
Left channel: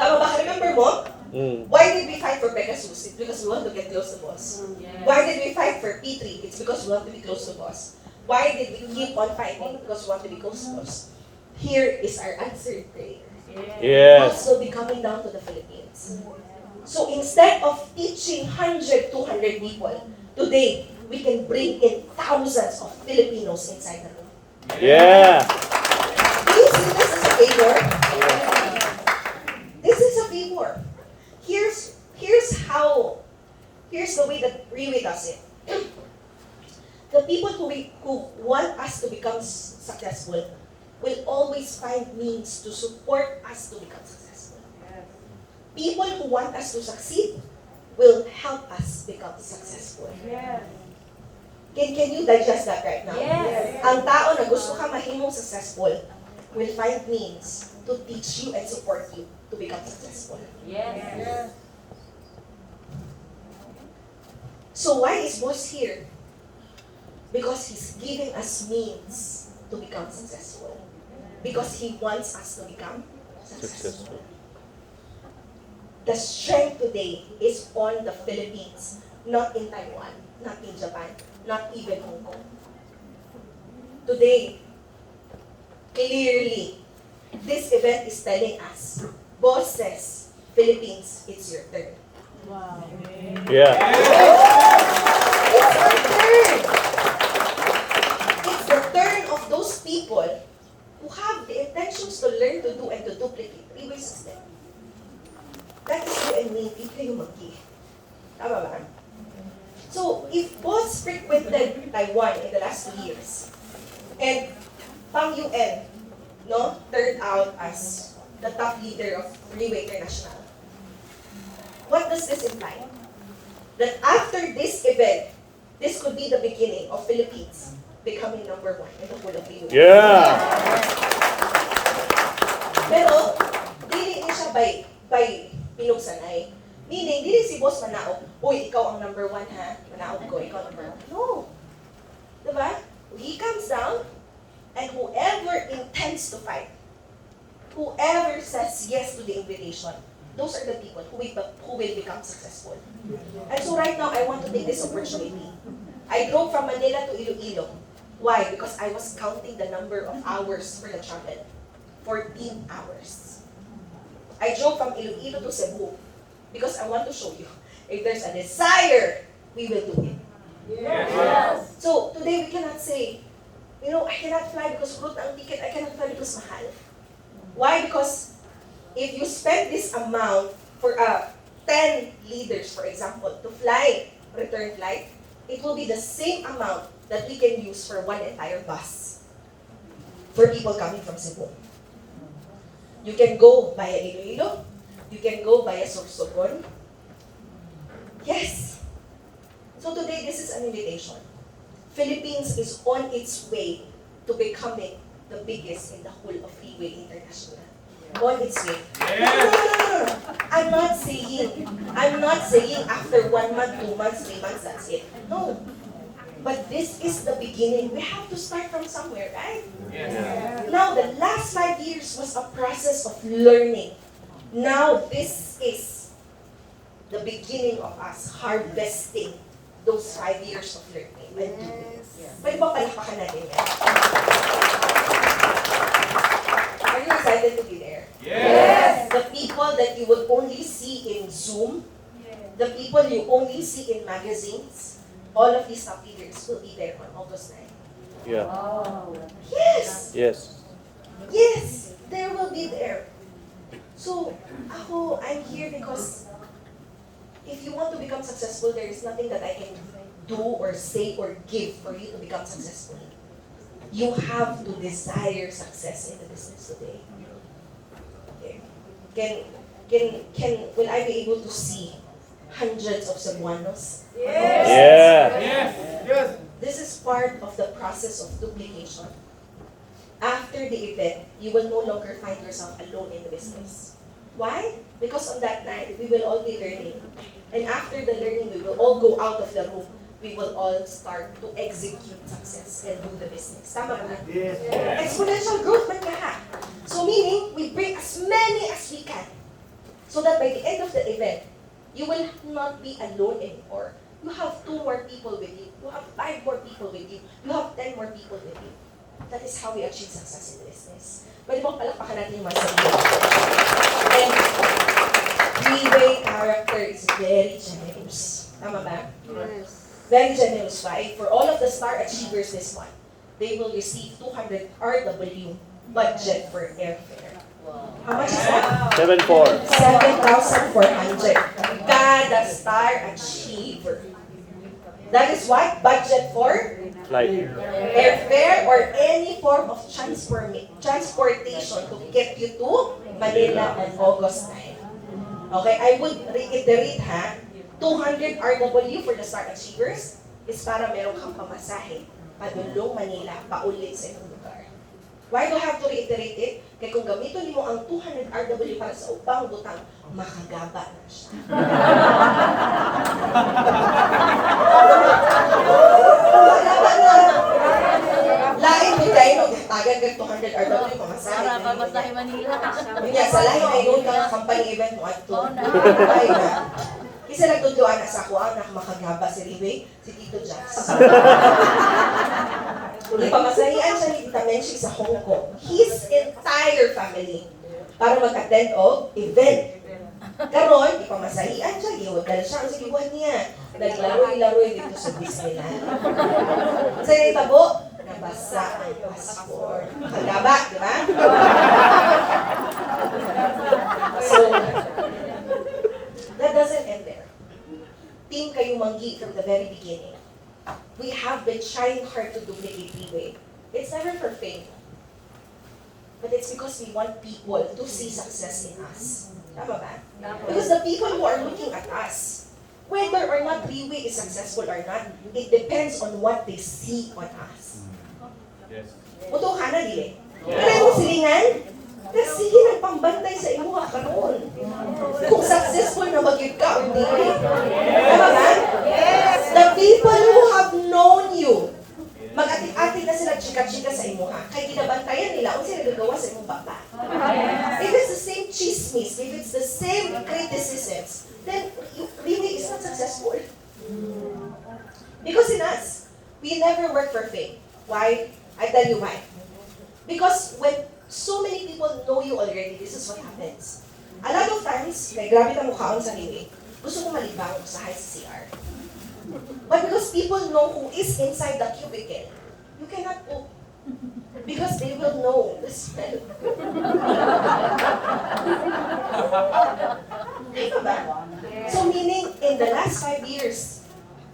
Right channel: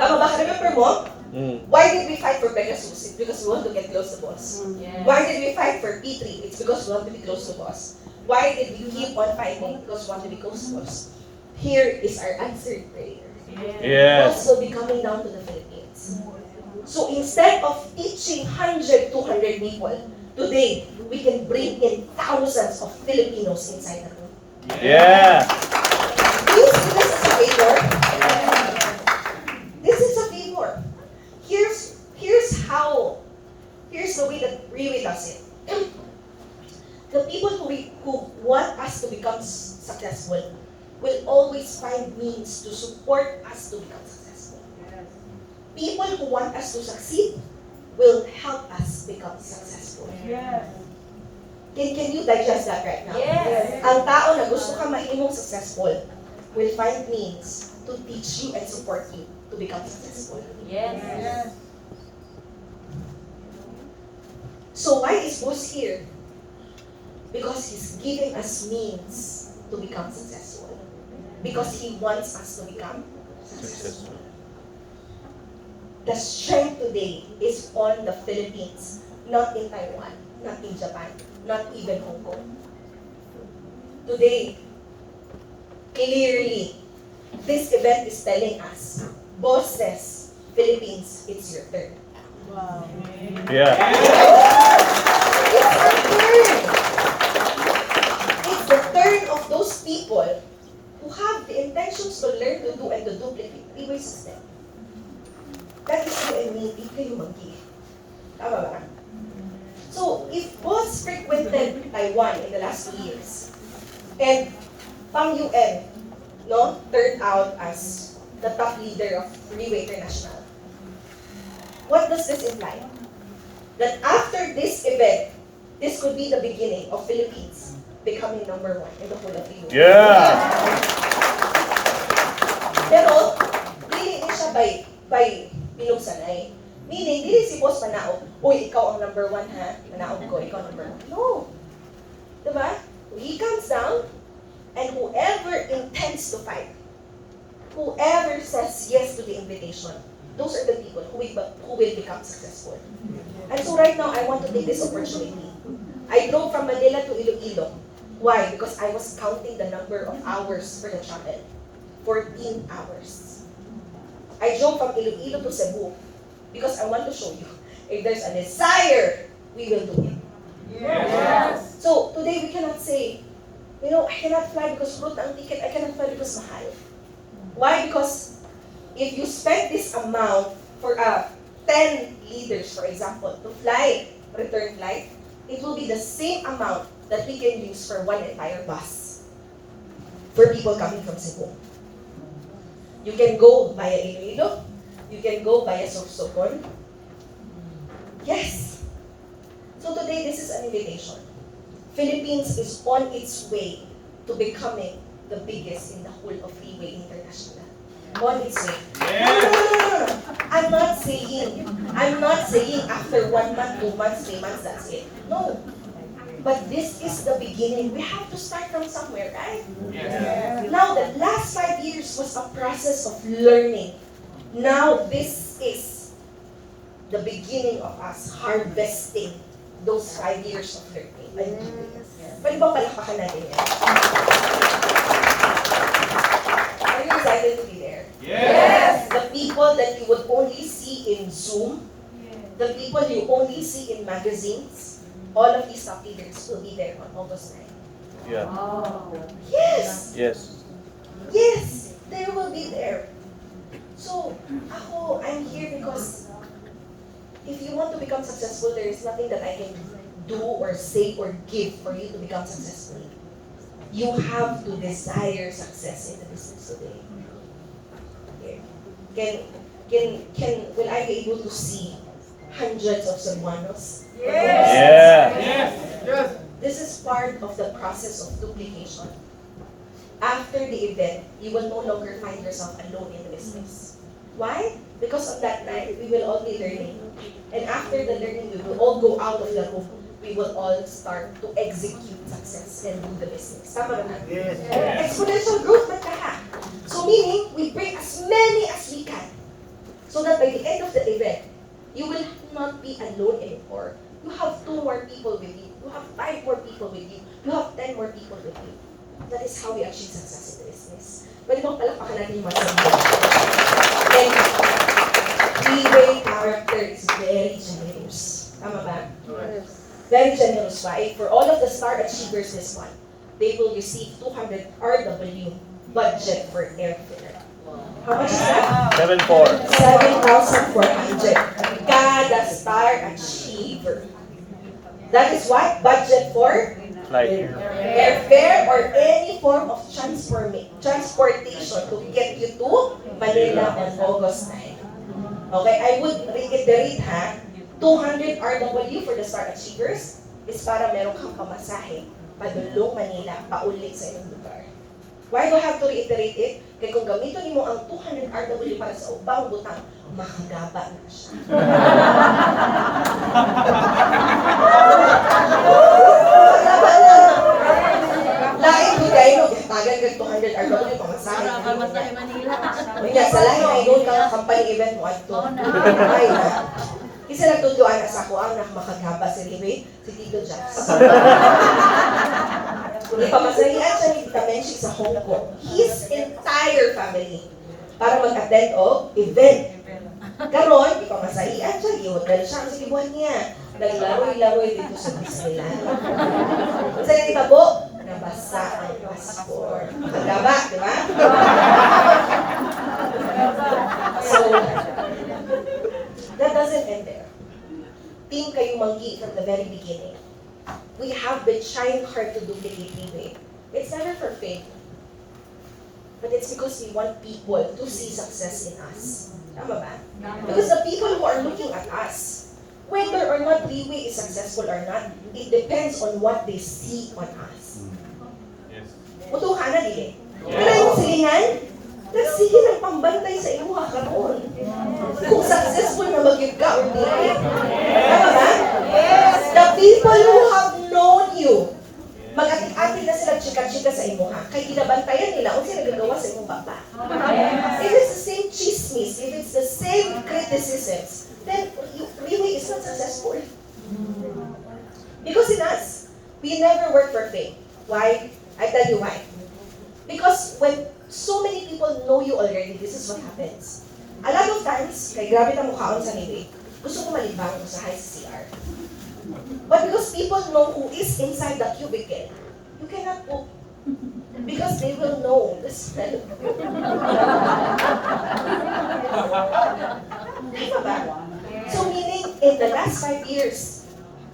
Tama ba? Remember mo? Why did we fight for Pegasus? It's because we want to get close to boss. Why did we fight for P3? It's because we want to be close to boss. Why did we keep on fighting? Because we want to be close to boss. Here is our answered prayer. Yes. Boss will be coming down to the Philippines. So instead of teaching 100, 200 people, today we can bring in thousands of Filipinos inside the room. Yeah. Do you see this as a favor? This is a favor. Here's the way that Riway does it. The people who want us to become successful will always find means to support us to become successful. People who want us to succeed will help us become successful. Can you digest that right now? Yes. Ang tao na gusto ka mahimong successful will find means to teach you and support you to become successful. Yes. So why is boss here? Because he's giving us means to become successful. Because he wants us to become successful. Successful. The strength today is on the Philippines, not in Taiwan, not in Japan, not even Hong Kong. Today, clearly, this event is telling us, boss says, Philippines, it's your turn. Yeah. It's our turn. It's the turn of those people who have the intentions to learn to do and to duplicate the system. That is you and me, people yung mag-give. Tama ba? So, if boss frequented Taiwan in the last 2 years, and Pang UN, turned out as the top leader of Riway International, what does this imply? That after this event, this could be the beginning of Philippines becoming number 1 in the whole of the world. Yeah. Pero, dili ni siya by pinugsanay. Meaning, dili si boss manaog, uy, ikaw ang number 1 ha, manaog ko, ikaw number 1. No. he comes down, and whoever intends to fight, whoever says yes to the invitation, those are the people who will become successful. And so right now, I want to take this opportunity. I drove from Manila to Iloilo. Why? Because I was counting the number of hours for the travel. 14 hours. I drove from Iloilo to Cebu because I want to show you, if there's a desire, we will do it. Yes. So today we cannot say, I cannot fly because route ang ticket, I cannot fly because mahal. Why? Because if you spend this amount for 10 leaders, for example, to fly, return flight, it will be the same amount that we can use for one entire bus for people coming from Cebu. You can go via Iloilo, you can go via Sorsogon. Yes. So today, this is an invitation. Philippines is on its way to becoming the biggest in the whole of Riway International. On its way. No. I'm not saying after 1 month, 2 months, 3 months, that's it. No. But this is the beginning. We have to start from somewhere, right? Yes. Now, the last 5 years was a process of learning. Now, this is the beginning of us harvesting those 5 years of learning. Pwede ba palakpakan natin yan? Are you excited to be there? Yes. The people that you would only see in Zoom, the people you only see in magazines, all of these top leaders will be there on August 9. Yeah. Yes! Yes. Yes! They will be there. So, I'm here because if you want to become successful, there is nothing that I can do or say or give for you to become successful. You have to desire success in the business today. Will I be able to see hundreds of Cebuanos? Yes. This is part of the process of duplication. After the event, you will no longer find yourself alone in the business. Why? Because on that night, we will all be learning. And after the learning, we will all go out of the room. We will all start to execute success and do the business. Tama ba? Yes. Exponential growth man ka ha. So meaning, we bring as many as we can. So that by the end of the event, you will not be alone anymore. You have 2 more people with you. You have 5 more people with you. You have 10 more people with you. That is how we achieve success in the business. Pwede bang palakpakan natin yung masarap? And Riway character is very generous. Tama ba? Yes. Very generous. Why? For all of the star achievers this month, they will receive 200 RW budget for airfare. How much is that? 7-4. 7,400. Kada star achiever. That is what? Budget for Like. airfare or any form of transportation to get you to Manila on August 9. Okay, I would reiterate 200 RW for the star achievers is para meron kang pamasahe padulong Manila, paulit sa inyong lugar. Why do I have to reiterate it? Kaya kung gamitin mo ang 200 RW para sa ubang butang, makagaba na siya. Makagaba na. Lain mo kayo, tagan ka 200 RW pamasahe. Para pamasahe Manila. Kanya, sa lahi ay noon kang company event mo at ito. Ay na. Isa nagtudloan na sa ako, ang nakamakaghaba si Riway, si Tito Jax. Ipamasahian siya ni Tita Menchik sa Hong Kong. His entire family. Para mag-attend o event. Karon, ipamasahian siya, gihodal siya ang silibuan niya. Naglaroy-laroy dito sa Disneyland. Sa itabo, nabasa ang passport. Magaba, di ba? So, that doesn't end there. Team kayo manggi from the very beginning. We have been trying hard to duplicate Riway. It's never for fame. But it's because we want people to see success in us. Tama ba? Because the people who are looking at us, whether or not Riway is successful or not, it depends on what they see on us. Yes. Mutuh ka na, dili? Pero yung silingan, sige ng pambantay sa iyo karoon. Kung successful na mag-give ka or dili. Tama ba? The people who have known you, mag-ati-ati na chika-chika sa imo ha. Kay ginabantayan nila kung sino nagagawa sa imong baba. If it's the same chismis, if it's the same criticisms, then Riway is not successful. Because in us, we never work for fame. Why? I tell you why. Because when so many people know you already, this is what happens. A lot of times, kay grabe na mukhaon sa Riway, gusto ko malibangon sa high CR. But because people know who is inside the cubicle, you cannot poop. Because they will know the smell. Diba ba? So meaning, in the last 5 years,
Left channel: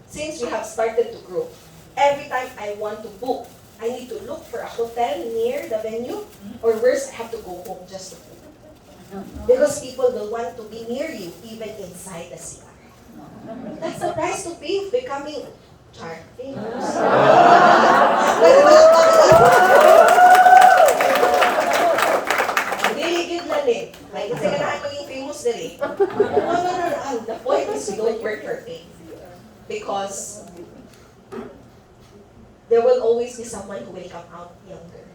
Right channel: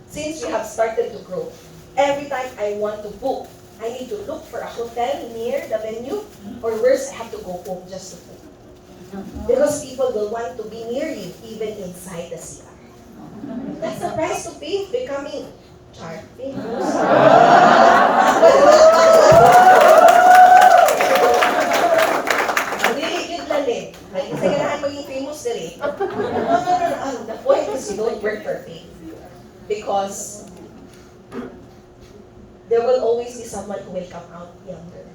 since we have started to grow, every time I want to poop, I need to look for a hotel near the venue, or worse, I have to go home just to poop. Because people will want to be near you, even inside the CR. That's the price to pay of becoming famous. Really good lang eh. May kasi ganaan maging famous din eh. No. The point is you don't work for fame. Because there will always be someone who will come out younger.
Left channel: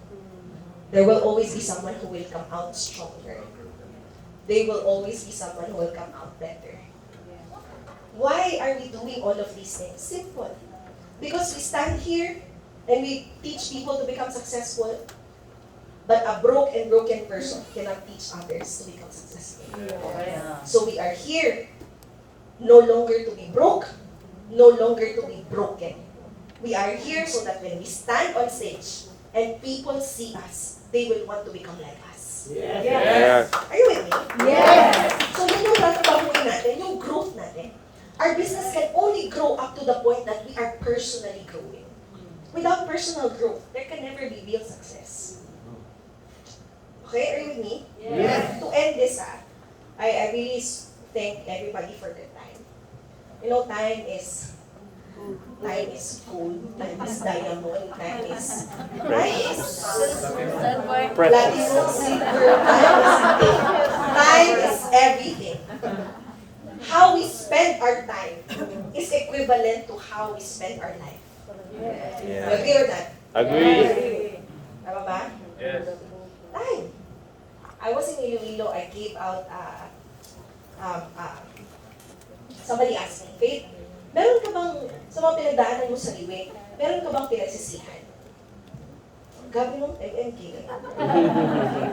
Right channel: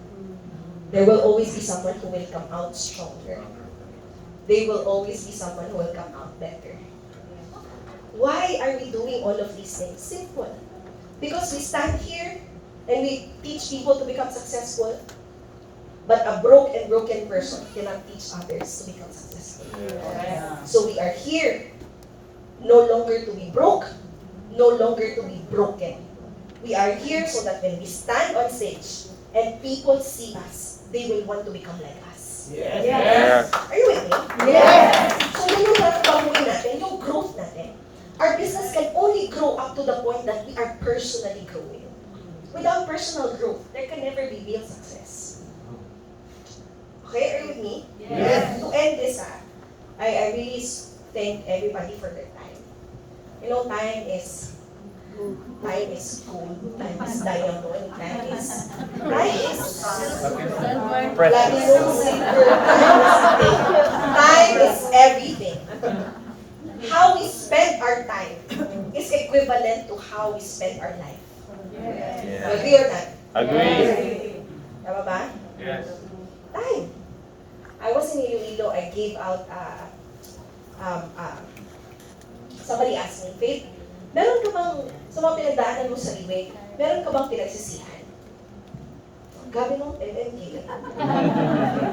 There will always be someone who will come out stronger. There will always be someone who will come out better. Why are we doing all of these things? Simple. Because we stand here and we teach people to become successful, but a broken person cannot teach others to become successful. So we are here no longer to be broke, no longer to be broken. We are here so that when we stand on stage and people see us, they will want to become like us. Yes. Are you with me? Yes. So yun yung natabahuin natin, yung growth natin. Our business can only grow up to the point that we are personally growing. Without personal growth, there can never be real success. Okay, are you with me? Yes. To end this, I really thank everybody for their time. You know, time is gold, time is diamond, time is platinum, silver, time is everything. How we spend our time is equivalent to how we spend our life. You agree or not? Agree. Tama ba? Yes. Time. I was in Iloilo, I gave out, somebody asked me, Faith, meron ka bang, sa mga pinagdaanan mo sa Riway, meron ka bang pinagsisihan? Gabi nung MMK.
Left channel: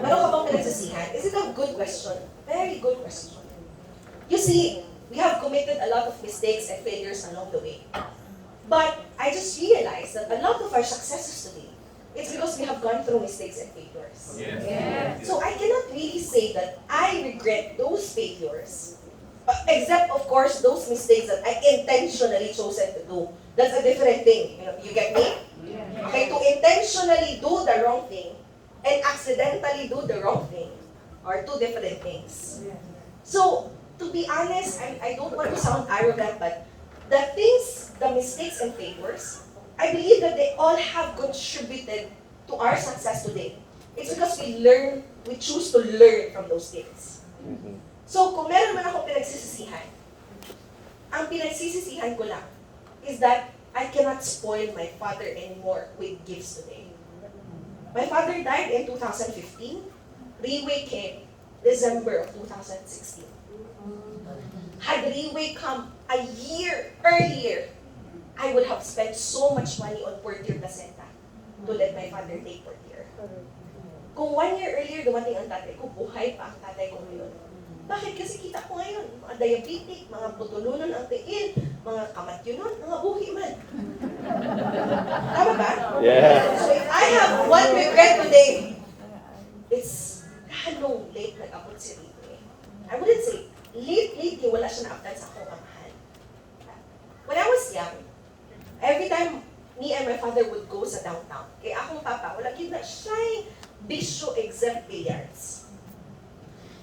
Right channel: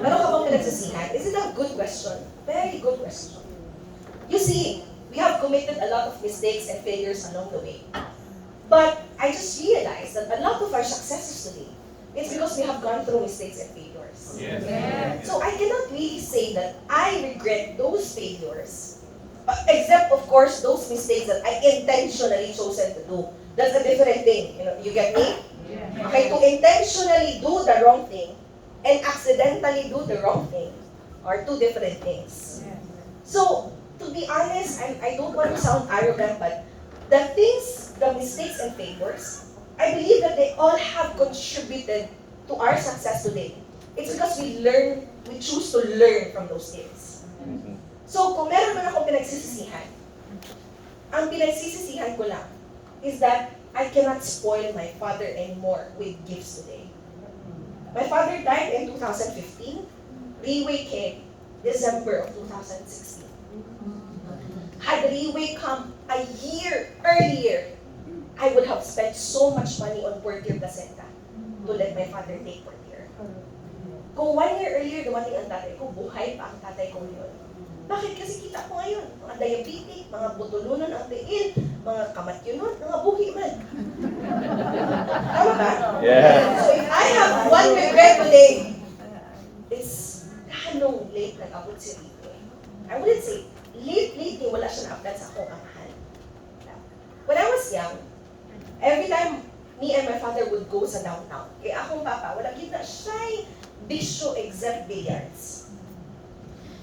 Meron ka bang pinagsisihan? Is it a good question? Very good question. You see, we have committed a lot of mistakes and failures along the way. But I just realized that a lot of our successes today, it's because we have gone through mistakes and failures. Yes. So I cannot really say that I regret those failures, except of course those mistakes that I intentionally chosen to do. That's a different thing. You get me? Okay, to intentionally do the wrong thing and accidentally do the wrong thing are two different things. So, to be honest, I don't want to sound arrogant, but the mistakes and failures, I believe that they all have contributed to our success today. It's because we choose to learn from those things. So, kung meron man akong pinagsisisihan, ang pinagsisisihan ko lang is that I cannot spoil my father anymore with gifts today. My father died in 2015. Riway came December of 2016. Had Riway come a year earlier, I would have spent so much money on Purtier placenta to let my father take Purtier. Kung 1 year earlier dumating ang tatay ko, buhay pa ang tatay ko ngayon. Bakit? Kasi kita ko ngayon, mga diabetic, mga butulunon ang tiil, mga kamatyunon, mga buhi man. Tama ba? Yeah. So if I have one regret today, it's halong late nag-abot si Riway. I wouldn't say late, wala siya na-update sa akong amahan. When I was young, every time me and my father would go sa downtown, kaya akong papa, wala kita siya'y bisyo except billiards.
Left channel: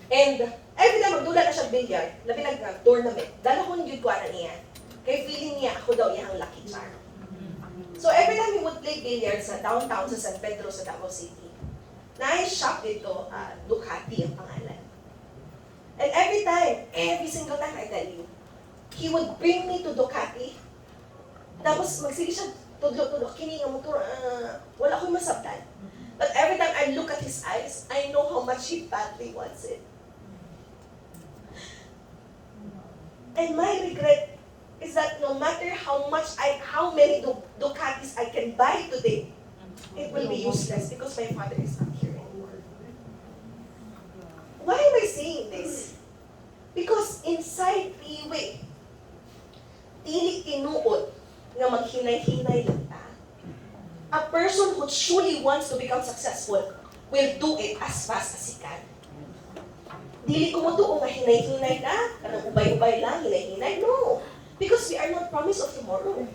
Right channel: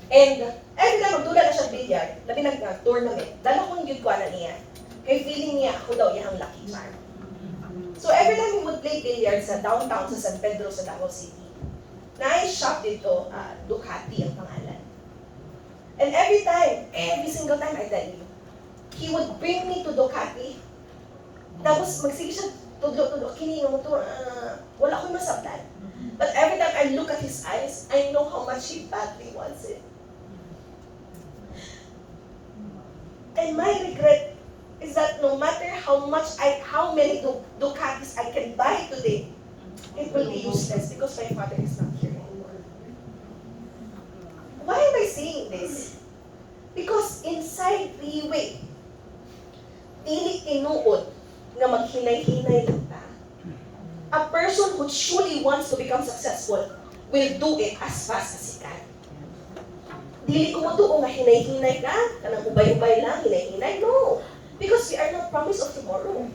And every time magdula na siya billiard, labi nag-tournament, dala ko yung gilkuanan niya. Kaya feeling niya, ako daw yung lucky charm. So every time we would play billiards sa downtown sa San Pedro sa Davao City, na-shop dito, Ducati ang pangalan. And every single time I tell you, he would bring me to Ducati. Tapos magsige siya, tudlo, kini nga mo to, wala ko'y masabtan. But every time I look at his eyes, I know how much he badly wants it. And my regret is that no matter how many Ducatis I can buy today, it will be useless because my father is not here anymore. Why am I saying this? Because inside Riway, dili tinuod nga maghinay-hinay lang ta. A person who truly wants to become successful will do it as fast as he can. Dili ko mo nga hinay-hinay ka, kanang ubay-ubay lang, hinay-hinay. No. Because we are not promised of tomorrow.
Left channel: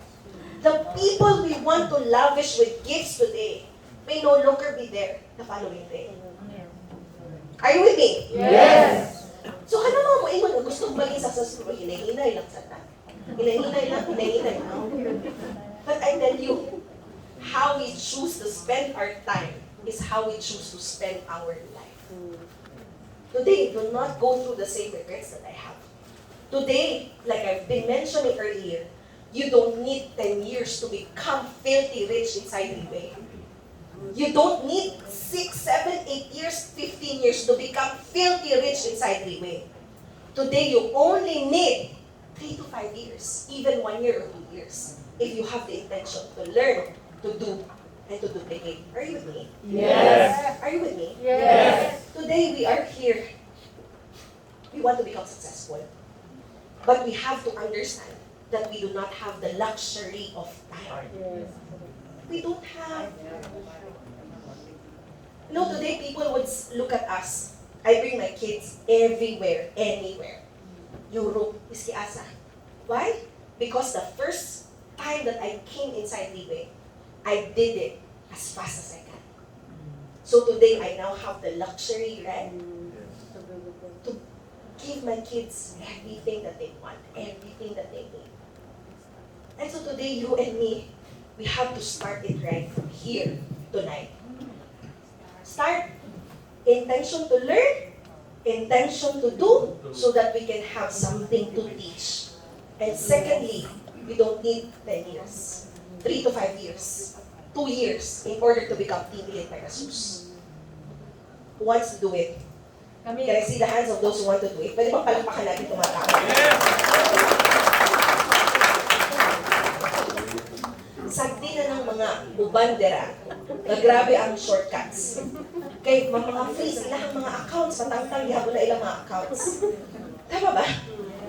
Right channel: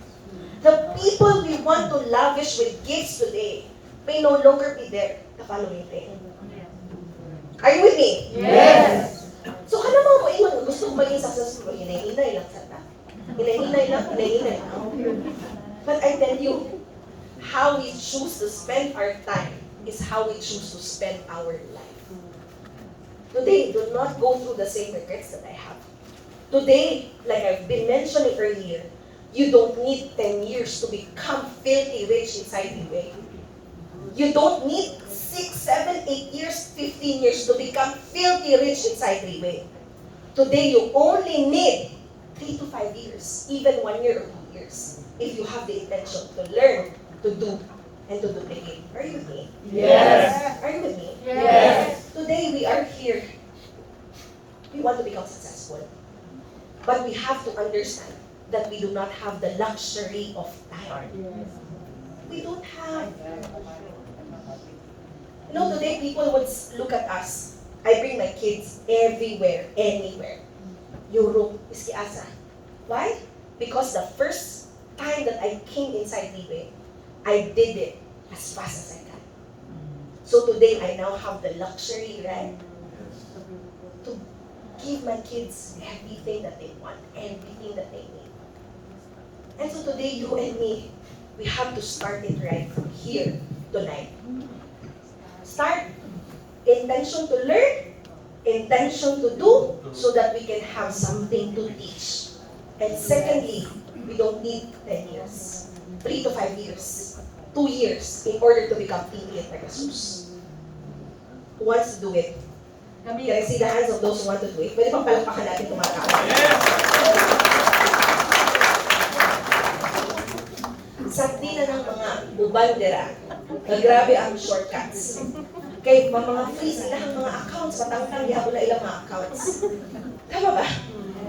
The people we want to lavish with gifts today may no longer be there the following day. Are you with me? Yes. So kanang mga moingon nga gusto maging successful, hinay-hinay lang sana. Hinay-hinay lang, hinay-hinay lang. But I tell you, how we choose to spend our time is how we choose to spend our life. Today, do not go through the same regrets that I have. Today, like I've been mentioning earlier, you don't need 10 years to become filthy rich inside Riway. You don't need 6, 7, 8 years, 15 years to become filthy rich inside Riway. Today, you only need 3 to 5 years, even 1 year or 2 years, if you have the intention to learn, to do, and to duplicate. Are you with me? Yes. Are you with me? Yes. Today, we are here. We want to become successful. But we have to understand that we do not have the luxury of time. We don't have. You know, today people would look at us. I bring my kids everywhere, anywhere. Europe, Iskiasa. Why? Because the first time that I came inside Riway, I did it as fast as I can. So today, I now have the luxury, right? To give my kids everything that they want, everything that they need. And so today, you and me, we have to start it right from here tonight. Start. Intention to learn, intention to do, so that we can have something to teach. And secondly, we don't need 10 years, 3 to 5 years, 2 years in order to become team lead by Jesus. Who wants to do it? Can I see the hands of those who want to do it? Pwede bang palakpakan natin tumatao? Sakti na ng mga ubandera na grabe ang shortcuts. Kay mga freeze ilang mga accounts, matangtang gihapon na ilang mga accounts. Tama ba?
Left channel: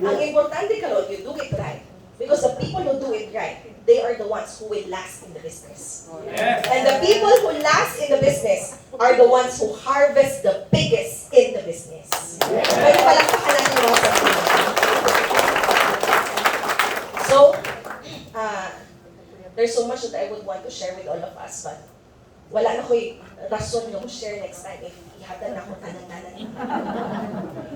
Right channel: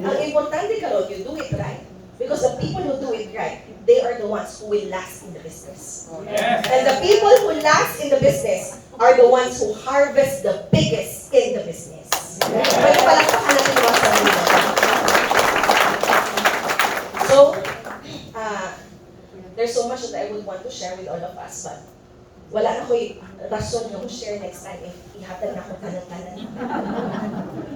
Ang importante karon, you do it right. Because the people who do it right, they are the ones who will last in the business. Yes. And the people who last in the business are the ones who harvest the biggest in the business. Pwede palakpakan natin yung mga sarili. So, there's so much that I would want to share with all of us, but wala na ko'y rason yung share next time if ihatag na ako tanan-tanan.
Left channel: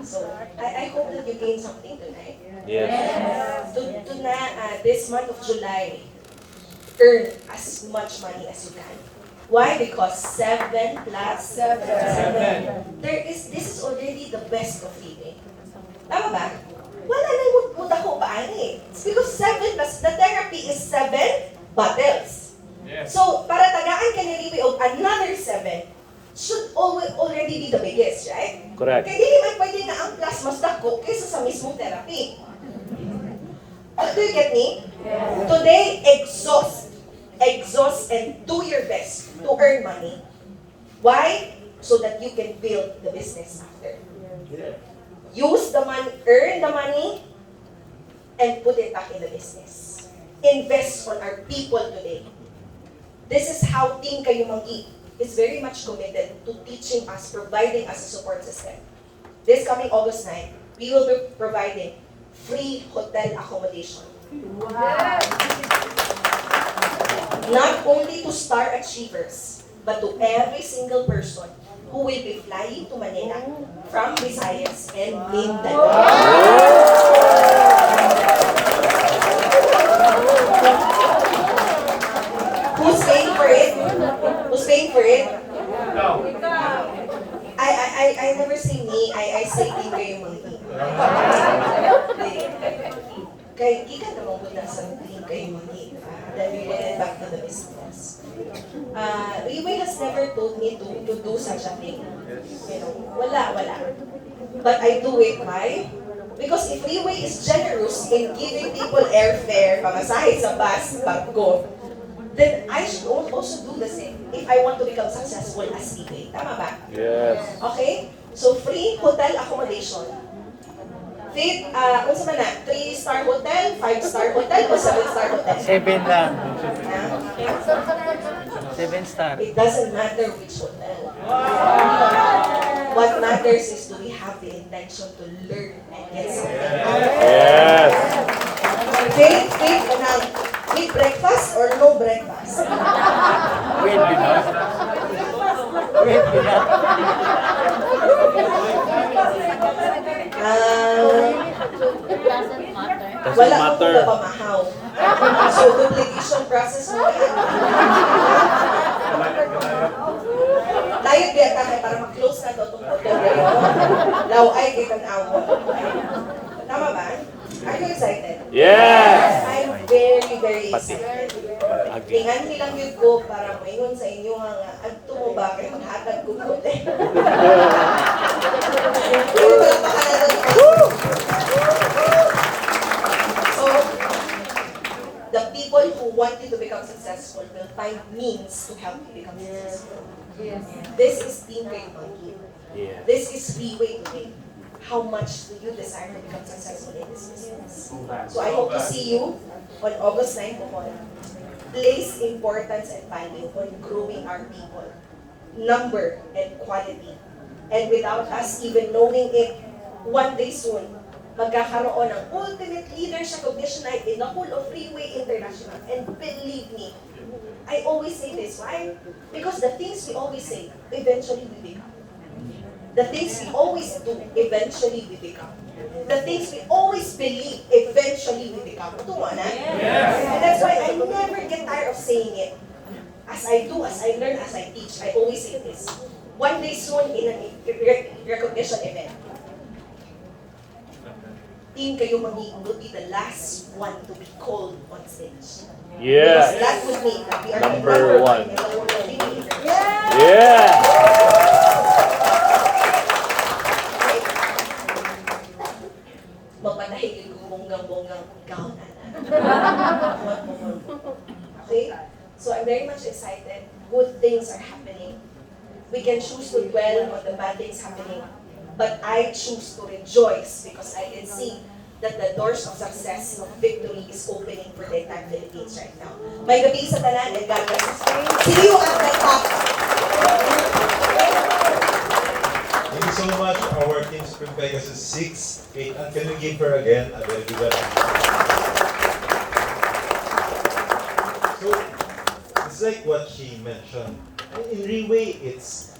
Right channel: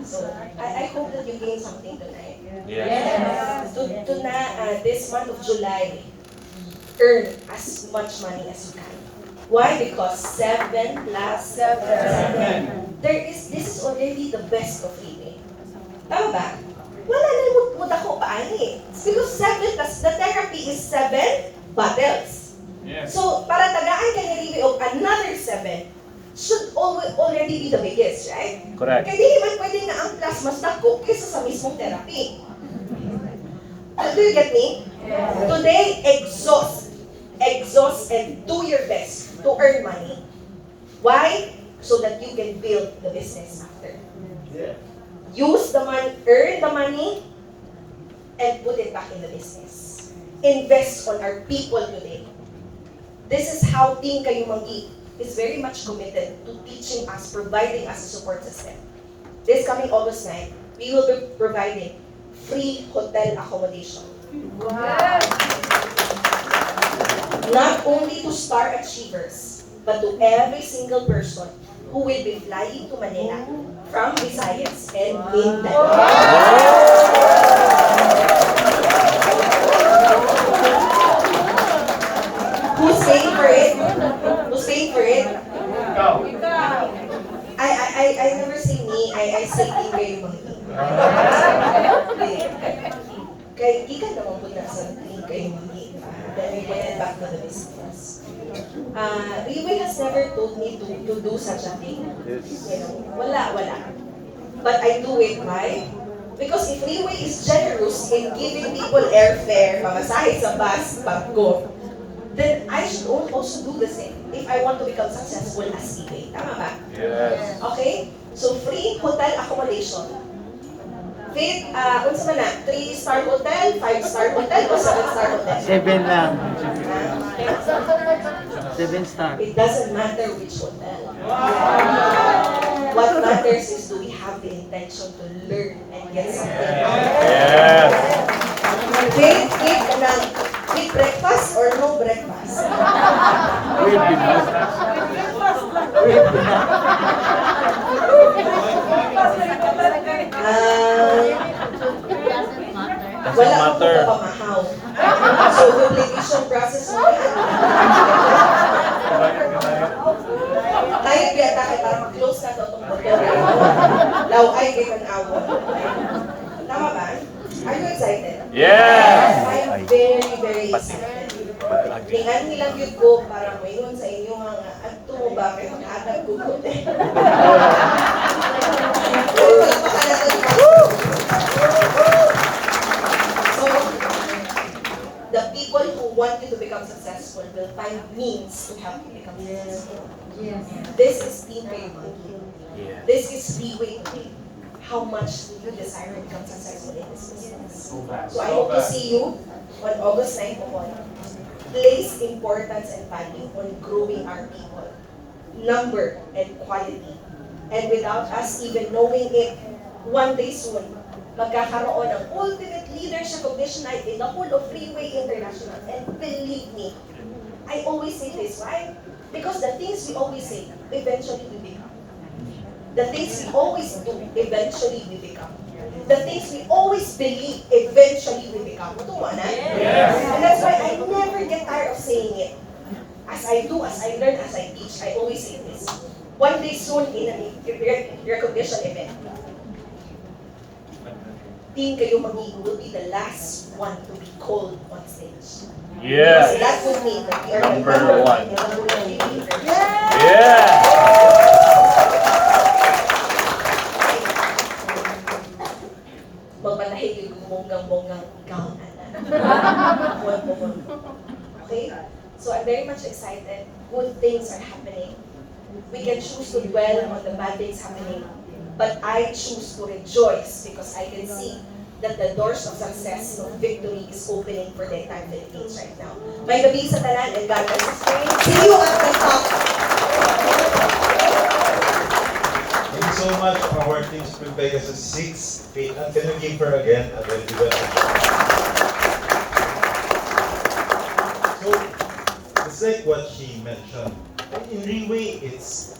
So, I hope that you gain something tonight. Yes. To na, this month of July, earn as much money as you can. Why? Because 7 plus 7. This is already the best of living. Tama ba? Wala na yung dako pa ani. It's because 7 plus, the therapy is 7 bottles. Yes. So, para tagaan ka ni Riway of another 7, should already be the biggest, right? Correct. Kaya hindi man pwede nga ang class mas dako kaysa sa mismong therapy. Do you get me? Yes. Today, exhaust and do your best to earn money. Why? So that you can build the business after. Use the money, earn the money, and put it back in the business. Invest on our people today. This is how Team Kayumangi is very much committed to teaching us, providing us a support system. This coming August 9, we will be providing free hotel accommodation. Wow. Not only to star achievers, but to every single person who will be flying to Manila from Visayas and Mindanao. Who's paying for it? Who's paying for it? No. I never say me, I say Riway Monkey. Kay gikan naman po na sa team kay Mami. Then we went back to the business. Riway has never told me to do such a thing. You know, wala. But I do it, why? Because if Riway is generous in giving people airfare, pamasahe sa bus, barko, then I should also do the same if I want to become successful as Riway. Tama ba? Yes. Okay? So, free hotel accommodation. Faith, unsa man na? 3-star hotel, 5-star hotel, o 7-star hotel? 7 lang. 7 star. It doesn't matter which hotel. What matters is, do we have the intention to learn and get something? Yes. Faith, with breakfast or no breakfast? Wait, Binod. Wait, Binod. Wala ko kung napamahaw. So, duplication process mo yan. Tayo biyata kay para mag-close na ito itong hotel. Law ay kay awa. Tama ba? Are you excited? Yes. I'm very excited. Tingnan nilang yun ko para mayroon sa inyo nga adto mo ba kay mag-agad ko hotel. So, the people who want you to become successful will find means to help you become successful. This is Team Riway. This is Riway today. How much do you desire to become successful in this business? So I hope to see you on August 9 po. Place importance and value on growing our people. Number and quality. And without us even knowing it, one day soon, magkakaroon ng ultimate leadership recognition night in the whole of Riway International. And believe me, I always say this, why? Because the things we always say, eventually we become. The things we always do, eventually we become. The things we always believe, eventually we become. Tama na? Yes. And that's why I never get tired of saying it. As I do, as I learn, as I teach, I always say this. One day soon in a recognition event, team kayo magiging will be the last one to be called on stage. Yes. Because that would mean that we are Number the number one. one in the whole of Riway. Yes. Magpanahig yung bonggang-bonggang gown. Okay? So I'm very much excited. Good things are happening. We can choose to dwell on the bad things happening. But I choose to rejoice because I can see that the doors of success, of victory is opening for the entire Philippines right now. May gabi sa tanan and God bless us. See you at the top. Thank you so much. Our team Spring Vegas is 6. Wait, and can you give her again? And then do that. So, it's like what she mentioned. In Riway, it's